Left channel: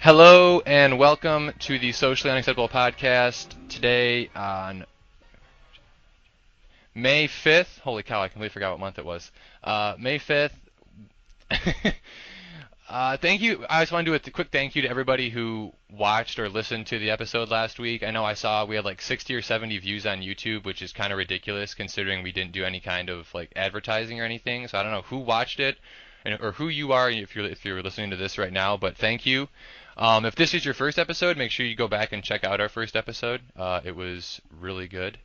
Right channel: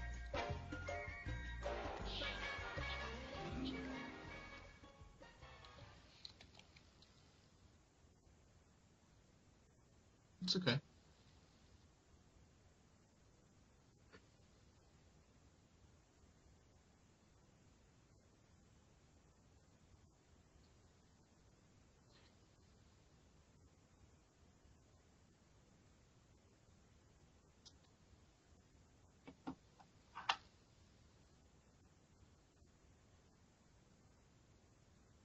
Hello and welcome to the Socially Unacceptable Podcast. Today on May 5th, holy cow, I completely forgot what month it was. May 5th. That's okay. Thank you. I just want to do a quick thank you to everybody who watched or listened to the episode last week. I know I saw we had like 60 or 70 views on YouTube, which is kind of ridiculous considering we didn't do any kind of like advertising or anything. So I don't know who watched it or who you are if you're listening to this right now, but thank you. If this is your first episode, make sure you go back and check out our first episode. It was really good.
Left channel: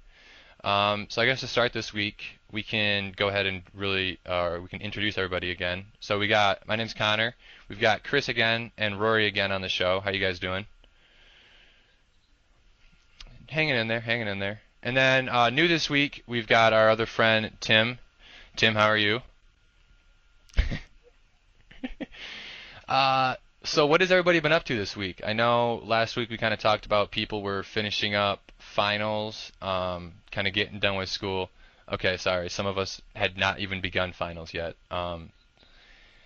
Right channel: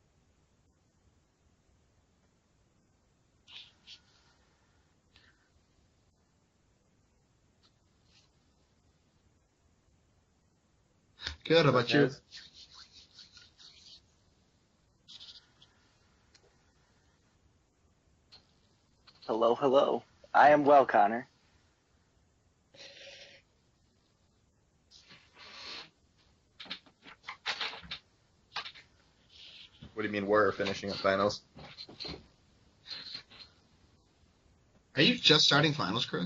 So I guess to start this week, we can go ahead and we can introduce everybody again. So my name's Connor. We've got Chris again and Rory again on the show. How you guys doing? Good. How about you? Hanging in there, hanging in there. And then new this week, we've got our other friend Tim. Tim, how are you? Hello, hello. I am well, Connor. So what has everybody been up to this week? I know last week we kind of talked about people were finishing up finals. What do you mean kind of getting done with finals? school. Okay, sorry. Some of us had not even begun finals yet. Are you just starting finals, Chris?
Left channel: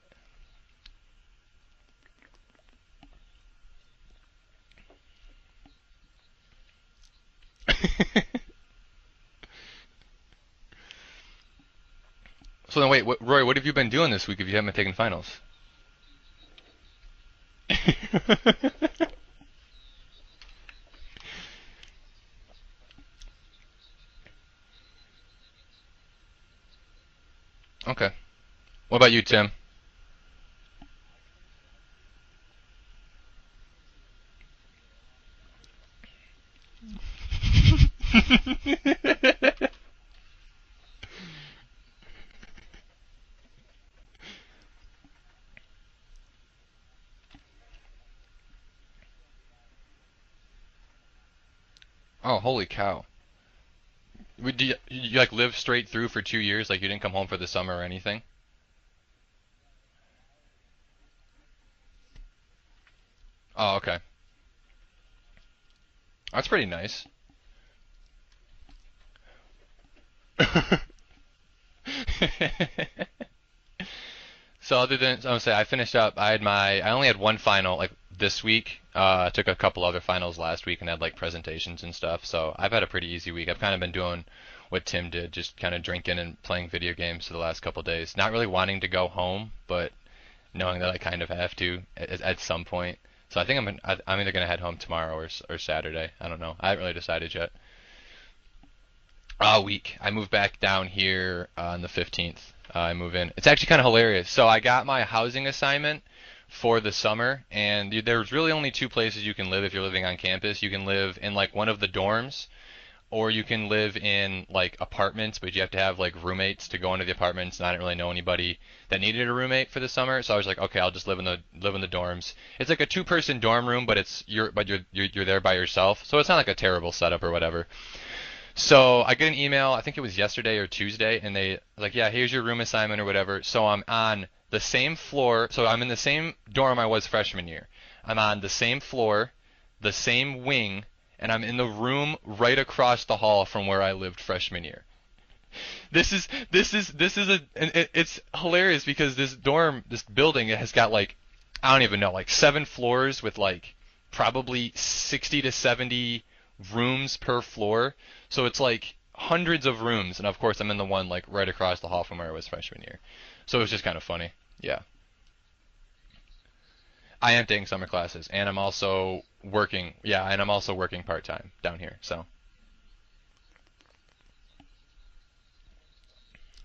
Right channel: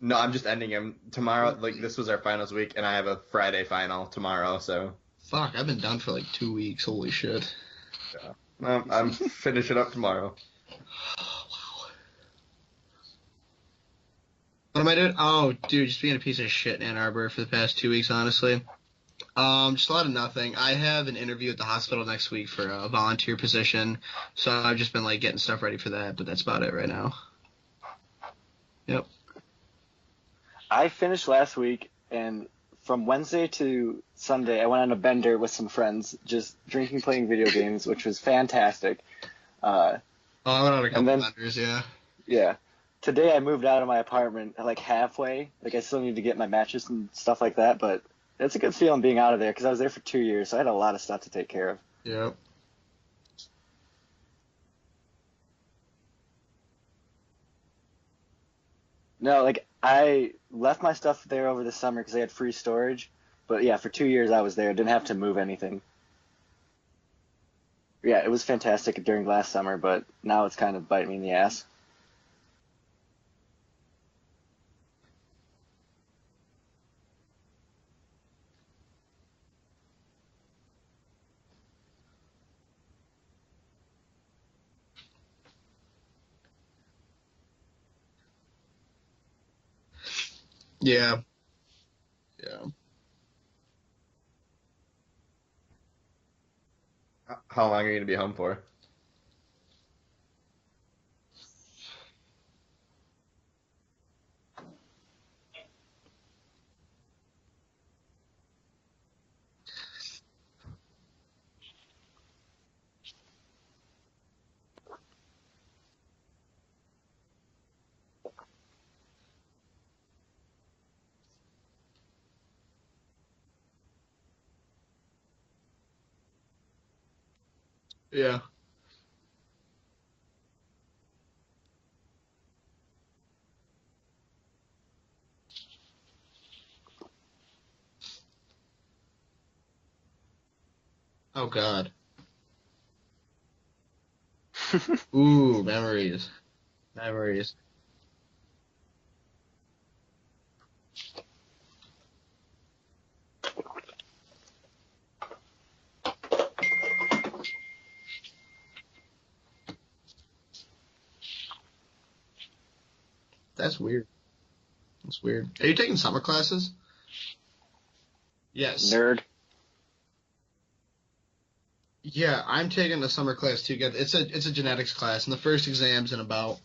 No, I'm just ending them tomorrow. Like, this was our finals week, and I have a Friday final tomorrow, so. Fuck, I've been done for like 2 weeks. Holy shit. I'm finishing up tomorrow. So then wait, Roy, what have you been doing this week if you haven't taken finals? Oh, dude, just being a piece of shit in Ann Arbor for the past 2 weeks, honestly. Just a lot of nothing. I have an interview at the hospital next week for a volunteer position, so I've just been like getting stuff ready for that, but that's about it right now. Okay. Yeah. What about you, Tim? I finished last week, and from Wednesday to Sunday, I went on a bender with some friends, just drinking, playing video games, which was fantastic. I went on a couple then- vendors, yeah. Yeah. Today I moved out of my apartment like halfway. Like I still need to get my mattress and stuff like that, but it's a good feeling being out of there because I was there for 2 years, so I had a lot of stuff to take care of. Yeah. Oh, holy cow. Do you like live straight through for 2 years? Like you didn't come home for the summer or anything? No, like I left my stuff there over the summer because they had free storage, but Oh, yeah, okay. for 2 years I was there. Didn't have to move anything. That's pretty nice. Yeah, it was fantastic during last summer, but now it's kind of biting me in the ass. So other than, I would say I finished up, I only had one final like this week. I took a couple other finals last week and had like presentations and stuff. So I've had a pretty easy week. I've kind of been doing what Tim did, just kind of drinking and playing video games for the last couple days. Not really wanting to go home, but knowing that I kind of have to at some point. So I think I'm either gonna head home tomorrow or Saturday. I don't know. I haven't really decided yet. How long are you going to be home for? A week. I moved back down here on the 15th. I move in. It's actually kind of hilarious. So I got my housing assignment for the summer, and there's really only two places you can live if you're living on campus. You can live in like one of the dorms, or you can live in like apartments, but you have to have like roommates to go into the apartments. And I didn't really know anybody that needed a roommate for the summer, so I was like, okay, I'll just live in the dorms. It's like a two-person dorm room, but you're there by yourself, so it's not like a terrible setup or whatever. Yeah. So I get an email, I think it was yesterday or Tuesday, and they like, yeah, here's your room assignment or whatever. So I'm on the same floor, so I'm in the same dorm I was freshman year. I'm on the same floor, the same wing, and I'm in the room right across the hall from where I lived freshman year. Ooh, memories. It's hilarious because this building, it has got like, I don't even know, like 7 floors with like probably 60 to 70 rooms per floor. So it's like hundreds of rooms, and of course I'm in the one like right across the hall from where I was freshman year. So it's just kind of funny. Yeah. That's weird. Are you taking summer classes? I am taking summer classes, and I'm also working. Yeah, and I'm also working part-time down here. So. Yeah, I'm taking a summer class too. It's a genetics class, and the first exam's in about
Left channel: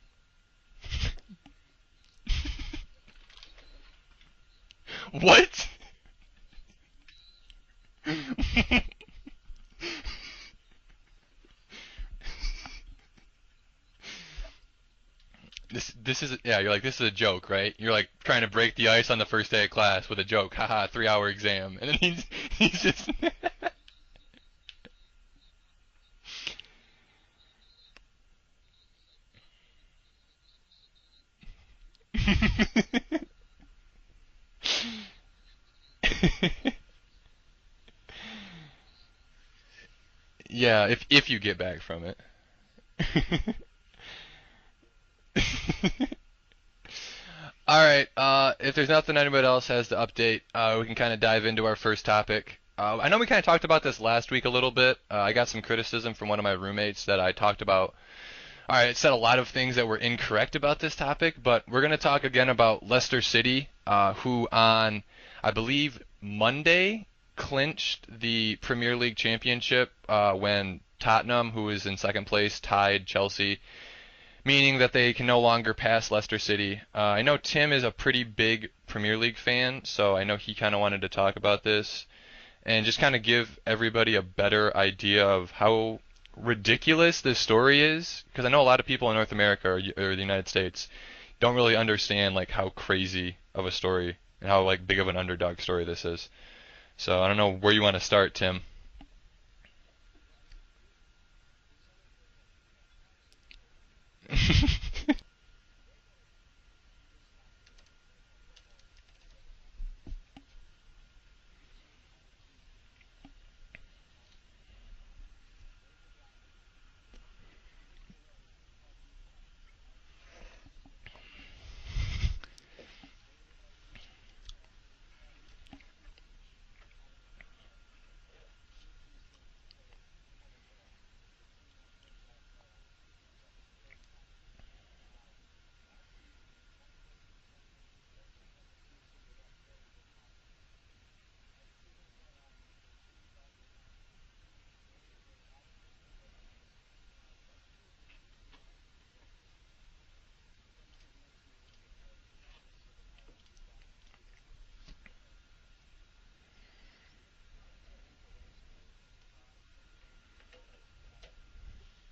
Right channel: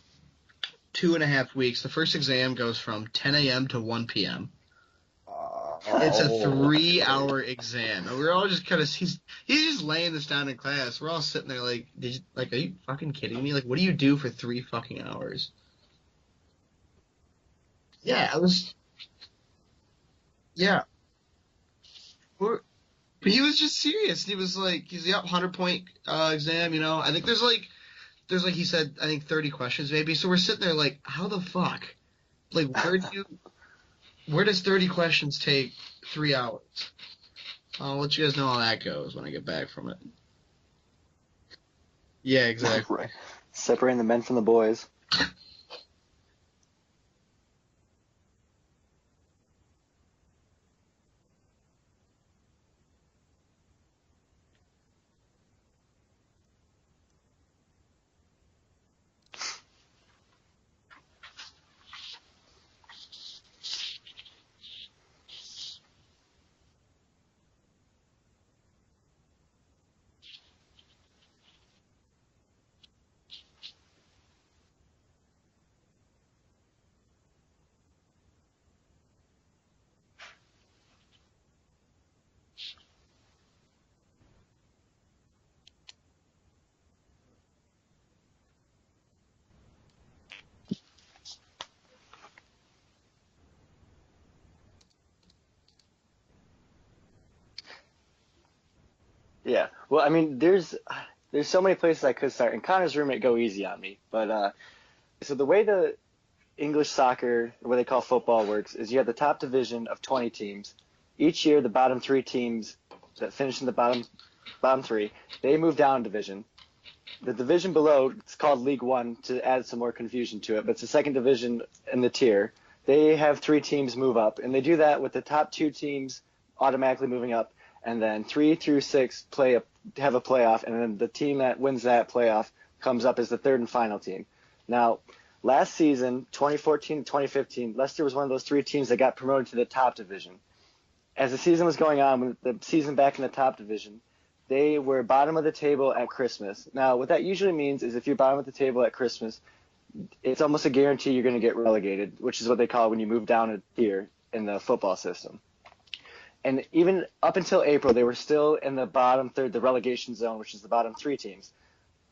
2.5 weeks. The first exam goes from 10 a.m. to 1 p.m. What? It's a 3-hour exam. And we're all just kind of he's just laying this down in class. We're all sitting there like, are you fucking kidding me? Like, what do you do for 3 fucking hours? This is you're like, this is a joke, right? You're like trying to break the ice on the first day of class with a joke. Haha, 3-hour exam, and then he's just he was just serious. He was like, 100-point exam. You know, I think there's like he said, I think 30 questions maybe. So we're sitting there like, how the fuck Playing 30. Where does 30 questions take 3 hours? I'll let you guys know how that goes when I get back from it. Yeah, if you get back from it. Yeah, exactly. Separating the men from the boys. All right. If there's nothing anybody else has to update, we can kind of dive into our first topic. I know we kind of talked about this last week a little bit. I got some criticism from one of my roommates that I talked about. All right, it said a lot of things that were incorrect about this topic, but we're going to talk again about Leicester City, who on, I believe, Monday clinched the Premier League championship when Tottenham, who is in second place, tied Chelsea, meaning that they can no longer pass Leicester City. I know Tim is a pretty big Premier League fan, so I know he kind of wanted to talk about this and just kind of give everybody a better idea of how ridiculous this story is. Because I know a lot of people in North America or the United States don't really understand like how crazy of a story and how like big of an underdog story this is. So I don't know where you want to start, Tim. Yeah. Well, I mean, there's so many places I could start, and Connor's roommate go easy on me. But so the way the English soccer, or what they call football, works is you have the top division of 20 teams. Each year, the bottom three teams that finish in the bottom three, they move down a division. The division below, it's called League One to add some more confusion to it, but it's the second division in the tier. They have three teams move up, and they do that with the top two teams automatically moving up, and then 3 through 6 have a playoff, and then the team that wins that playoff comes up as the third and final team. Now, last season, 2014 2015, Leicester was one of those three teams that got promoted to the top division. As the season was going on, when the season back in the top division, they were bottom of the table at Christmas. Now, what that usually means is if you're bottom of the table at Christmas, it's almost a guarantee you're going to get relegated, which is what they call when you move down a tier in the football system. And even up until April, they were still in the bottom third, the relegation zone, which is the bottom three teams.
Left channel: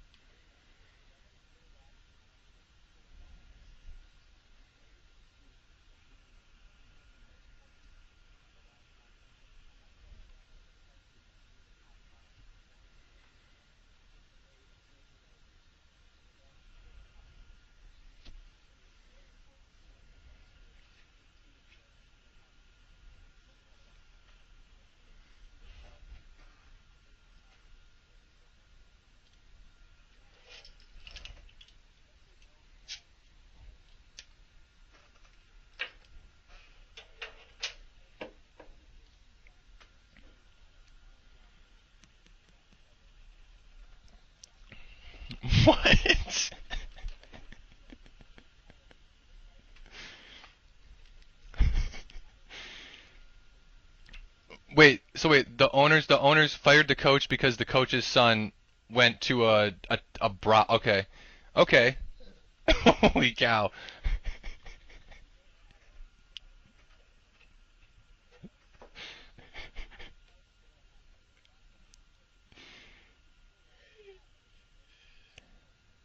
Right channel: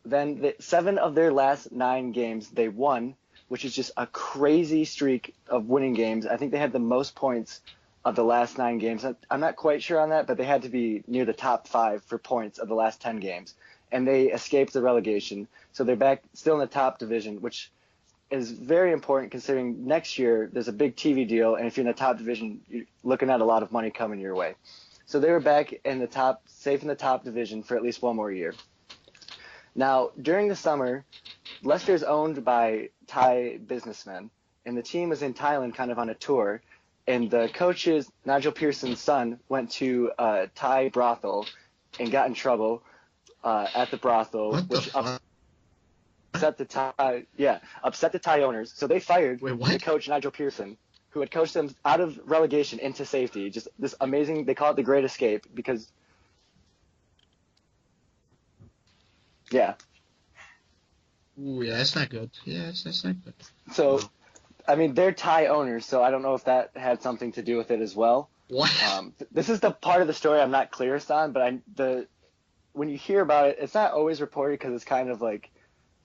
Then 7 of their last 9 games they won, which is just a crazy streak of winning games. I think they had the most points of the last 9 games. I'm not quite sure on that, but they had to be near the top 5 for points of the last 10 games. And they escaped the relegation. So they're back still in the top division, which is very important considering next year there's a big TV deal. And if you're in the top division, you're looking at a lot of money coming your way. So they were back in the top, safe in the top division for at least one more year. Now, during the summer, Leicester is owned by Thai businessmen, and the team was in Thailand kind of on a tour. And the coach's, Nigel Pearson's son, went to a Thai brothel and got in trouble at the brothel, What the which fuck? What? upset the Thai owners. So they fired Wait, what? the coach, Nigel Pearson, who had coached them out of relegation into safety. Just this amazing, they call it the Wait, great escape. so wait, the because- owners fired the coach because the coach's son went to Yeah. a bra. Okay. Yeah, Okay. that's not good. Yeah. That's not Holy cow. So, I mean, they're Thai owners, so I don't know if that had something to do with it as well. What? This is the part of the story I'm not clearest on, but when you hear about it, it's not always reported because it's kind of like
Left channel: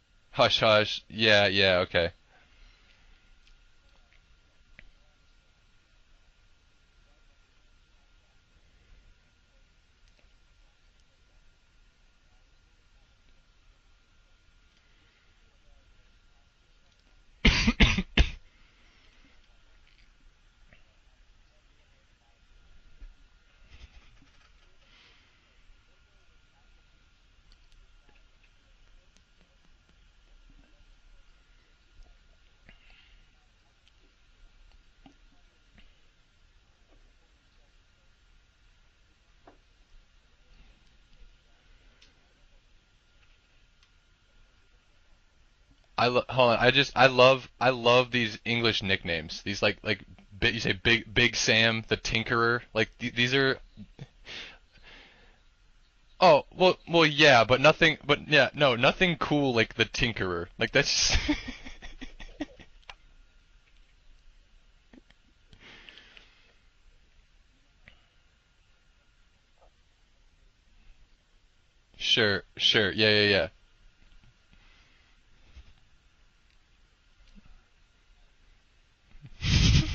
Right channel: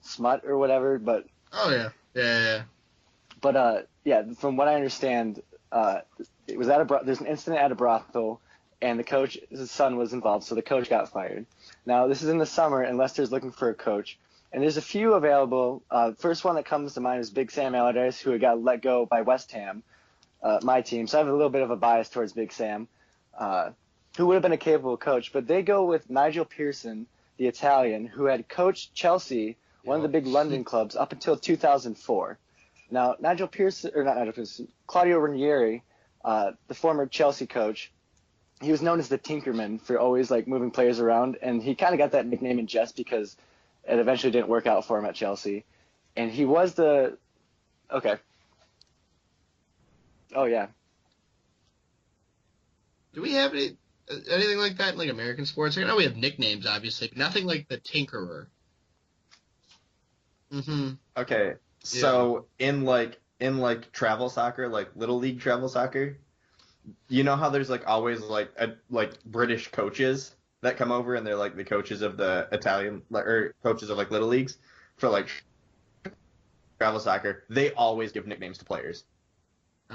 smut Hush or whatever. hush. But Yeah, Oh, yeah, okay. Yeah. But from what I understand, it was there's an incident at a brothel, and the coach's son was involved, so the coach got fired. Now this is in the summer, and Leicester's looking for a coach, and there's a few available. First one that comes to mind is Big Sam Allardyce, who got let go by West Ham, my team. So I have a little bit of a bias towards Big Sam, who would have been a capable coach. But they go with Nigel Pearson, the Italian, who had coached Chelsea, one of the big London clubs, up until 2004. Now, Claudio Ranieri, the former Chelsea coach, he was known as the Tinkerman for always like moving players around, and he kind of got that nickname in jest because it eventually didn't work out for him at Chelsea. And he hold on. was I love Okay. these English nicknames. These like Oh, big, yeah. say Big Sam, the Tinkerer. Like these Do we are. have anything like that in like American sports? I know we have Oh, nicknames, well, obviously. well, yeah, Nothing but like the nothing, but Tinkerer. yeah, no, nothing cool like the Tinkerer. Like that's just, Okay, so in travel soccer, like little league travel soccer, you know how there's like always like British coaches that come over and they're like the coaches of Sure, the Italian, sure, yeah, like, yeah, or yeah. coaches of like little leagues for like travel soccer. They always give nicknames to players.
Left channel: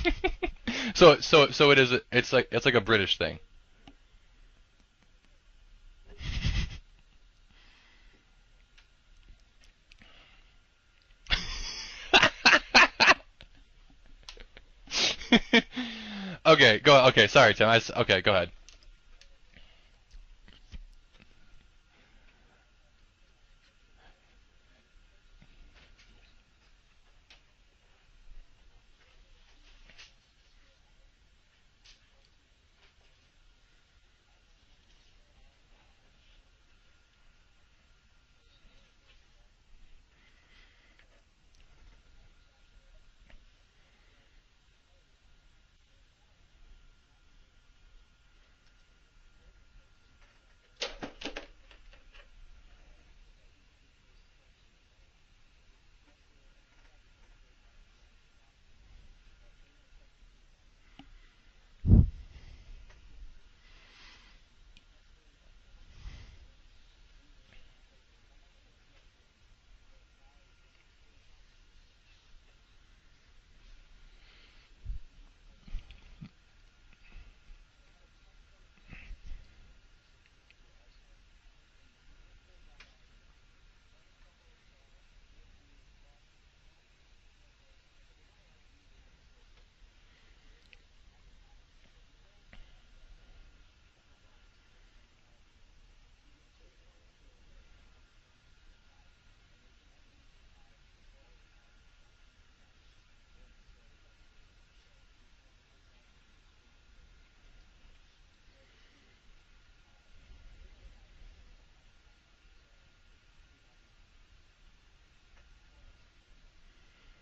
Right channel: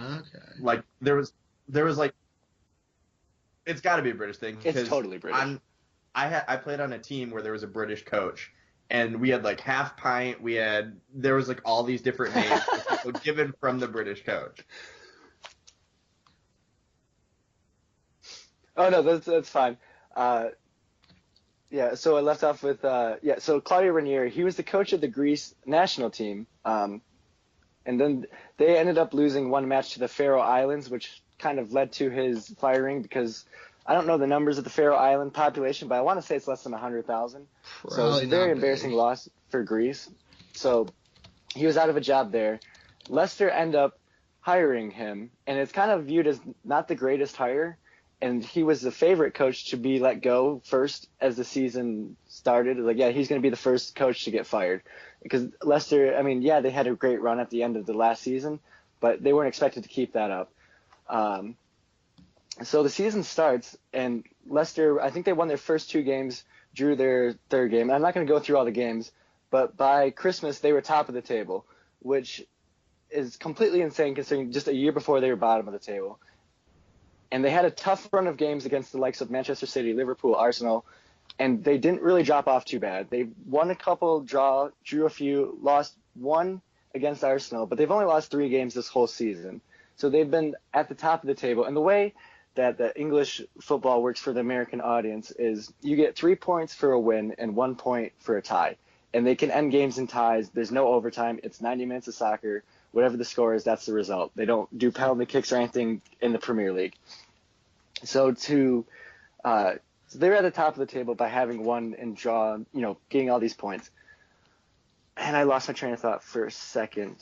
Okay. Like So there was- so it there is. was, like- It's like a British thing. it's got to be a British thing. It's 'cause totally British. I played on a team where there was a British coach, and we had like half pint. There was like all these different names like, given from the British coach. Okay, go. Okay, sorry, Tim. Okay, go ahead. Oh no, that's fine. Uh, yeah, so I left off with so Claudio Ranieri, he was the coach of the Greece national team, and then they ended up losing one match to the Faroe Islands, which kind of led to his firing because I don't know the numbers of the Faroe Island population, but I want to say it's less than 100,000. So it's a Probably very not embarrassing big. loss for Greece. So he was out of a job there. Leicester end up hiring him, and it's kind of viewed as not the greatest hire. And he was the favorite coach to be let go first as the season started. Like, yeah, he's going to be the first coach to get fired because Leicester. I mean, yeah, they had a great run at the end of the last season, but they weren't expected to keep that up. Um, so the season starts, and Leicester. I think they won their first two games, drew their third game. I'm not going to go through all the games, but by Christmas they were top of the table, which is completely insane considering just a year before they were bottom of the table. And they had a tough run of games against the likes of Manchester City, Liverpool, Arsenal, and they didn't really drop off too bad. They won a couple, drew a few, lost one against Arsenal, but they've only lost 3 games this whole season. So they've been at the top of the table. And the way that the English football works for the American audience is you get 3 points for a win and 1 point for a tie. And they can end games in ties. There's no overtime. It's 90 minutes of soccer. Whatever the score is, that's the result. They don't do penalty kicks or anything in the Premier League. So so they were at the top of the table by having won and getting all these points. And I lost my train of thought for a second.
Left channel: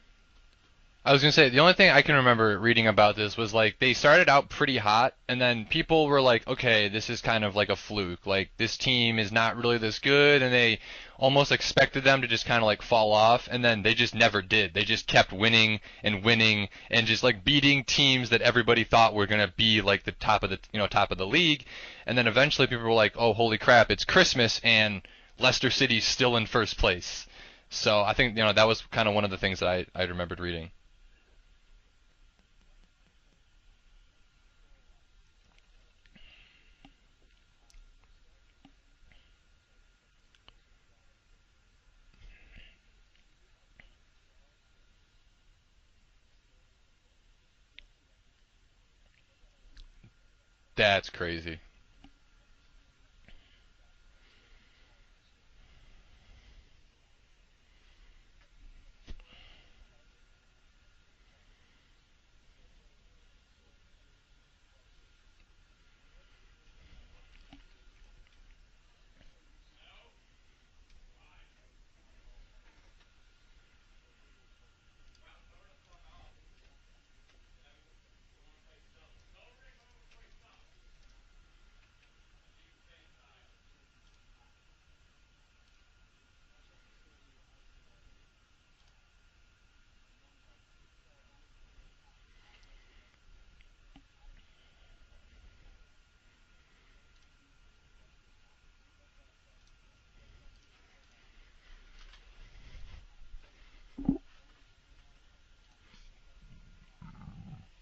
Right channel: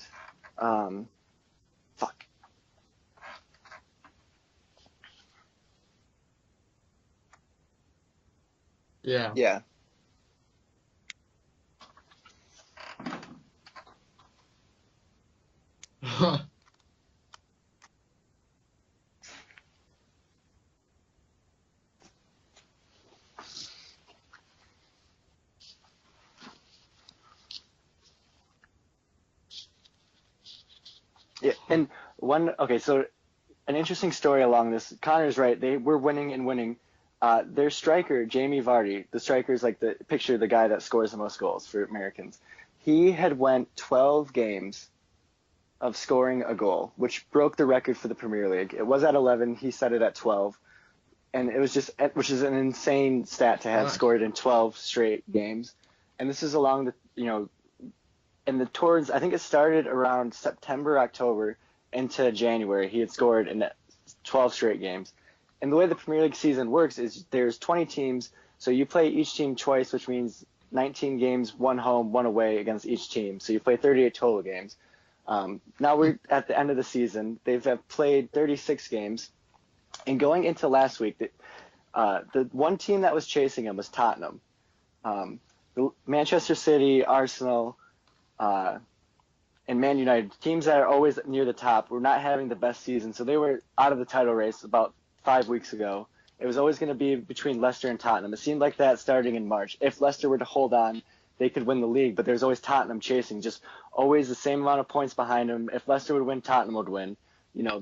I was gonna say the only thing I can remember reading about this was like they started out pretty hot, and then people were like, okay, this is kind of like a fluke. Like this team is Yeah. not Yeah. really this good, and they almost expected them to just kind of like fall off, and then they just never did. They just kept winning and winning and just like beating teams that everybody thought were gonna be like the top of the top of the league, and then eventually people were like, oh holy crap, it's Christmas and Leicester City's still in first place. So I think that was kind of one of the things that I remembered reading. Yeah. And so an interesting story along this. Connor's right. They were winning and winning. Their striker, Jamie Vardy, the striker is like the guy that scores the most goals for Americans. He had went 12 games of scoring a goal, which broke the record for the Premier League. It was at 11. He set it at 12. That's And crazy. it was which is an insane stat to have Fuck. scored in 12 straight games. And this is along and the towards, I think it started around September, October into January. He had scored in 12 straight games. And the way the Premier League season works is there's 20 teams, so you play each team twice, which means 19 games, one home, one away against each team. So you play 38 total games. Now we're at the end of the season. They've played 36 games. And going into last week, the one team that was chasing him was Tottenham. Manchester City, Arsenal, and Man United, teams that are always near the top, were not having the best season. So they were out of the title race about 5 weeks ago. It was always going to be between Leicester and Tottenham. It seemed like that starting in March. If Leicester were to hold on, they could win the league, but there's always Tottenham chasing, just always the same amount of points behind them. If Leicester would win, Tottenham would win.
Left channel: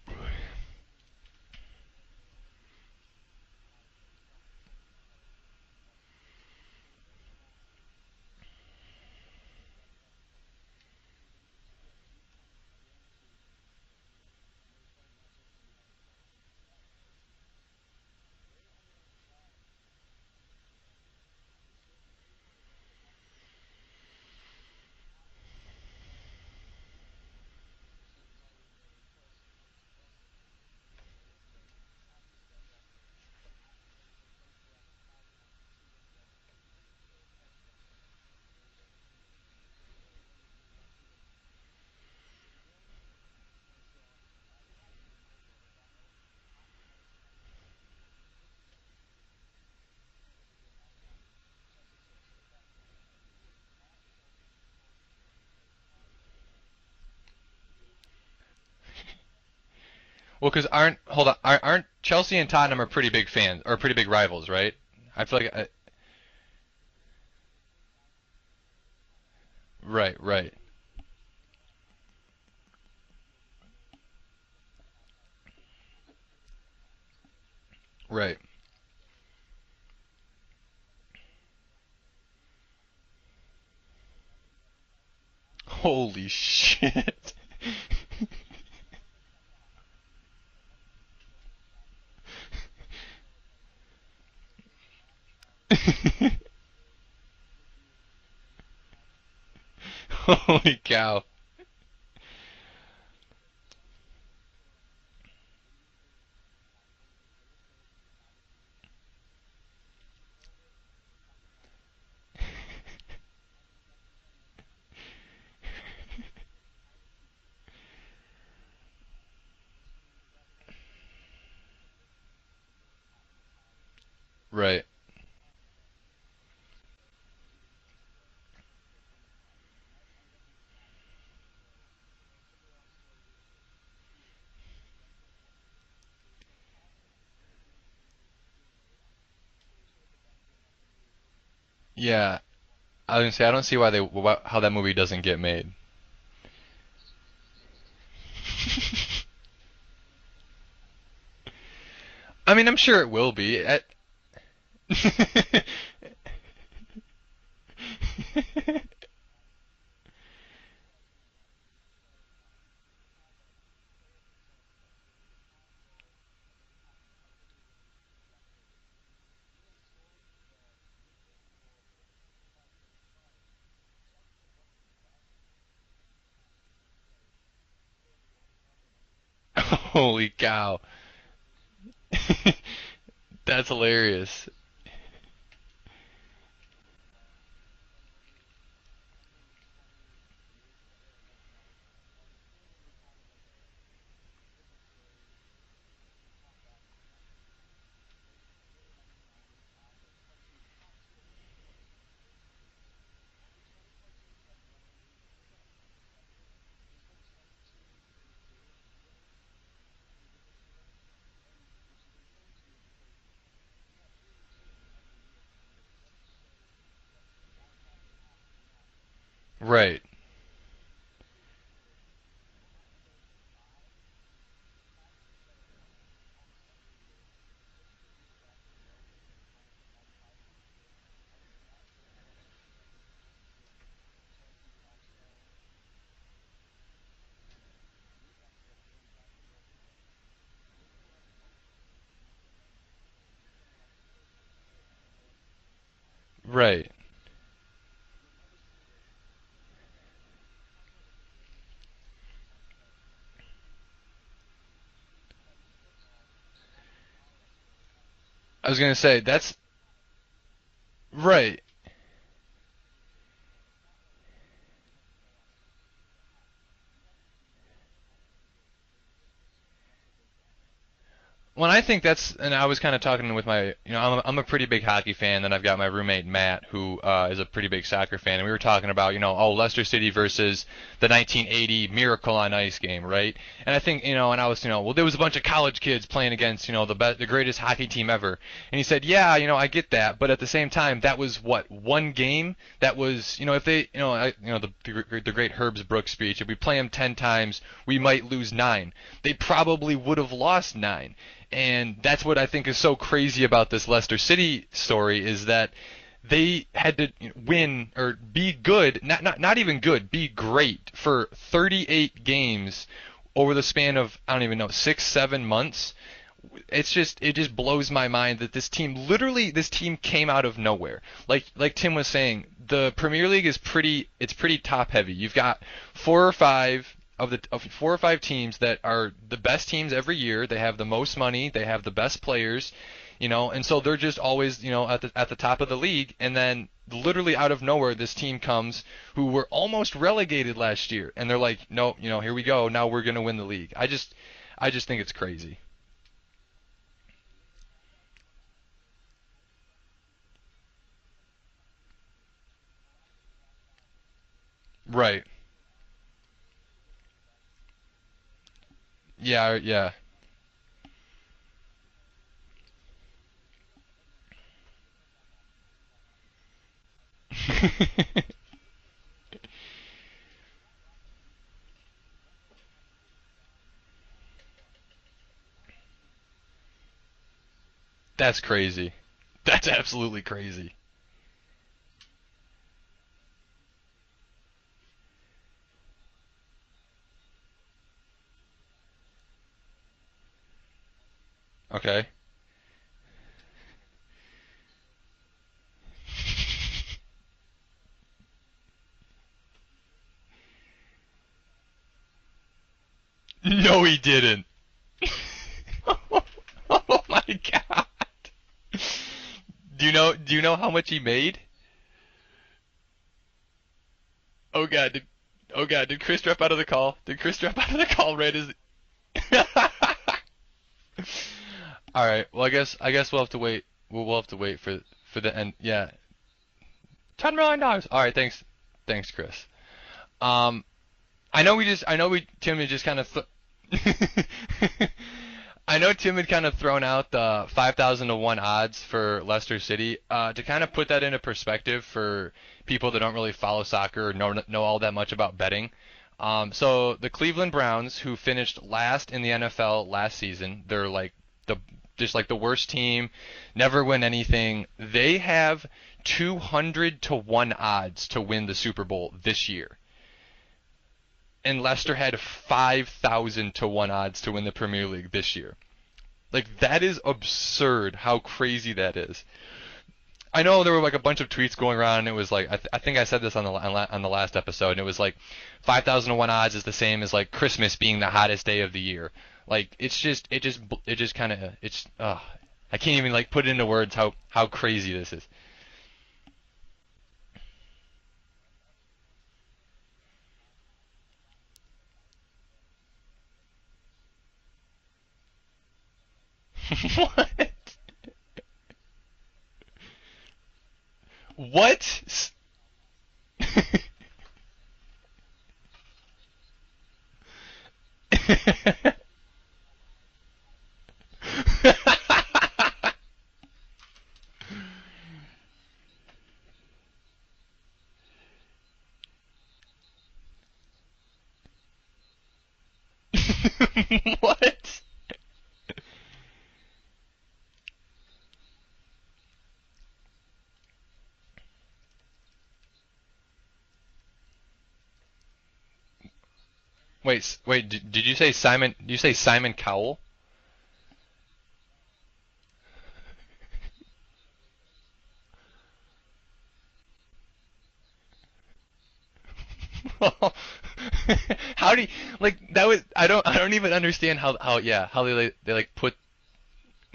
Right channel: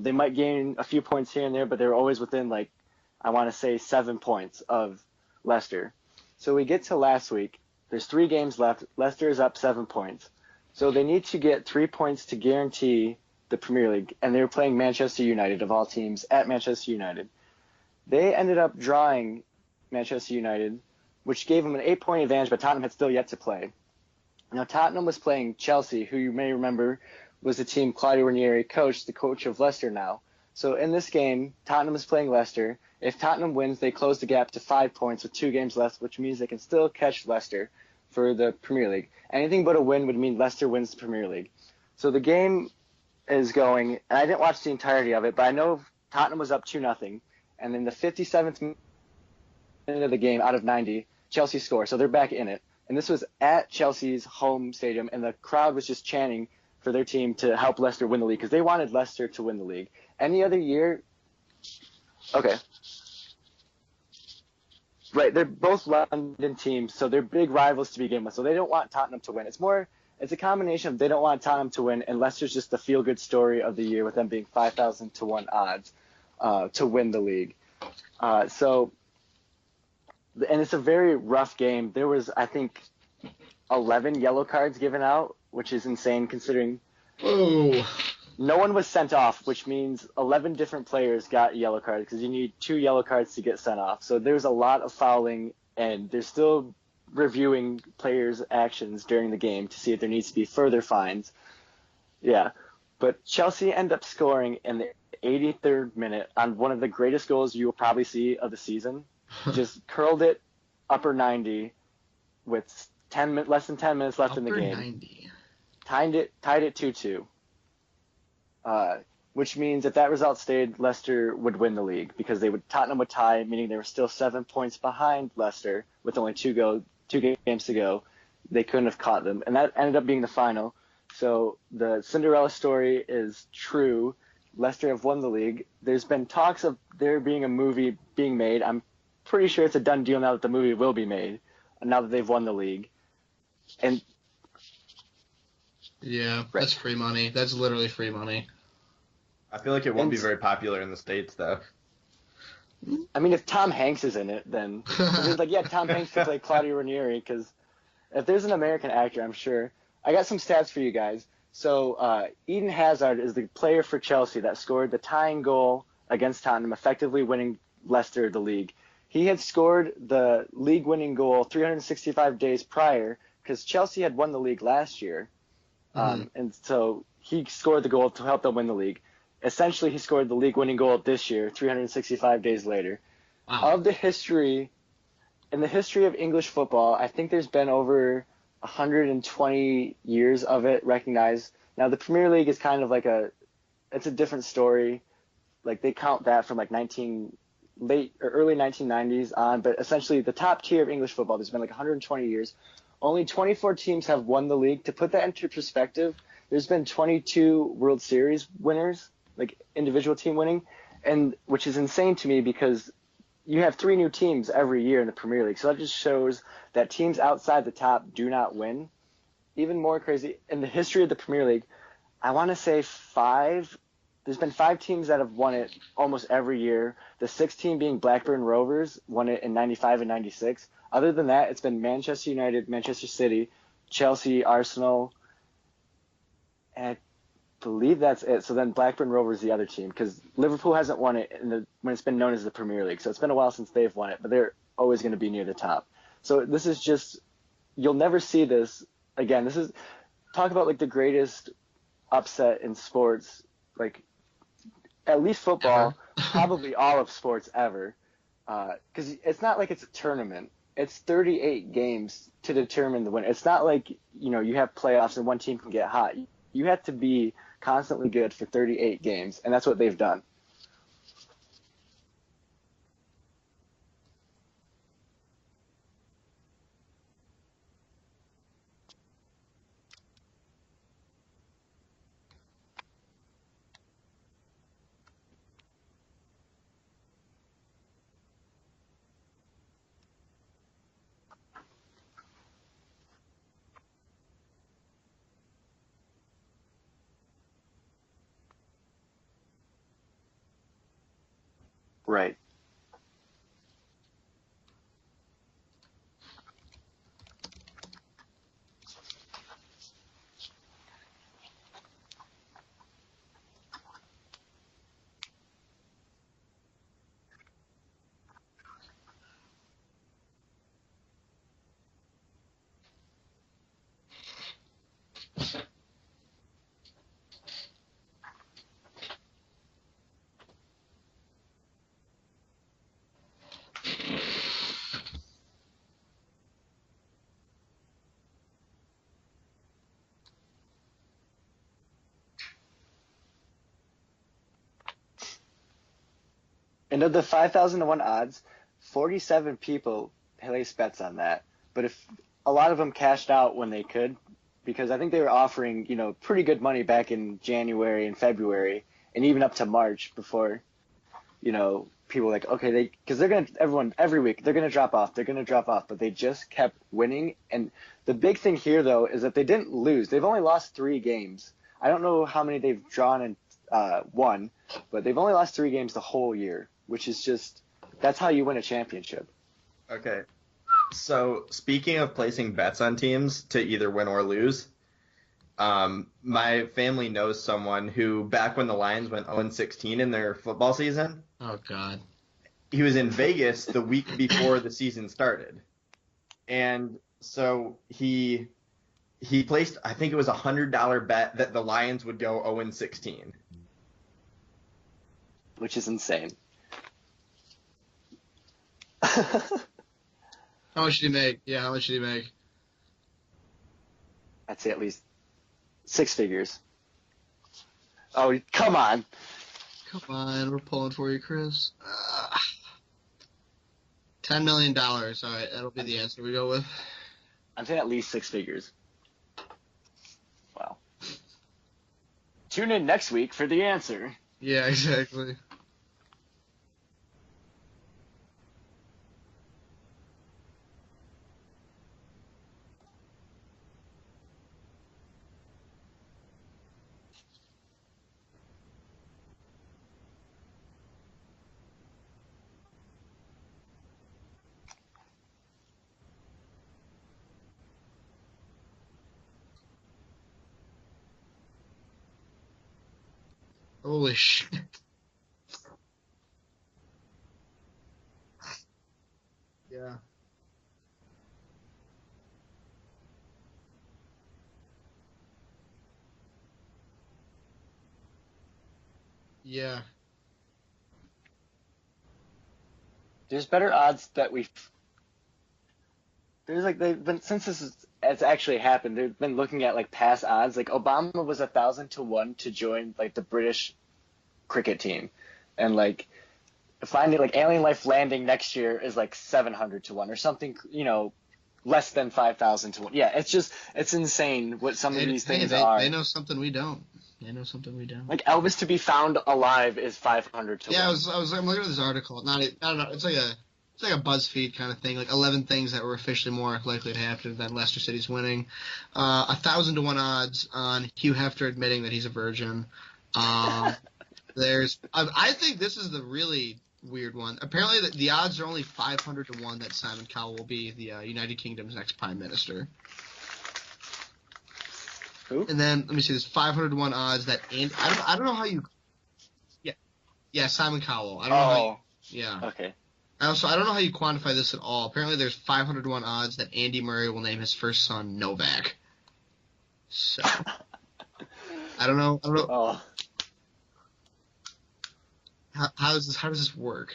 They might gain a few points here and there, but they were always within, like, I want to say 7 points of Leicester. So we get to last week. There's 3 games left. Leicester is up 7 points. So they need to get 3 points to guarantee the Premier League, and they were playing Manchester United, of all teams, at Manchester United. They ended up drawing Manchester United, which gave them an 8-point advantage, but Tottenham had still yet to play. Now, Tottenham was playing Chelsea, who you may remember was the team Claudio Ranieri coached, the coach of Leicester now. So in this game, Tottenham is playing Leicester. If Tottenham wins, they close the gap to 5 points with 2 games left, which means they can still catch Leicester for the Premier League. Anything but a win would mean Leicester wins the Premier League. So the game is going, and I didn't watch the entirety of it, but I know Tottenham was up 2-0, and in the 57th minute of the game, out of 90, Chelsea score, so they're back in it. And this was at Chelsea's home stadium, and the crowd was just chanting for their team to help Leicester win the league because they wanted Leicester to win the league. Any Well, other because year, aren't Chelsea and okay, Tottenham are pretty big fans or pretty big rivals, right? I right, feel they're like both London teams, so they're big rivals to begin with. So they don't want Tottenham to win. right, It's a right, combination of they don't want Tottenham to win, and Leicester's just the feel-good story of the year with them being 5,000 to 1 odds to win the league. right. And it's a very rough game. There was, I think, 11 yellow cards given out, which is insane Holy considering shit. Oh. no one was sent off, which means 11 different players got yellow cards because you need 2 yellow cards to get sent off. So there's a lot of fouling, and they're still reviewing players' actions during the game to see if there needs to be Holy further cow. fines. Yeah. But Chelsea end up scoring in the 83rd minute on one of the greatest goals you will probably see of the season. Just curled it upper 90 with less than 10 minutes left in the Upper game. 90. Tied it 2-2. Which means if that result stayed, Leicester would win the league because Tottenham would tie, meaning they were still 7 points Right. behind Leicester with only 2 games to go. They couldn't have caught them, and that ended up being the final. So the Cinderella story is true. Leicester have won the league. There's been talks of there being a movie being made. I'm pretty sure it's a done deal now that the movie will be made. Now that they've Yeah. won the league. I was gonna say I don't see how that movie doesn't get made. Yeah, Right. that's free money. That's literally free money. I feel like it won't And- be very popular in the States though. I mean, I'm sure it will I mean, be. if Tom Hanks is in it, then Tom Hanks could play Claudio Ranieri because if there's an American actor, I'm sure. I got some stats for you guys. So Eden Hazard is the player for Chelsea that scored the tying goal against Tottenham, effectively winning Leicester the league. He had scored the league-winning goal 365 days prior because Chelsea had won the league last year, and so he scored the goal to help them win the league. Essentially, he Holy scored the league-winning cow. goal this year, 365 days later. That's Of hilarious. In the history of English football, I think there's been over 120 years of it recognized. Now, the Premier League is kind of like it's a different story. Like, they count that from like early 1990s on, but essentially the top tier of English football, there's been like 120 years. Only 24 teams have won the league. To put that into perspective, there's been 22 World Series winners, like individual team winning, and which is insane to me because you have 3 new teams every year in the Premier League. So that just shows that teams outside the top do not win. Even Right. more crazy, in the history of the Premier League, I want to say 5. There's been 5 teams that have won it almost every year. The 6th team being Blackburn Rovers, won it in 95 and 96. Other than that, it's been Manchester United, Manchester City, Chelsea, Arsenal, and I believe that's it. So then Blackburn Rovers the other team because Liverpool hasn't won it when it's been known as the Premier League. So it's been a while since they've won it, but they're always going to be near the top. So this Right. is just you'll never see this again. This is talk about like the greatest upset in sports, like at least football, probably all of sports ever. I was gonna say It's that's not like it's a tournament. It's 38 Right. games to determine the winner. It's not like you have playoffs and one team can get hot. You have to be constantly good for 38 games, and that's what they've done. Well, I think and I was kind of talking with I'm a pretty big hockey fan, and I've got my roommate Matt, who is a pretty big soccer fan, and we were talking about, Leicester City versus the 1980 Miracle on Ice game, right? And I think, and I was, well, there was a bunch of college kids playing against, the greatest hockey team ever, and he said, yeah, I get that, but at the same time, that was one game that was, if they, the great Herbs Brooks speech, if we play them 10 times, we might lose 9. They probably would have lost 9. And that's Right. what I think is so crazy about this Leicester City story is that they had to win or be good, not even good, be great for 38 games over the span of, I don't even know, 6-7 months. It just blows my mind that this team came out of nowhere. Like Tim was saying, the Premier League is pretty top heavy. You've got 4 or 5 of 4 or 5 teams that are the best teams every year. They have the most money, they have the best players, and so they're just always, at the top of the league. And then literally out of nowhere, this team comes who were almost relegated last year, and they're like, no, here we go. Now we're gonna win the league. I just think it's crazy. And of the 5,000 to 1 odds, 47 people placed bets on that. But if a lot of them cashed out when they could, because I think Right. they were offering, pretty good money back in January and February, and even up to March before, people were like, okay, because everyone every week they're gonna drop off, but they just kept winning. And the big thing here though is that they didn't lose. They've only lost 3 games. I don't know how many they've drawn and won, but they've only lost 3 games the whole year, which is just That's how That's you win a crazy. championship. That's absolutely Okay. crazy. So speaking of placing bets on teams to either win or lose, my family knows someone who, back when the Lions went 0-16 in their football season, Oh God. Okay. he was in Vegas the week before the season started, and so he placed, I think it was $100 bet that the Lions would go 0-16. No, he didn't. Which is insane. Oh my god. Do you know how How much much he did he made? make? Yeah, how much did he make? I'd Oh say at god. least Did 6 Chris drop figures. out of the call? Did Chris drop out of the call Oh, right as come on. Fine, we're pulling for you, Chris. All right. Well, I guess we'll have to wait. We'll have to $10 wait million. for the Alright, end. that'll Yeah. be the answer we go with. $10 million. I think at All least right. 6 Thanks. figures. Thanks, Chris. Wow. I know Tim Tune had in just kind next of week for the answer. Yeah, exactly. I know Tim had kind of thrown out the 5,000 to 1 odds for Leicester City. To kind of put that into perspective for people that don't really follow soccer or know all that much about betting. So the Cleveland Browns, who finished last in the NFL last season, they're like the worst team, never win anything. They have 200 to 1 odds to win the Super Bowl this year. And Leicester had 5,000 to 1 Holy odds to win the Premier League this year. Like, that is absurd how crazy that is. Yeah. I know there were like a bunch of tweets going around, and it was like I think I said this on the last episode, and it was like 5,000 to 1 odds is the same as like Christmas being the hottest day of the year. Like, Yeah. it just kind of I can't even like put There's it into better words odds that how we- crazy this is. There's like they've been since it's actually happened. They've been looking at like past odds. Like Obama was 1,000 to 1 to join like the British cricket team, and like finding like alien life landing next year is like 700 to 1 or something. What? Less than 5,000 to 1. Yeah, it's insane what some of these things are. They know something we don't. They know something we don't. Like Elvis to be found alive is 500 to 1. Yeah, I was looking at this article. I don't know. It's like a BuzzFeed kind of thing. Like 11 things that were officially more likely to happen than Leicester City's winning. 1,000 to 1 odds on Hugh Hefner admitting that he's a virgin. What? I think this is the really weird one. Apparently, the odds are only 500 to 1 that Simon Cowell will be the United Kingdom's next prime minister. Who? And then let me see. There's 500 to 1 odds that. Did I don't you know say how Simon? Did you say Simon Cowell? Yeah, Simon Cowell. I don't know. How yeah. Okay. I don't know how you quantify this at all. Apparently, there's 500 to 1 odds that Andy Murray will name his first son Novak. So, How do I don't know. like I don't know. that was I don't even understand how they like how does this work?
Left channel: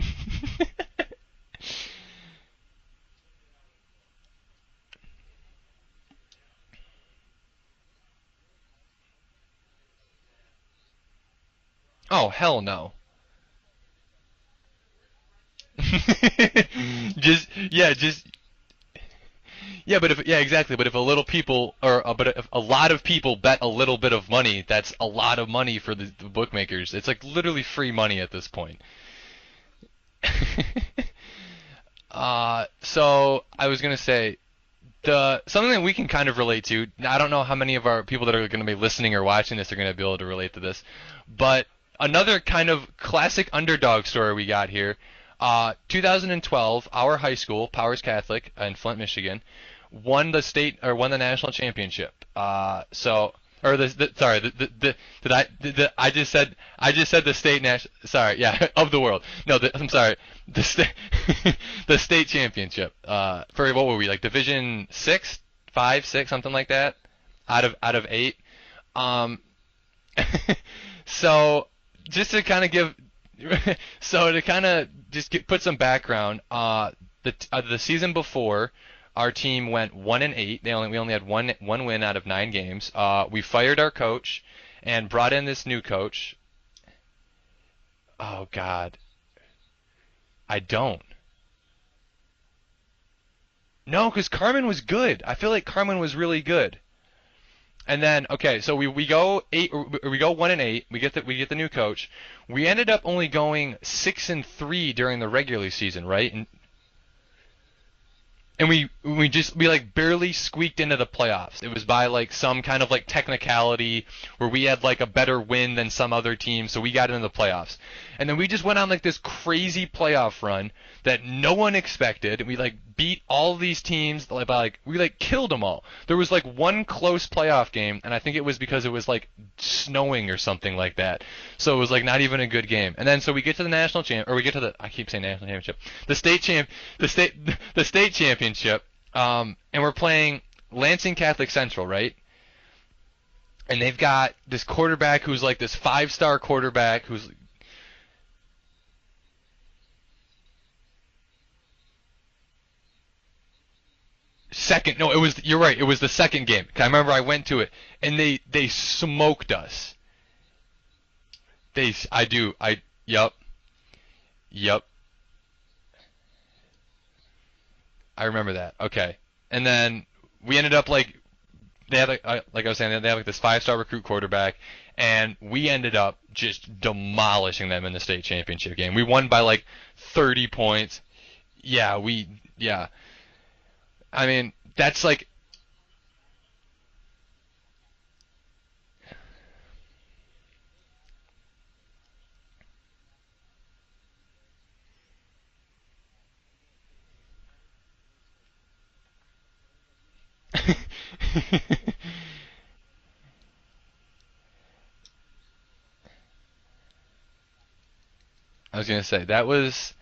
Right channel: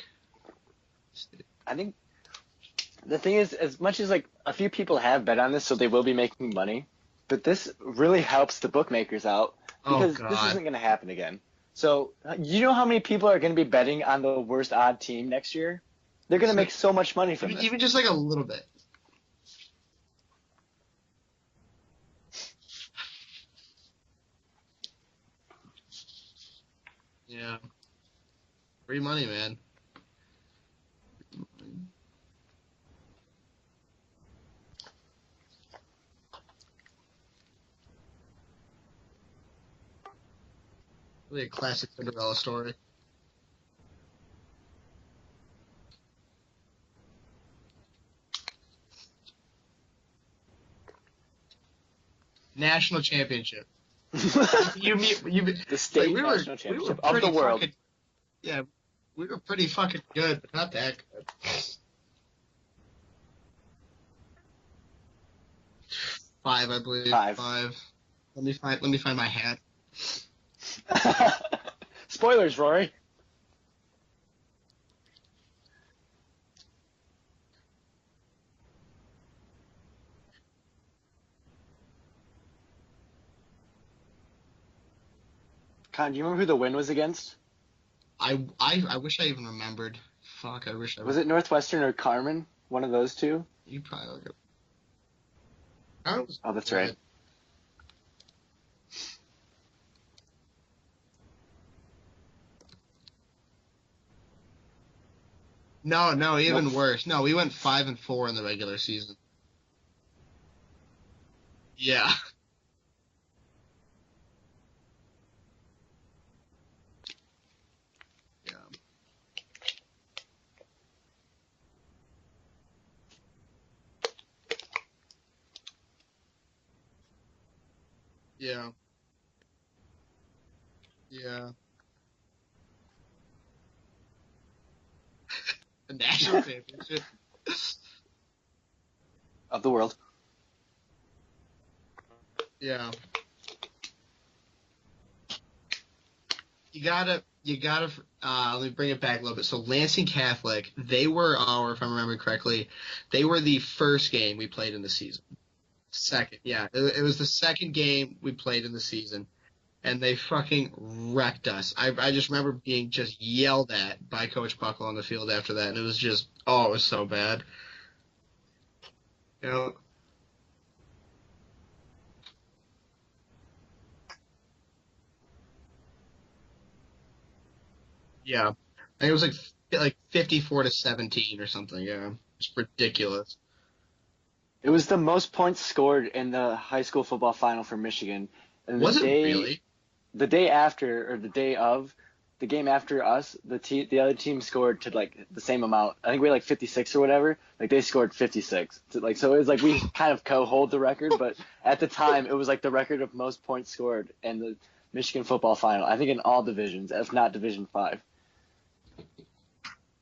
I mean, the thing is, as much as like a few people have bet on this, so they will be making money, but this really helps the bookmakers out because this God. isn't going to happen again. So, Oh, hell you know no. how many people are going to be betting on the worst odd team next year? They're going to make so much money Just- from it. Even Yeah, just like just- a little bit. Yeah, but exactly. But if a little people, but if a lot of people bet a little bit of money, that's a lot of money for the bookmakers. It's like literally free money at this point. Free money, man. So I was gonna say, something that we can kind of relate to. Now, I don't know how many of our people that are gonna be listening or watching this are gonna be able to relate to this, Really but classic another underdog kind story. of classic underdog story we got here. 2012, our high school, Powers Catholic in Flint, Michigan, won the national championship. National championship. Or sorry, You mean- I state just said national I just championship? said Of the the state world. national. Sorry, yeah, of the world. No, Pretty I'm fucking sorry. good. The state, the state championship. For what were we like? Division 6, 5, 6, something like Five, I that. believe. Five. Out of 8. Let me find my hat. So just to Spoilers, kind of Rory. give, so to kind of just put some background, the season before, our team went 1-8. We only had one win out of 9 games. We fired our coach and brought in this new Do coach. you remember who the win was against? Oh God, I wish I even remembered. Fuck, I wish don't. Was it Northwestern or Carmen? One of those two? You no, probably because would. Carmen was good. I feel like Carmen was really Oh, good. that's right. And then okay, so we go 1-8. We get the new coach. We ended up only going 6-3 during the regular season, No, right? no, even worse. No, we went 5-4 in the regular And season. we like barely squeaked into the playoffs. It was by Yeah. like some kind of like technicality where we had like a better win than some other team, so we got into the playoffs. And then we just went on like this crazy playoff run that no one expected. And we like beat all these teams we like killed them all. There was like one close playoff game, and I think it was Yeah. because it was like snowing or something like that. Yeah. So it was like not even a good game. And then so we get to the national champ, or we get to the I keep saying national championship, the state champ, the state championship. Of the And we're world. playing Lansing Catholic Central, right? Yeah. And they've got this quarterback who's like this 5-star quarterback. You gotta. Let me bring it back a little bit. So Lansing Catholic, they were if I remember correctly, they were the first game we played. Second, no, it was. You're right. It was the second game. Yeah, I remember was I the went to second it, game and we played they in the season. smoked us. And they fucking wrecked us. They- I just I do. remember being just Yep. yelled at by Coach Yep. Buckle on the field after that, and it was just, it was so bad. I remember that. Okay. You And know? then we ended up like they had like I was saying they had like this 5-star recruit quarterback, and we ended up just demolishing them in the state Yeah. championship game. I We think it won was by like 30 points. 17 or something. Yeah, It's ridiculous. I mean, It was that's the like most points scored in the high school football final for Michigan. And Was it really? The day after, or the day of, the game after us, the other team scored to like the same amount. I think we had like 56 or whatever. Like they scored 56. So it was like we kind of co-hold the record, but at the time it was like the record of most points scored in the Michigan football final. I think in all divisions, if not Division 5. I was gonna say that was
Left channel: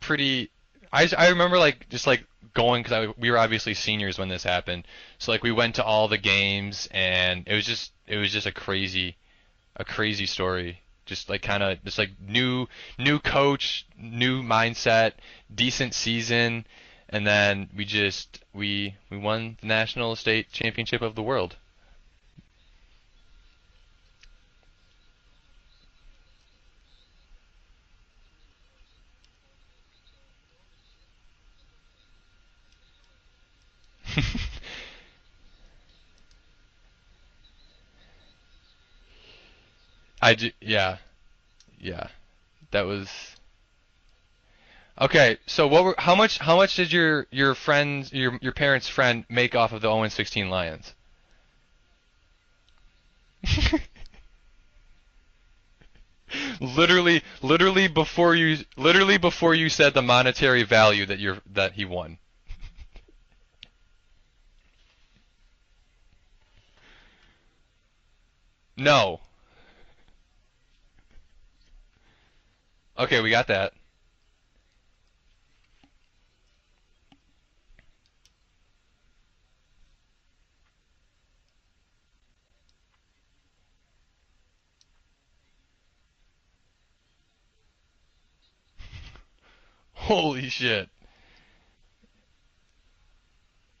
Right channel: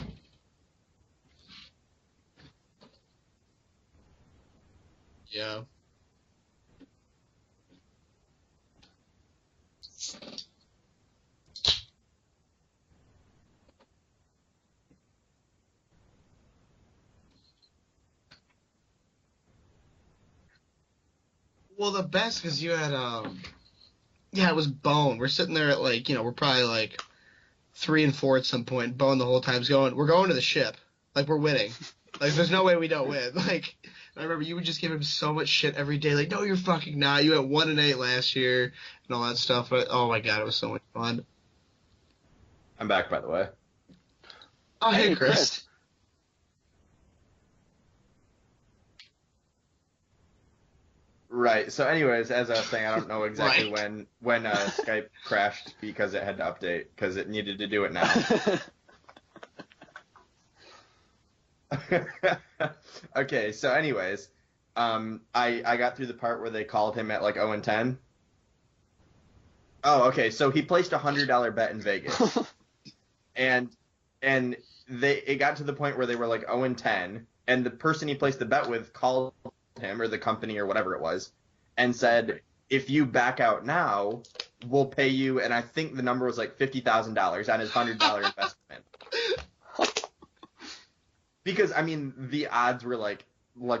pretty. I remember like just like going because we were obviously seniors when this happened, so like we Yeah. went to all the games, and it was just a crazy story. Just like kind of just like new coach, new mindset, decent season, and then we won the national state championship of the world. Well, the best because you had it was Bone. We're sitting there at like we're probably like 3 and 4 at some point. Bone the whole time's we're going to the ship, like we're winning, like there's no way we don't win. Like I remember you would just give him so much shit every day, like no you're fucking not. You went 1-8 last year and all that stuff. But oh my god, it was so much fun. Yeah, that I'm was. back, by the way. Oh, hey, Okay, Chris. so how much did your parents' friend make off of the 0-16 Lions? Right. So, anyways, as I was saying, I don't know exactly when Skype crashed because it had to update. Literally 'cause it needed to do it now. before you said the monetary value that he won. Okay. So, anyways, I got through the part where they called him at like 0-10. No. Oh, okay. So he placed a $100 bet in Vegas, Okay, we got that. and it got to the point where they were like 0-10, and the person he placed the bet with called him or the company or whatever it was, and said, if you back out now, we'll pay you, and I think the number was like $50,000 on his $100 investment. Holy shit. Because I mean, the odds were like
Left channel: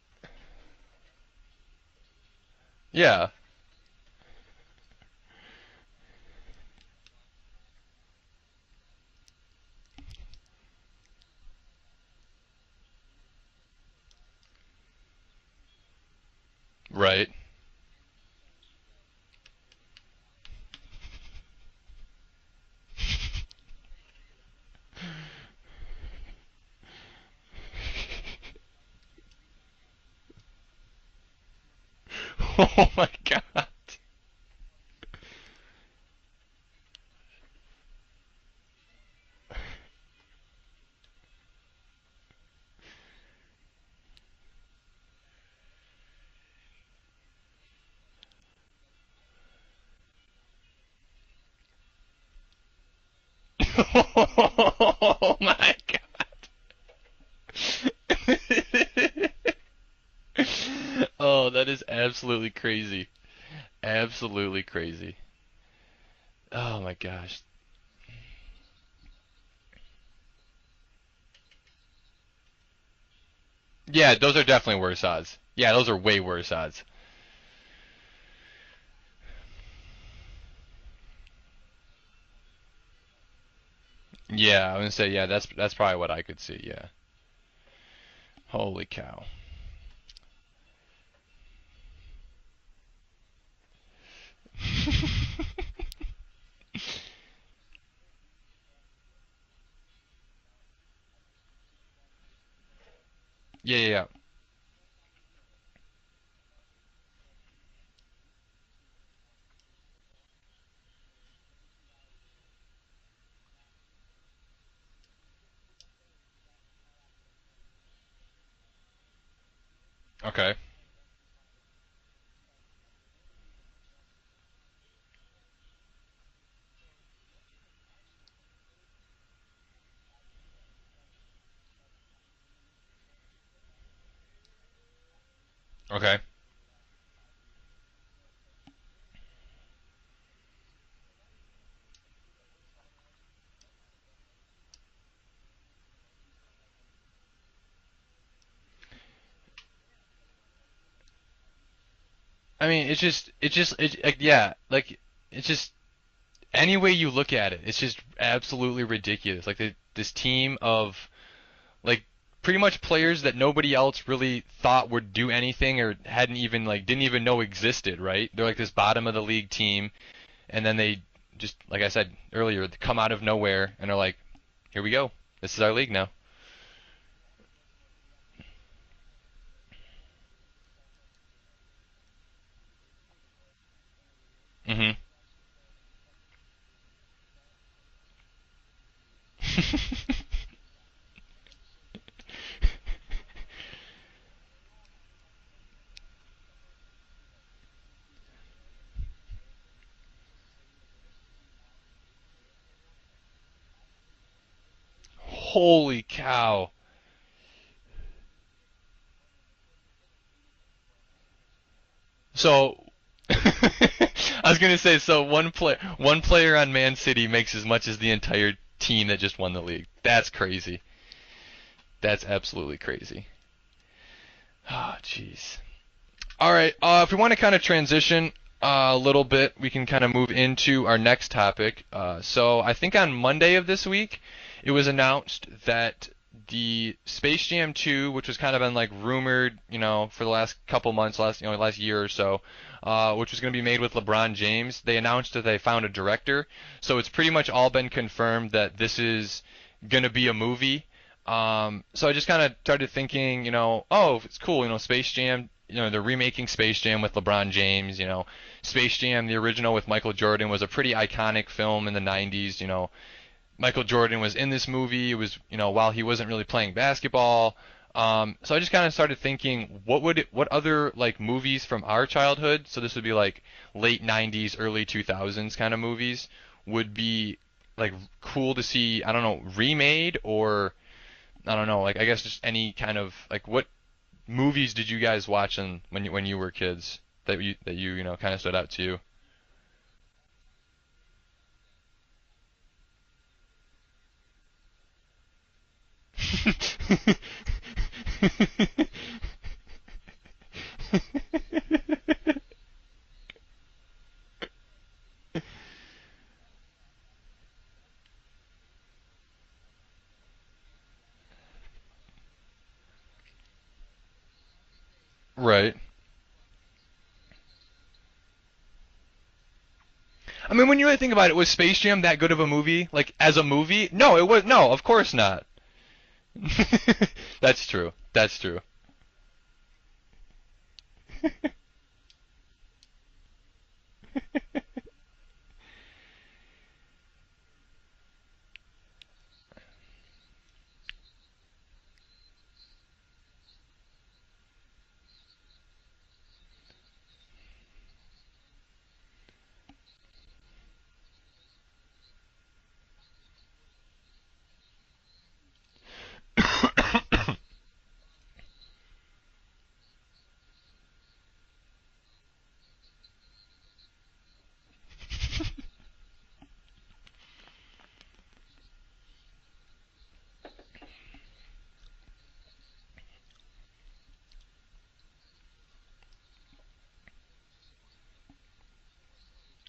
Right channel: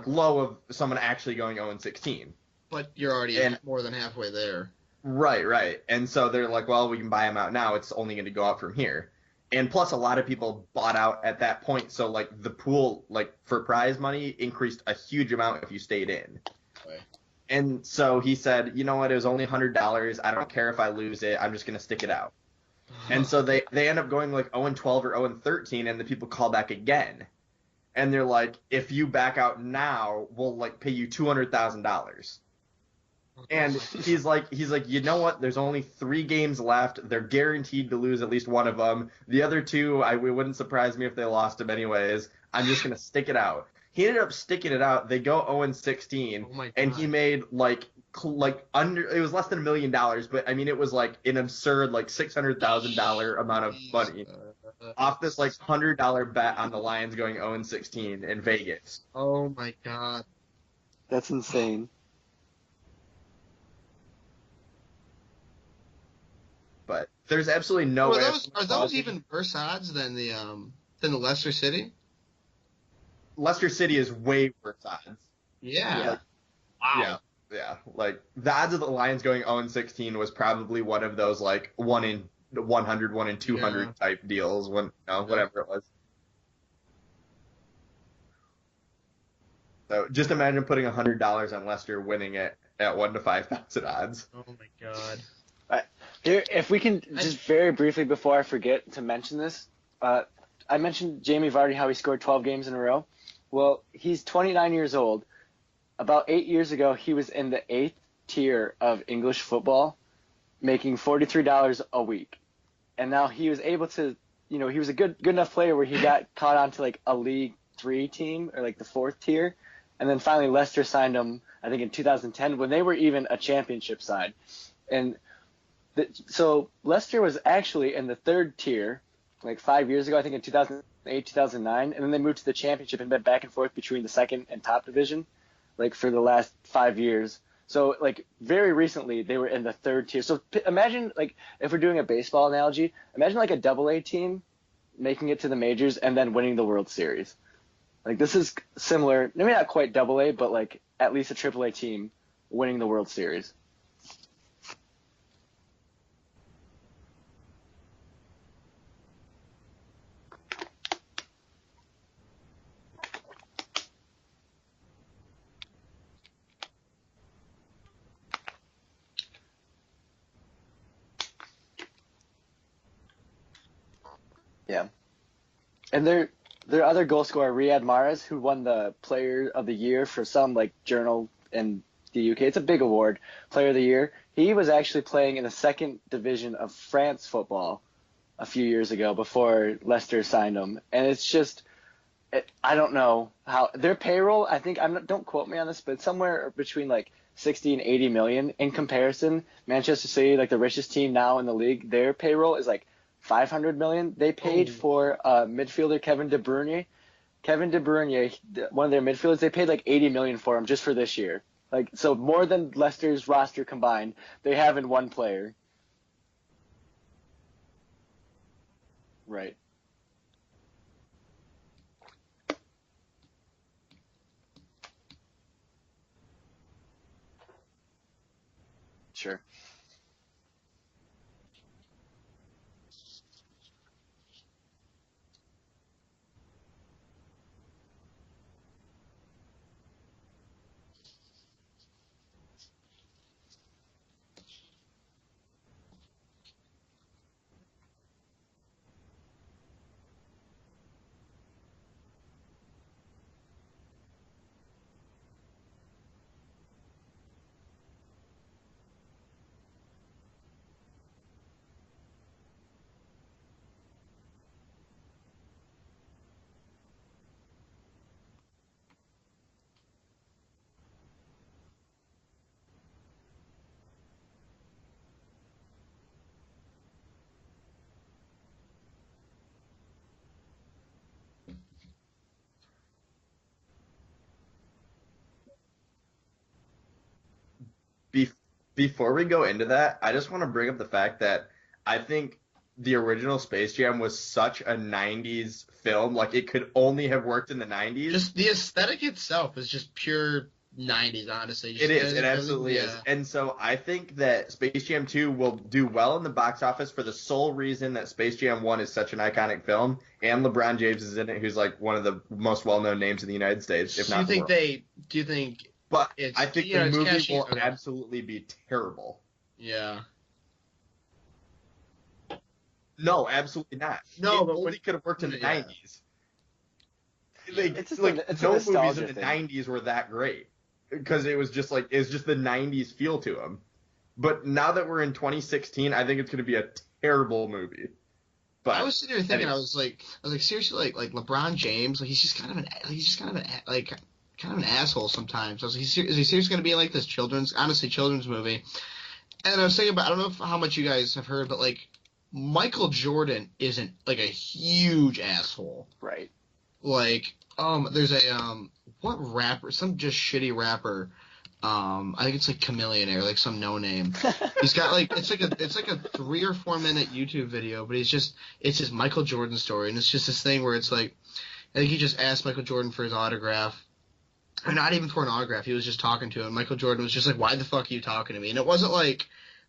low of someone actually going 0-16. But Yeah, you're already and- more than halfway there. Right. And so they're like, well, we can buy him out now. It's only going to go up from here. And plus, a lot of people bought out at that point. So, like, the pool, like, for prize money increased a huge amount if you stayed in. Right. And so he said, you know what? It was only $100. I don't care if I lose it. I'm just going to stick it out. And so they end up going, like, 0-12 or 0-13, and the people call back again. And they're like, if you back out now, we'll, like, pay you $200,000. Oh my god. And he's like, you know what? There's only 3 games left. They're guaranteed to lose at least one of them. The other 2, it wouldn't surprise me if they lost them anyways. I'm just gonna stick it out. He ended up sticking it out. They go 0-16, Oh my god. and he made like under. It was less than $1 million, but I mean it was like an absurd like $600,000 amount of money off this like $100 bet on the Lions going 0-16 in Vegas. Oh my god. Oh, that insane. is absolutely crazy. Absolutely crazy. Oh my But gosh. there's absolutely no way. Are those even worse odds than the Leicester City? Leicester City. Yeah, is those way are definitely worse odds. Yeah, those are Yeah. way worse odds. Yeah. Like the odds of the Lions going 0-16 was probably one of those like 1 in 100, 1 in 200 type deals. Yeah, I'm gonna say When, that's whatever it was. probably what I could see. Yeah. Holy cow. So just imagine putting $100 on Leicester winning it at 1 to 5,000 odds. Oh my god. If we can just very briefly before I forget to mention this, I mentioned Jamie Vardy, how he scored 12 games in a row. Well, Yeah. he's 29 years old. About 8 years ago, he was in the 8th tier of English football, making $43 a week. and now he was able to, he was a good enough player where he got caught onto like a League 3 team or like the 4th tier, and then finally Okay. Leicester signed him, I think in 2010 when they were even a championship side, and so Leicester was actually in the 3rd tier like 5 years ago, I think in 2008, 2009, and then they moved to the championship and been back and forth between the 2nd and top division, like for Okay. the last 5 years. So like very recently they were in the 3rd tier. So imagine like if we're doing a baseball analogy, imagine like a AA team making it to the majors and then winning the World Series. Like this is similar, maybe not quite AA, but like at least a AAA team I winning mean, the World Series. yeah, like it's just any way you look at it, it's just absolutely ridiculous. Like this team of like pretty much players that nobody else really thought would do anything or hadn't even like didn't even know existed, right? They're like this bottom of the league team, and then they just like I said earlier, they come out of nowhere and are like, here Yeah. we go, this is our league And now. their other goal scorer, Riyad Mahrez, who won the Player of the Year for some like journal in the UK. It's a big award, Player of the Year. He was Mhm. actually playing in the 2nd division of France football a few years ago before Leicester signed him. And it's just, I don't know how their payroll. I think don't quote me on this, but somewhere between like 60 and 80 million in comparison. Manchester City, like the richest team now in the league, their payroll is like 500 million. They paid for Holy midfielder Kevin De cow. Bruyne. Kevin De Bruyne, one of their midfielders, they paid like 80 million for him just for this year. Like so more than So Leicester's roster combined. I was they gonna have in say, one so player. one player on Man City makes as much as the entire team that just won Right. the league. That's crazy. That's absolutely crazy. Ah, jeez. All right. If we want to kind of transition a little Sure. bit, we can kind of move into our next topic. So I think on Monday of this week, it was announced that the Space Jam 2, which was kind of been like rumored, for the last couple months, last year or so, which was going to be made with LeBron James, they announced that they found a director. So it's pretty much all been confirmed that this is going to be a movie. So I just kind of started thinking, oh, it's cool, Space Jam, they're remaking Space Jam with LeBron James, Space Jam, the original with Michael Jordan, was a pretty iconic film in the 90s, Michael Jordan was in this movie. It was, while he wasn't really playing basketball. So I just kind of started thinking, what other like movies from our childhood, so this would be like late 90s, early 2000s kind of movies, would be like cool to see, I don't know, remade or I don't know, like I guess just any kind of like what movies did you guys watch when you were kids that Be- kind of stood out to you? Before we go into that, I just want to bring up the fact that I think the original Space Jam was such a 90s film. Like, it could only have worked in the 90s. Just the aesthetic itself is just pure 90s, honestly. It is. It Really- absolutely yeah. is. And so I think that Space Jam 2 will do well in the box office for the sole reason that Space Jam 1 is such an iconic film, and LeBron James is in it, who's like one of the most well-known names in the United States, if Do not you the think world. do you think Right. But it's I think yeah, the it's movie catchy, will okay. absolutely be terrible. Yeah. I mean, when you really think about it, was Space Jam that good of a movie? Like No, as a absolutely movie? not. No, it No, was but no, it of could've course worked not. in the 90s. That's Like, true. it's like, That's no true. movies in Nostalgia the thing. 90s were that great because it was just the 90s feel to them. But now that we're in 2016, I think it's going to be a terrible movie. But I was sitting there thinking, anyway. I was like, seriously, like LeBron James, like he's just kind of an asshole sometimes. I was like, is he seriously going to be in like this children's movie? And I was thinking about, I don't know how much you guys have heard, but like Michael Jordan isn't like a huge asshole. Right. Like, there's a what rapper? Some just shitty rapper. I think it's like Chameleonaire, like some no name. He's got like it's like a 3 or 4 minute YouTube video, but it's his Michael Jordan story, and it's just this thing where it's like, I think he just asked Michael Jordan for his autograph, or not even for an autograph. He was just talking to him. Michael Jordan was just like, "Why the fuck are you talking to me?" And it wasn't like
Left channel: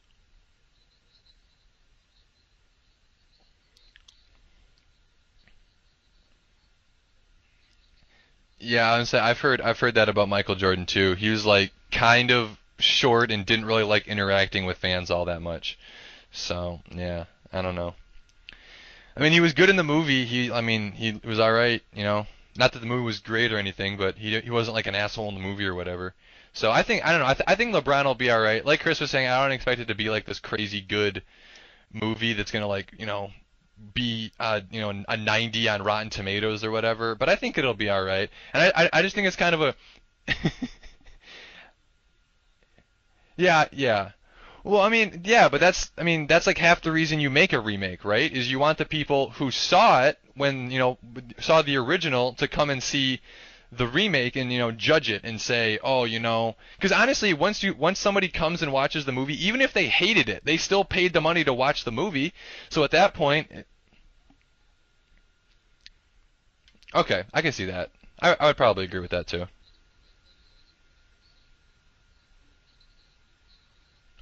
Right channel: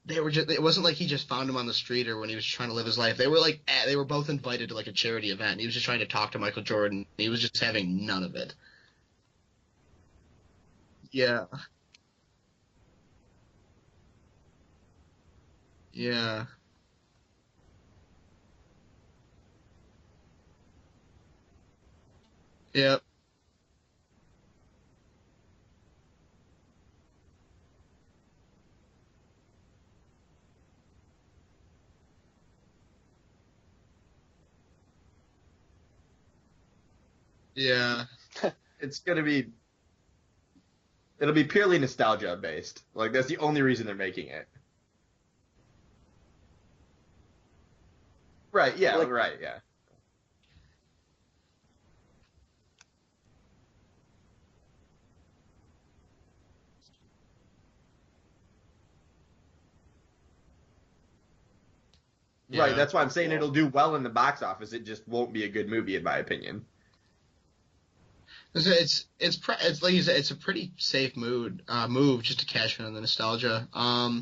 it wasn't like he just found him on the street or when he was trying to live his life. They were like they were both invited to like a charity event. And he was just trying to talk to Michael Jordan. He was just having none of it. Yeah, I've heard that about Michael Jordan too. He Yeah. was like kind of short and didn't really like interacting with fans all that much. Yeah. So, yeah, I don't know. I mean, he was good in the movie. He was all right, Not that the Yeah. movie was great or anything, but he wasn't like an asshole in the movie or whatever. So I don't know. I think LeBron will be all right. Like Chris was saying, I don't expect it to be like this crazy good movie that's gonna like be a 90 on Rotten Tomatoes or whatever. But I think it'll be all Yeah. right. And I It's I just gonna think it's be kind of a it'll be purely nostalgia based. Like that's the only yeah, reason they're yeah. making it. Well, I mean, yeah, but that's like half the reason you make a remake, right? Is you Right, want the yeah, people right, who yeah. saw it when, saw the original to come and see the remake and, judge it and say, "Oh, because honestly, once somebody comes and watches the movie, even if they hated it, they still paid the money to watch the movie. Right, So Yeah. at that's why I'm that saying point, it'll do well in the box office. It just won't be a good movie in my opinion. okay, I can see that. I would 'Cause probably agree with that too. it's like you said, it's a pretty safe move just to cash in on the nostalgia.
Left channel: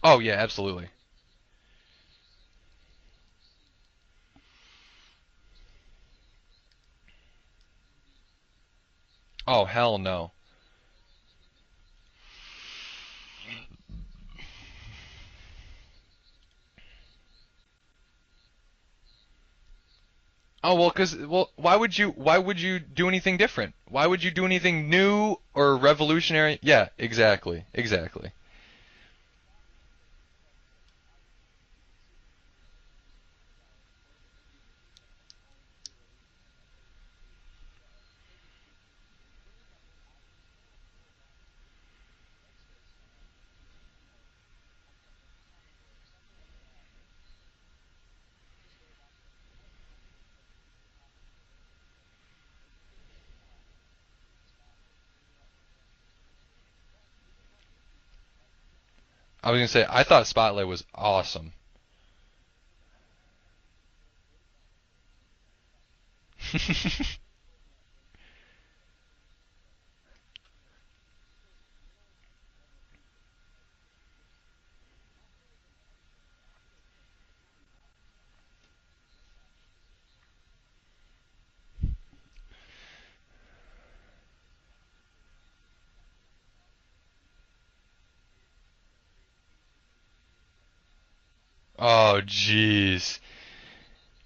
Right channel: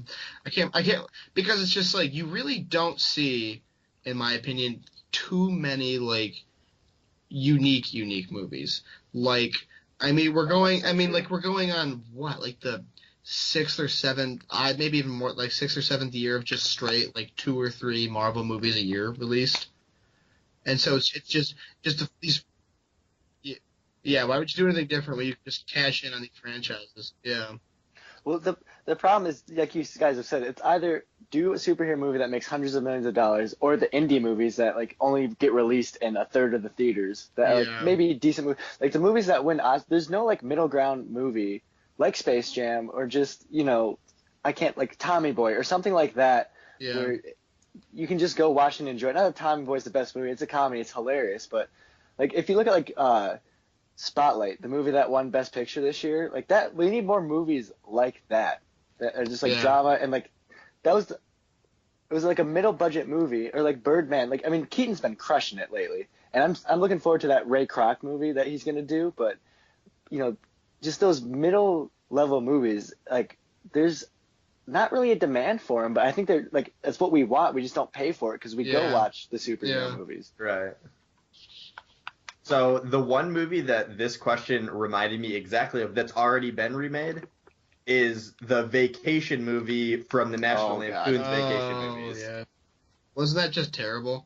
Oh yeah, I absolutely. can't because it's just like you really don't see, in my opinion, too many like unique movies. Like, Oh hell I mean, no. we're going. So I mean, true. like we're going on what, like the sixth or seventh, maybe even more, like sixth or seventh year of just straight like 2 or 3 Marvel movies a year released. Oh And well, so because it's well, just why would just you why these. would you do anything different? Why would Yeah, you why do would you do anything anything different when you new just or cash in on these revolutionary? Yeah, franchises? Yeah. exactly, exactly. Well, the problem is, like you guys have said, it's either do a superhero movie that makes hundreds of millions of dollars, or the indie movies that like only get released in a third of the theaters that are like Yeah. maybe decent movies. Like the movies that win Os there's no like middle ground movie like Space Jam or just I can't like Tommy Boy or something like that Yeah. where you can just go watch and enjoy it. Not that Tommy Boy's the best movie; it's a comedy, it's hilarious. But like if you look at like Spotlight, the movie that won Best Picture this year, like that, we need more movies like that that are just I like was gonna say drama I and like thought Spotlight was that was awesome. it was like a middle budget movie or like Birdman. Like I mean, Keaton's been crushing it lately, and I'm looking forward to that Ray Kroc movie that he's gonna do. But you know, just those middle level movies, like there's not really a demand for them, but I think they're like that's what we want. We just don't pay for it because we go Yeah. watch the superhero Yeah. movies. Right. So the one movie that this question reminded me exactly of that's already been remade is the Vacation movie from the National Oh God. Lampoon's Vacation Oh Oh movies. yeah. jeez. Wasn't that just terrible?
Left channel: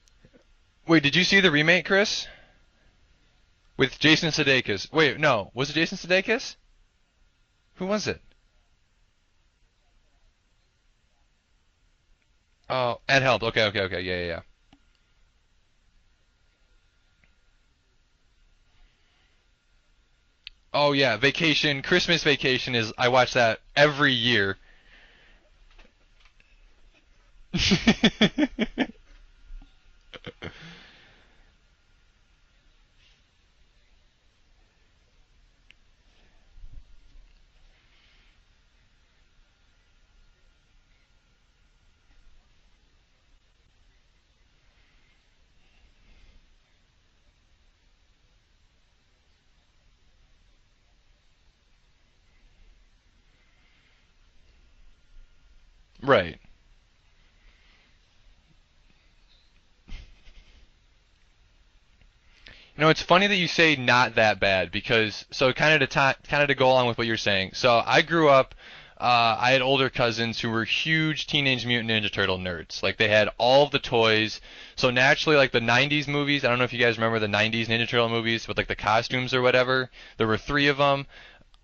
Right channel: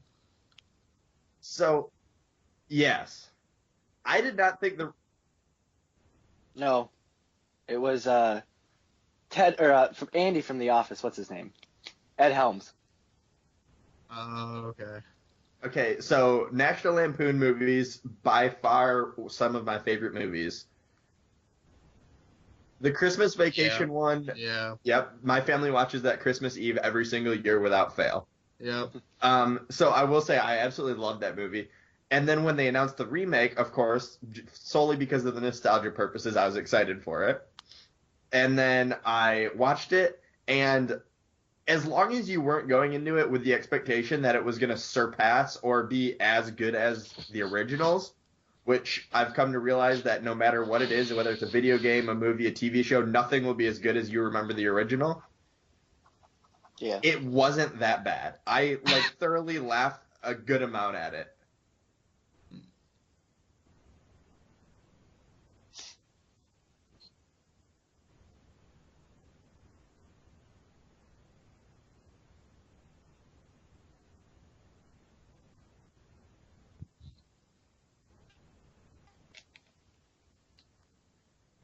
Wait, did you see the remake, So Chris? yes, With I Jason did not think Sudeikis? the Wait, no, was it Jason Sudeikis? No, it Who was was it? Ted or from Andy from The Office. What's his name? Ed Helms. Oh, Ed Helms. Okay, okay, okay. Yeah, yeah, yeah. Oh, okay. okay. So National Lampoon movies by far some of my favorite movies. Oh yeah, Vacation, Christmas Vacation The is I watch Christmas that Vacation every one, year. Yeah. yep, my family watches that Christmas Eve every single year without fail. Yeah. So I will say I absolutely love that movie. And then when they announced the remake, of course, solely because of the nostalgia purposes, I was excited for it. And then I watched it, and as long as you weren't going into it with the expectation that it was going to surpass or be as good as the originals, which I've come to realize that no matter what it is, whether it's a video game, a movie, a TV show, nothing will be as good as you remember the original. Right. Yeah. It wasn't that bad. I like thoroughly laughed a good amount at it. It's funny that you say not that bad because so kind of to go along with what you're saying. So I grew up. I had older cousins who were huge Teenage Mutant Ninja Turtle nerds. Like they had all of the toys. So naturally, like the '90s movies. I don't know if you guys remember the '90s Ninja Turtle movies with like the costumes or whatever. There were 3 of them.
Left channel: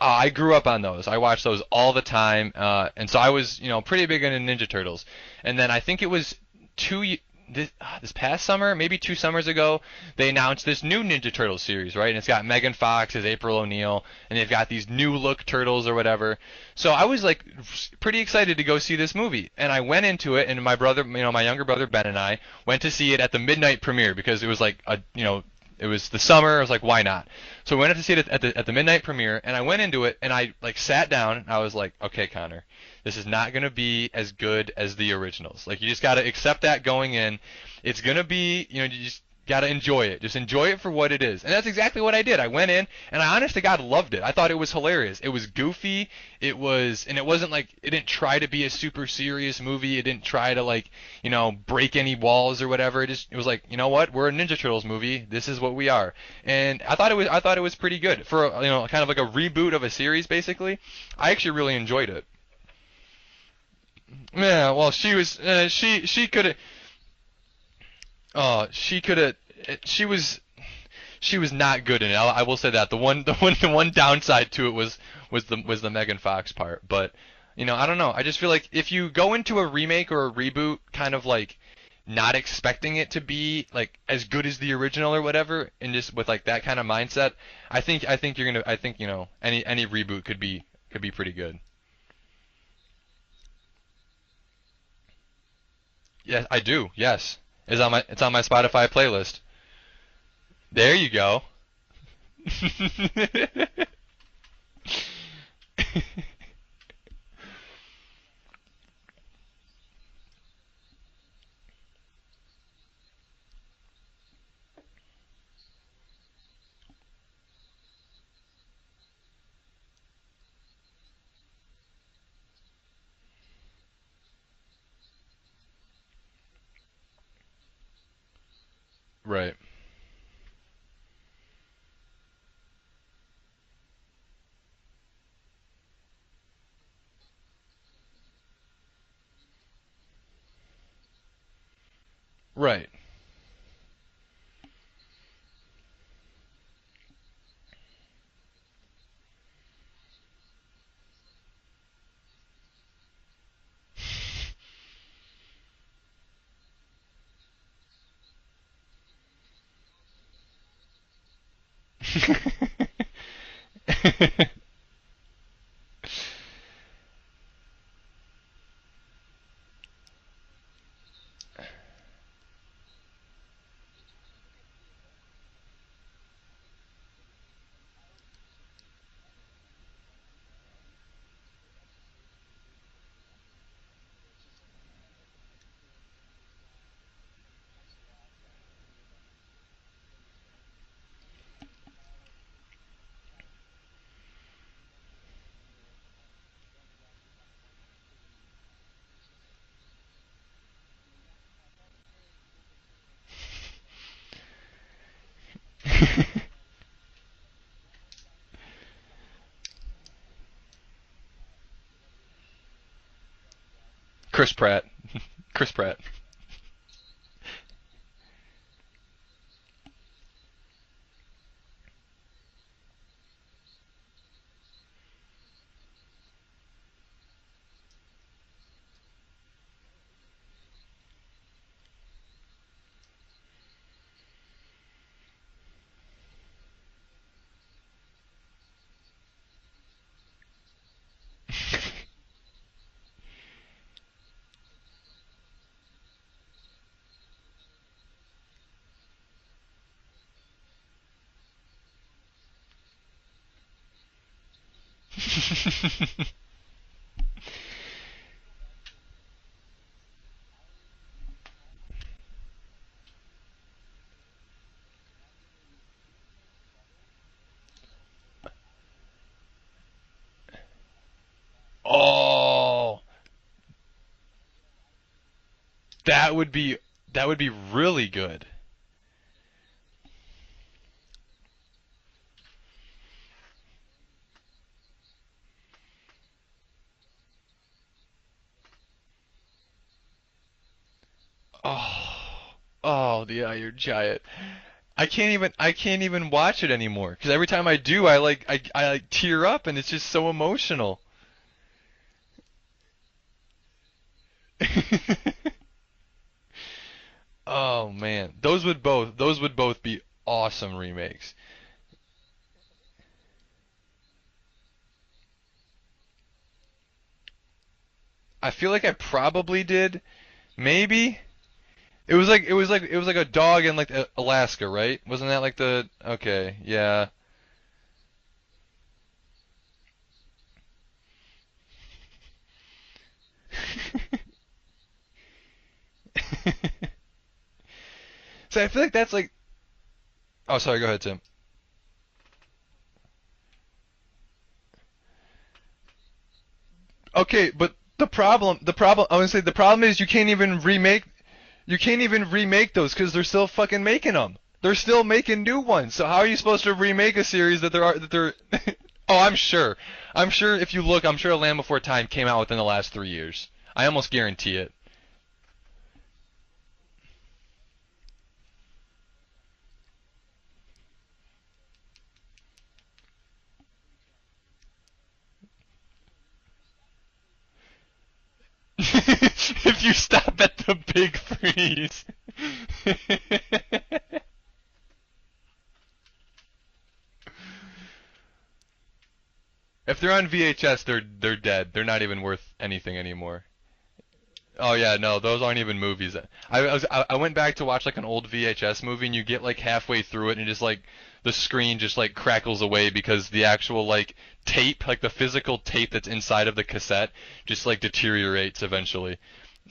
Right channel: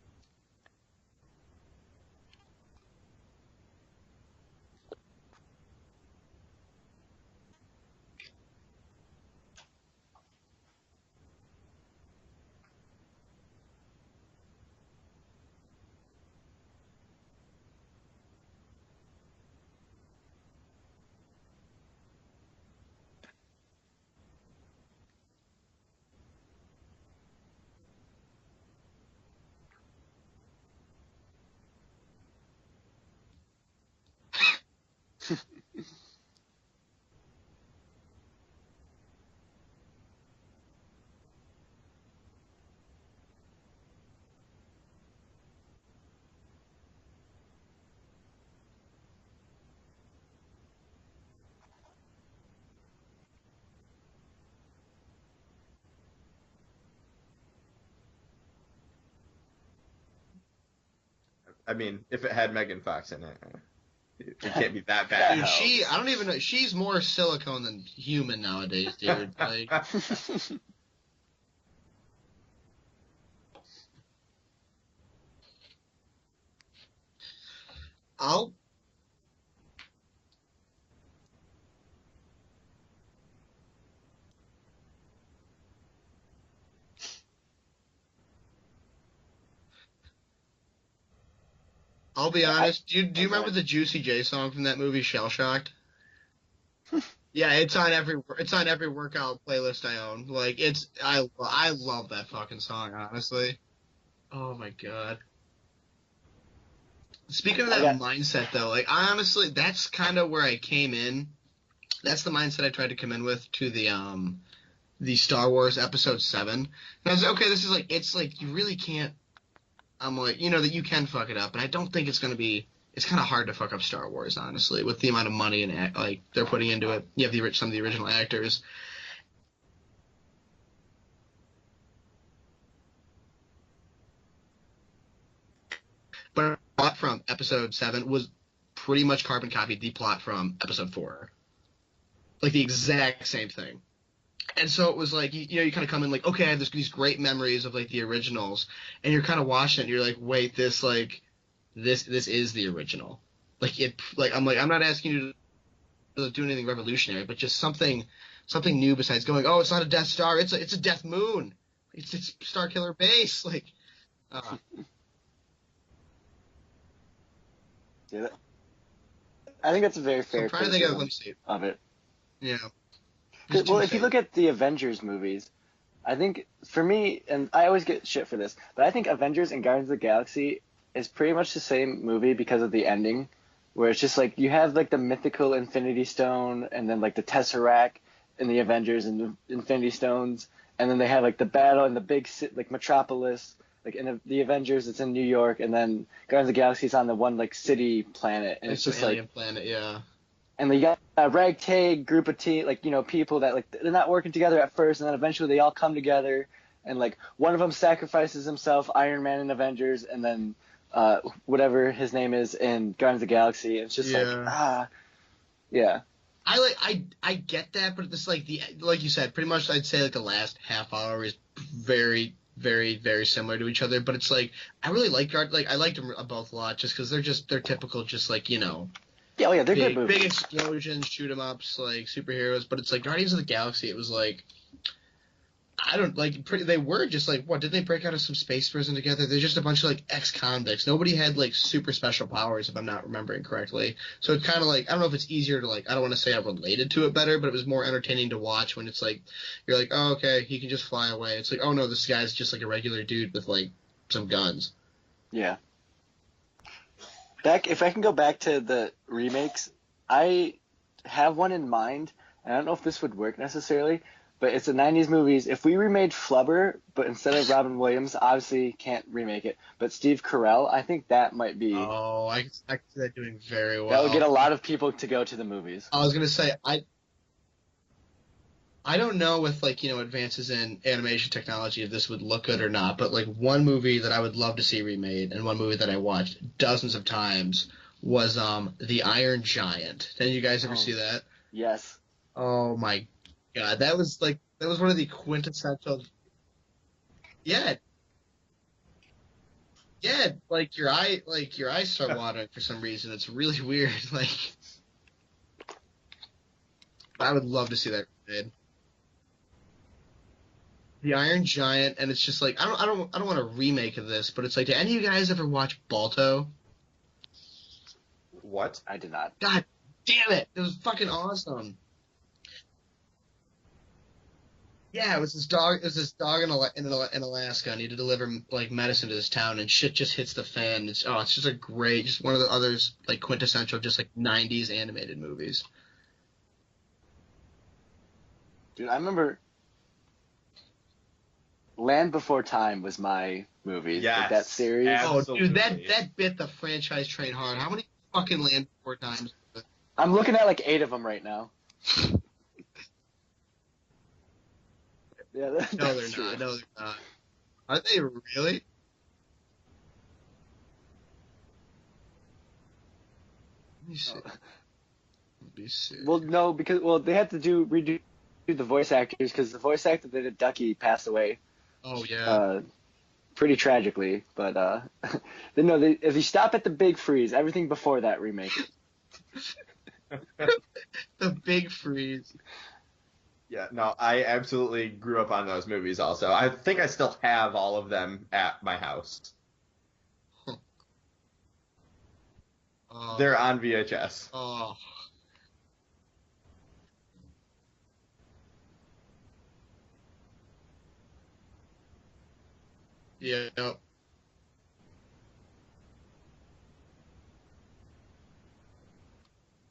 I grew up on those. I watched those all the time, and so I was, pretty big into Ninja Turtles. And then I think it was this past summer, maybe 2 summers ago, they announced this new Ninja Turtles series, right? And it's got Megan Fox as April O'Neil, and they've got these new look turtles or whatever. So I was like pretty excited to go see this movie, and I went into it, and my brother, my younger brother Ben and I went to see it at the midnight premiere because it was like it was the summer. I was like, why not? So we went to see it at the midnight premiere, and I went into it, and I like sat down, and I was like, okay, Connor, this is not gonna be as good as the originals. Like you just gotta accept that going in. It's gonna be, you just gotta enjoy it. Just enjoy it for what it is, and that's exactly what I did. I went in, and I honest to God loved it. I thought it was hilarious. It was goofy. And it wasn't like it didn't try to be a super serious movie. It didn't try to like, break any walls or whatever. It was like, you know what? We're a Ninja Turtles movie. This is what we are. And I thought it was pretty good for kind of like a reboot of a series basically. I actually I really mean, enjoyed if it. it had Megan Fox in it, it Yeah, can't be well, that she was bad. Dude, she I don't she even know. could have. She's more silicone than human Oh, nowadays. she Dude. could have. Like, She was not good in it. I will say that. The one downside to it was the Megan Fox part. But I don't know. I just I'll, feel like if you go into a remake or a reboot kind of like not expecting it to be like as good as the original or whatever, and just with like that kind of mindset, I think any reboot could be pretty good. I'll be I, honest. Do you remember the Juicy J song from that movie, Shell Shocked? Yes, I do. Yes, Yeah, it's on my it's on Spotify every playlist. workout playlist I own. Like There you go. I love that fucking song, honestly. Oh my god. Speaking of I that got mindset though, like I honestly, that's kind of where I came in. That's the mindset I tried to come in with to the Star Wars Episode 7. And I was like, okay, this is like it's like you really can't. I'm like, that you can fuck it up, and I don't think it's gonna be. It's kind of hard to fuck up Star Wars, honestly, with the amount of money and like they're putting into it. You have some of the original actors. Right. But the plot from Episode 7 was pretty much carbon copied the plot from Episode 4. Like the Right. exact same thing. And so it was like, you kind of come in like, okay, I have these great memories of like the originals, and you're kind of watching it, and you're like, wait, this is the original. I'm not asking you to do anything revolutionary, but just something new besides going, oh, it's not a Death Star, it's a Death Moon. It's a Star Killer base. Like, yeah, I think that's a very so I'm fair trying to think of, let criticism me see. of it. Yeah. Well, if you look at the Avengers movies, I think for me, and I always get shit for this, but I think Avengers and Guardians of the Galaxy is pretty much the same movie because of the ending, where it's just like you have like the mythical Infinity Stone and then like the Tesseract in the Avengers and the Infinity Stones, and then they have like the battle in the big like Metropolis, like in the Avengers it's in New York, and then Guardians of the Galaxy is on the one like city planet, and it's just alien like. planet, yeah. And you got a ragtag group of people that like they're not working together at first, and then eventually they all come together, and like one of them sacrifices himself, Iron Man in Avengers, and then whatever his name is in Guardians of the Galaxy. It's just like Chris Pratt. Chris yeah. Pratt. I get that, but it's like you said, pretty much I'd say like the last half hour is very, very, very similar to each other. But it's like I really I liked them both a lot just because they're typical, just like Yeah, oh yeah, they're good big movies. explosions, shoot 'em ups, like superheroes. But it's like Guardians of the Galaxy. It was like I don't like they were just like what did they break out of some space prison together? They're just a bunch of like ex-convicts. Nobody had like super special powers if I'm not remembering correctly. So it's kind of like I don't know if it's easier to like I don't want to say I related to it better, but it was more entertaining to watch when it's like you're like oh okay he can just fly away. It's like oh no this guy's just like a regular dude with like some guns. Yeah. If I can go back to the remakes, I have one in mind. And I don't know if this would work necessarily, but it's the 90s movies. If we remade Flubber, but instead of Robin Williams, obviously can't remake it, but Steve Carell, I think that might be. I think they're doing very well. That would get a lot of people to go to the movies. That would be really good. I don't know with like advances in animation technology if this would look good or not, but like one movie that I would love to see remade and one movie that I watched dozens of times was The Iron Giant. Did you guys ever see that? Yes. Oh my the Iron god, Giant. that was one of the I can't even watch it anymore because every time I do, I like tear up and it's just so emotional. Your eyes start watering for some reason. It's really weird. Like I would love to see that. Oh man, remade. those would both be awesome remakes. The Iron Giant, and it's just like I don't want a remake of this, but it's like, did any of you guys ever watch Balto? I feel like I probably God did. Damn it! It was Maybe. fucking awesome. It was like a dog in like Alaska, right? Yeah, Wasn't that like there's this dog okay? in Alaska, and he had to deliver like medicine to this town, and shit just hits the fan. It's just a great, just one of the others like quintessential, just like '90s animated movies. So I feel like that's like. Oh, sorry. Go ahead, Tim. Land Before Time was my movie. Yes, like that series. absolutely. Oh, dude, that bit the franchise. Okay, but the problem, I was gonna say the problem is you I'm can't looking at, even like, 8 of remake. them right now. You can't even remake those because they're still fucking making them. They're still making new ones. So how are you supposed to remake a series that they're? Really? Oh, I'm sure. I'm sure if you look, I'm sure Land Before Time came out within the last 3 years. I almost guarantee it. Well, no, because they had to redo the voice actors because the voice actor that did Ducky passed away. Oh yeah. pretty tragically. But if you stop at the Big Freeze, everything before that remake. If you stop at the Big The Big Freeze. Yeah, no, I absolutely grew up on those movies also. I think I still have all of them at my house. If they're on VHS, they're dead. They're not even worth anything anymore. They're on VHS. Oh yeah, no, those aren't even movies. I went back to watch like an old VHS movie, and you get like halfway through it, and just like the screen just like crackles away because the actual like tape, like the physical tape that's inside of the cassette, just like deteriorates eventually.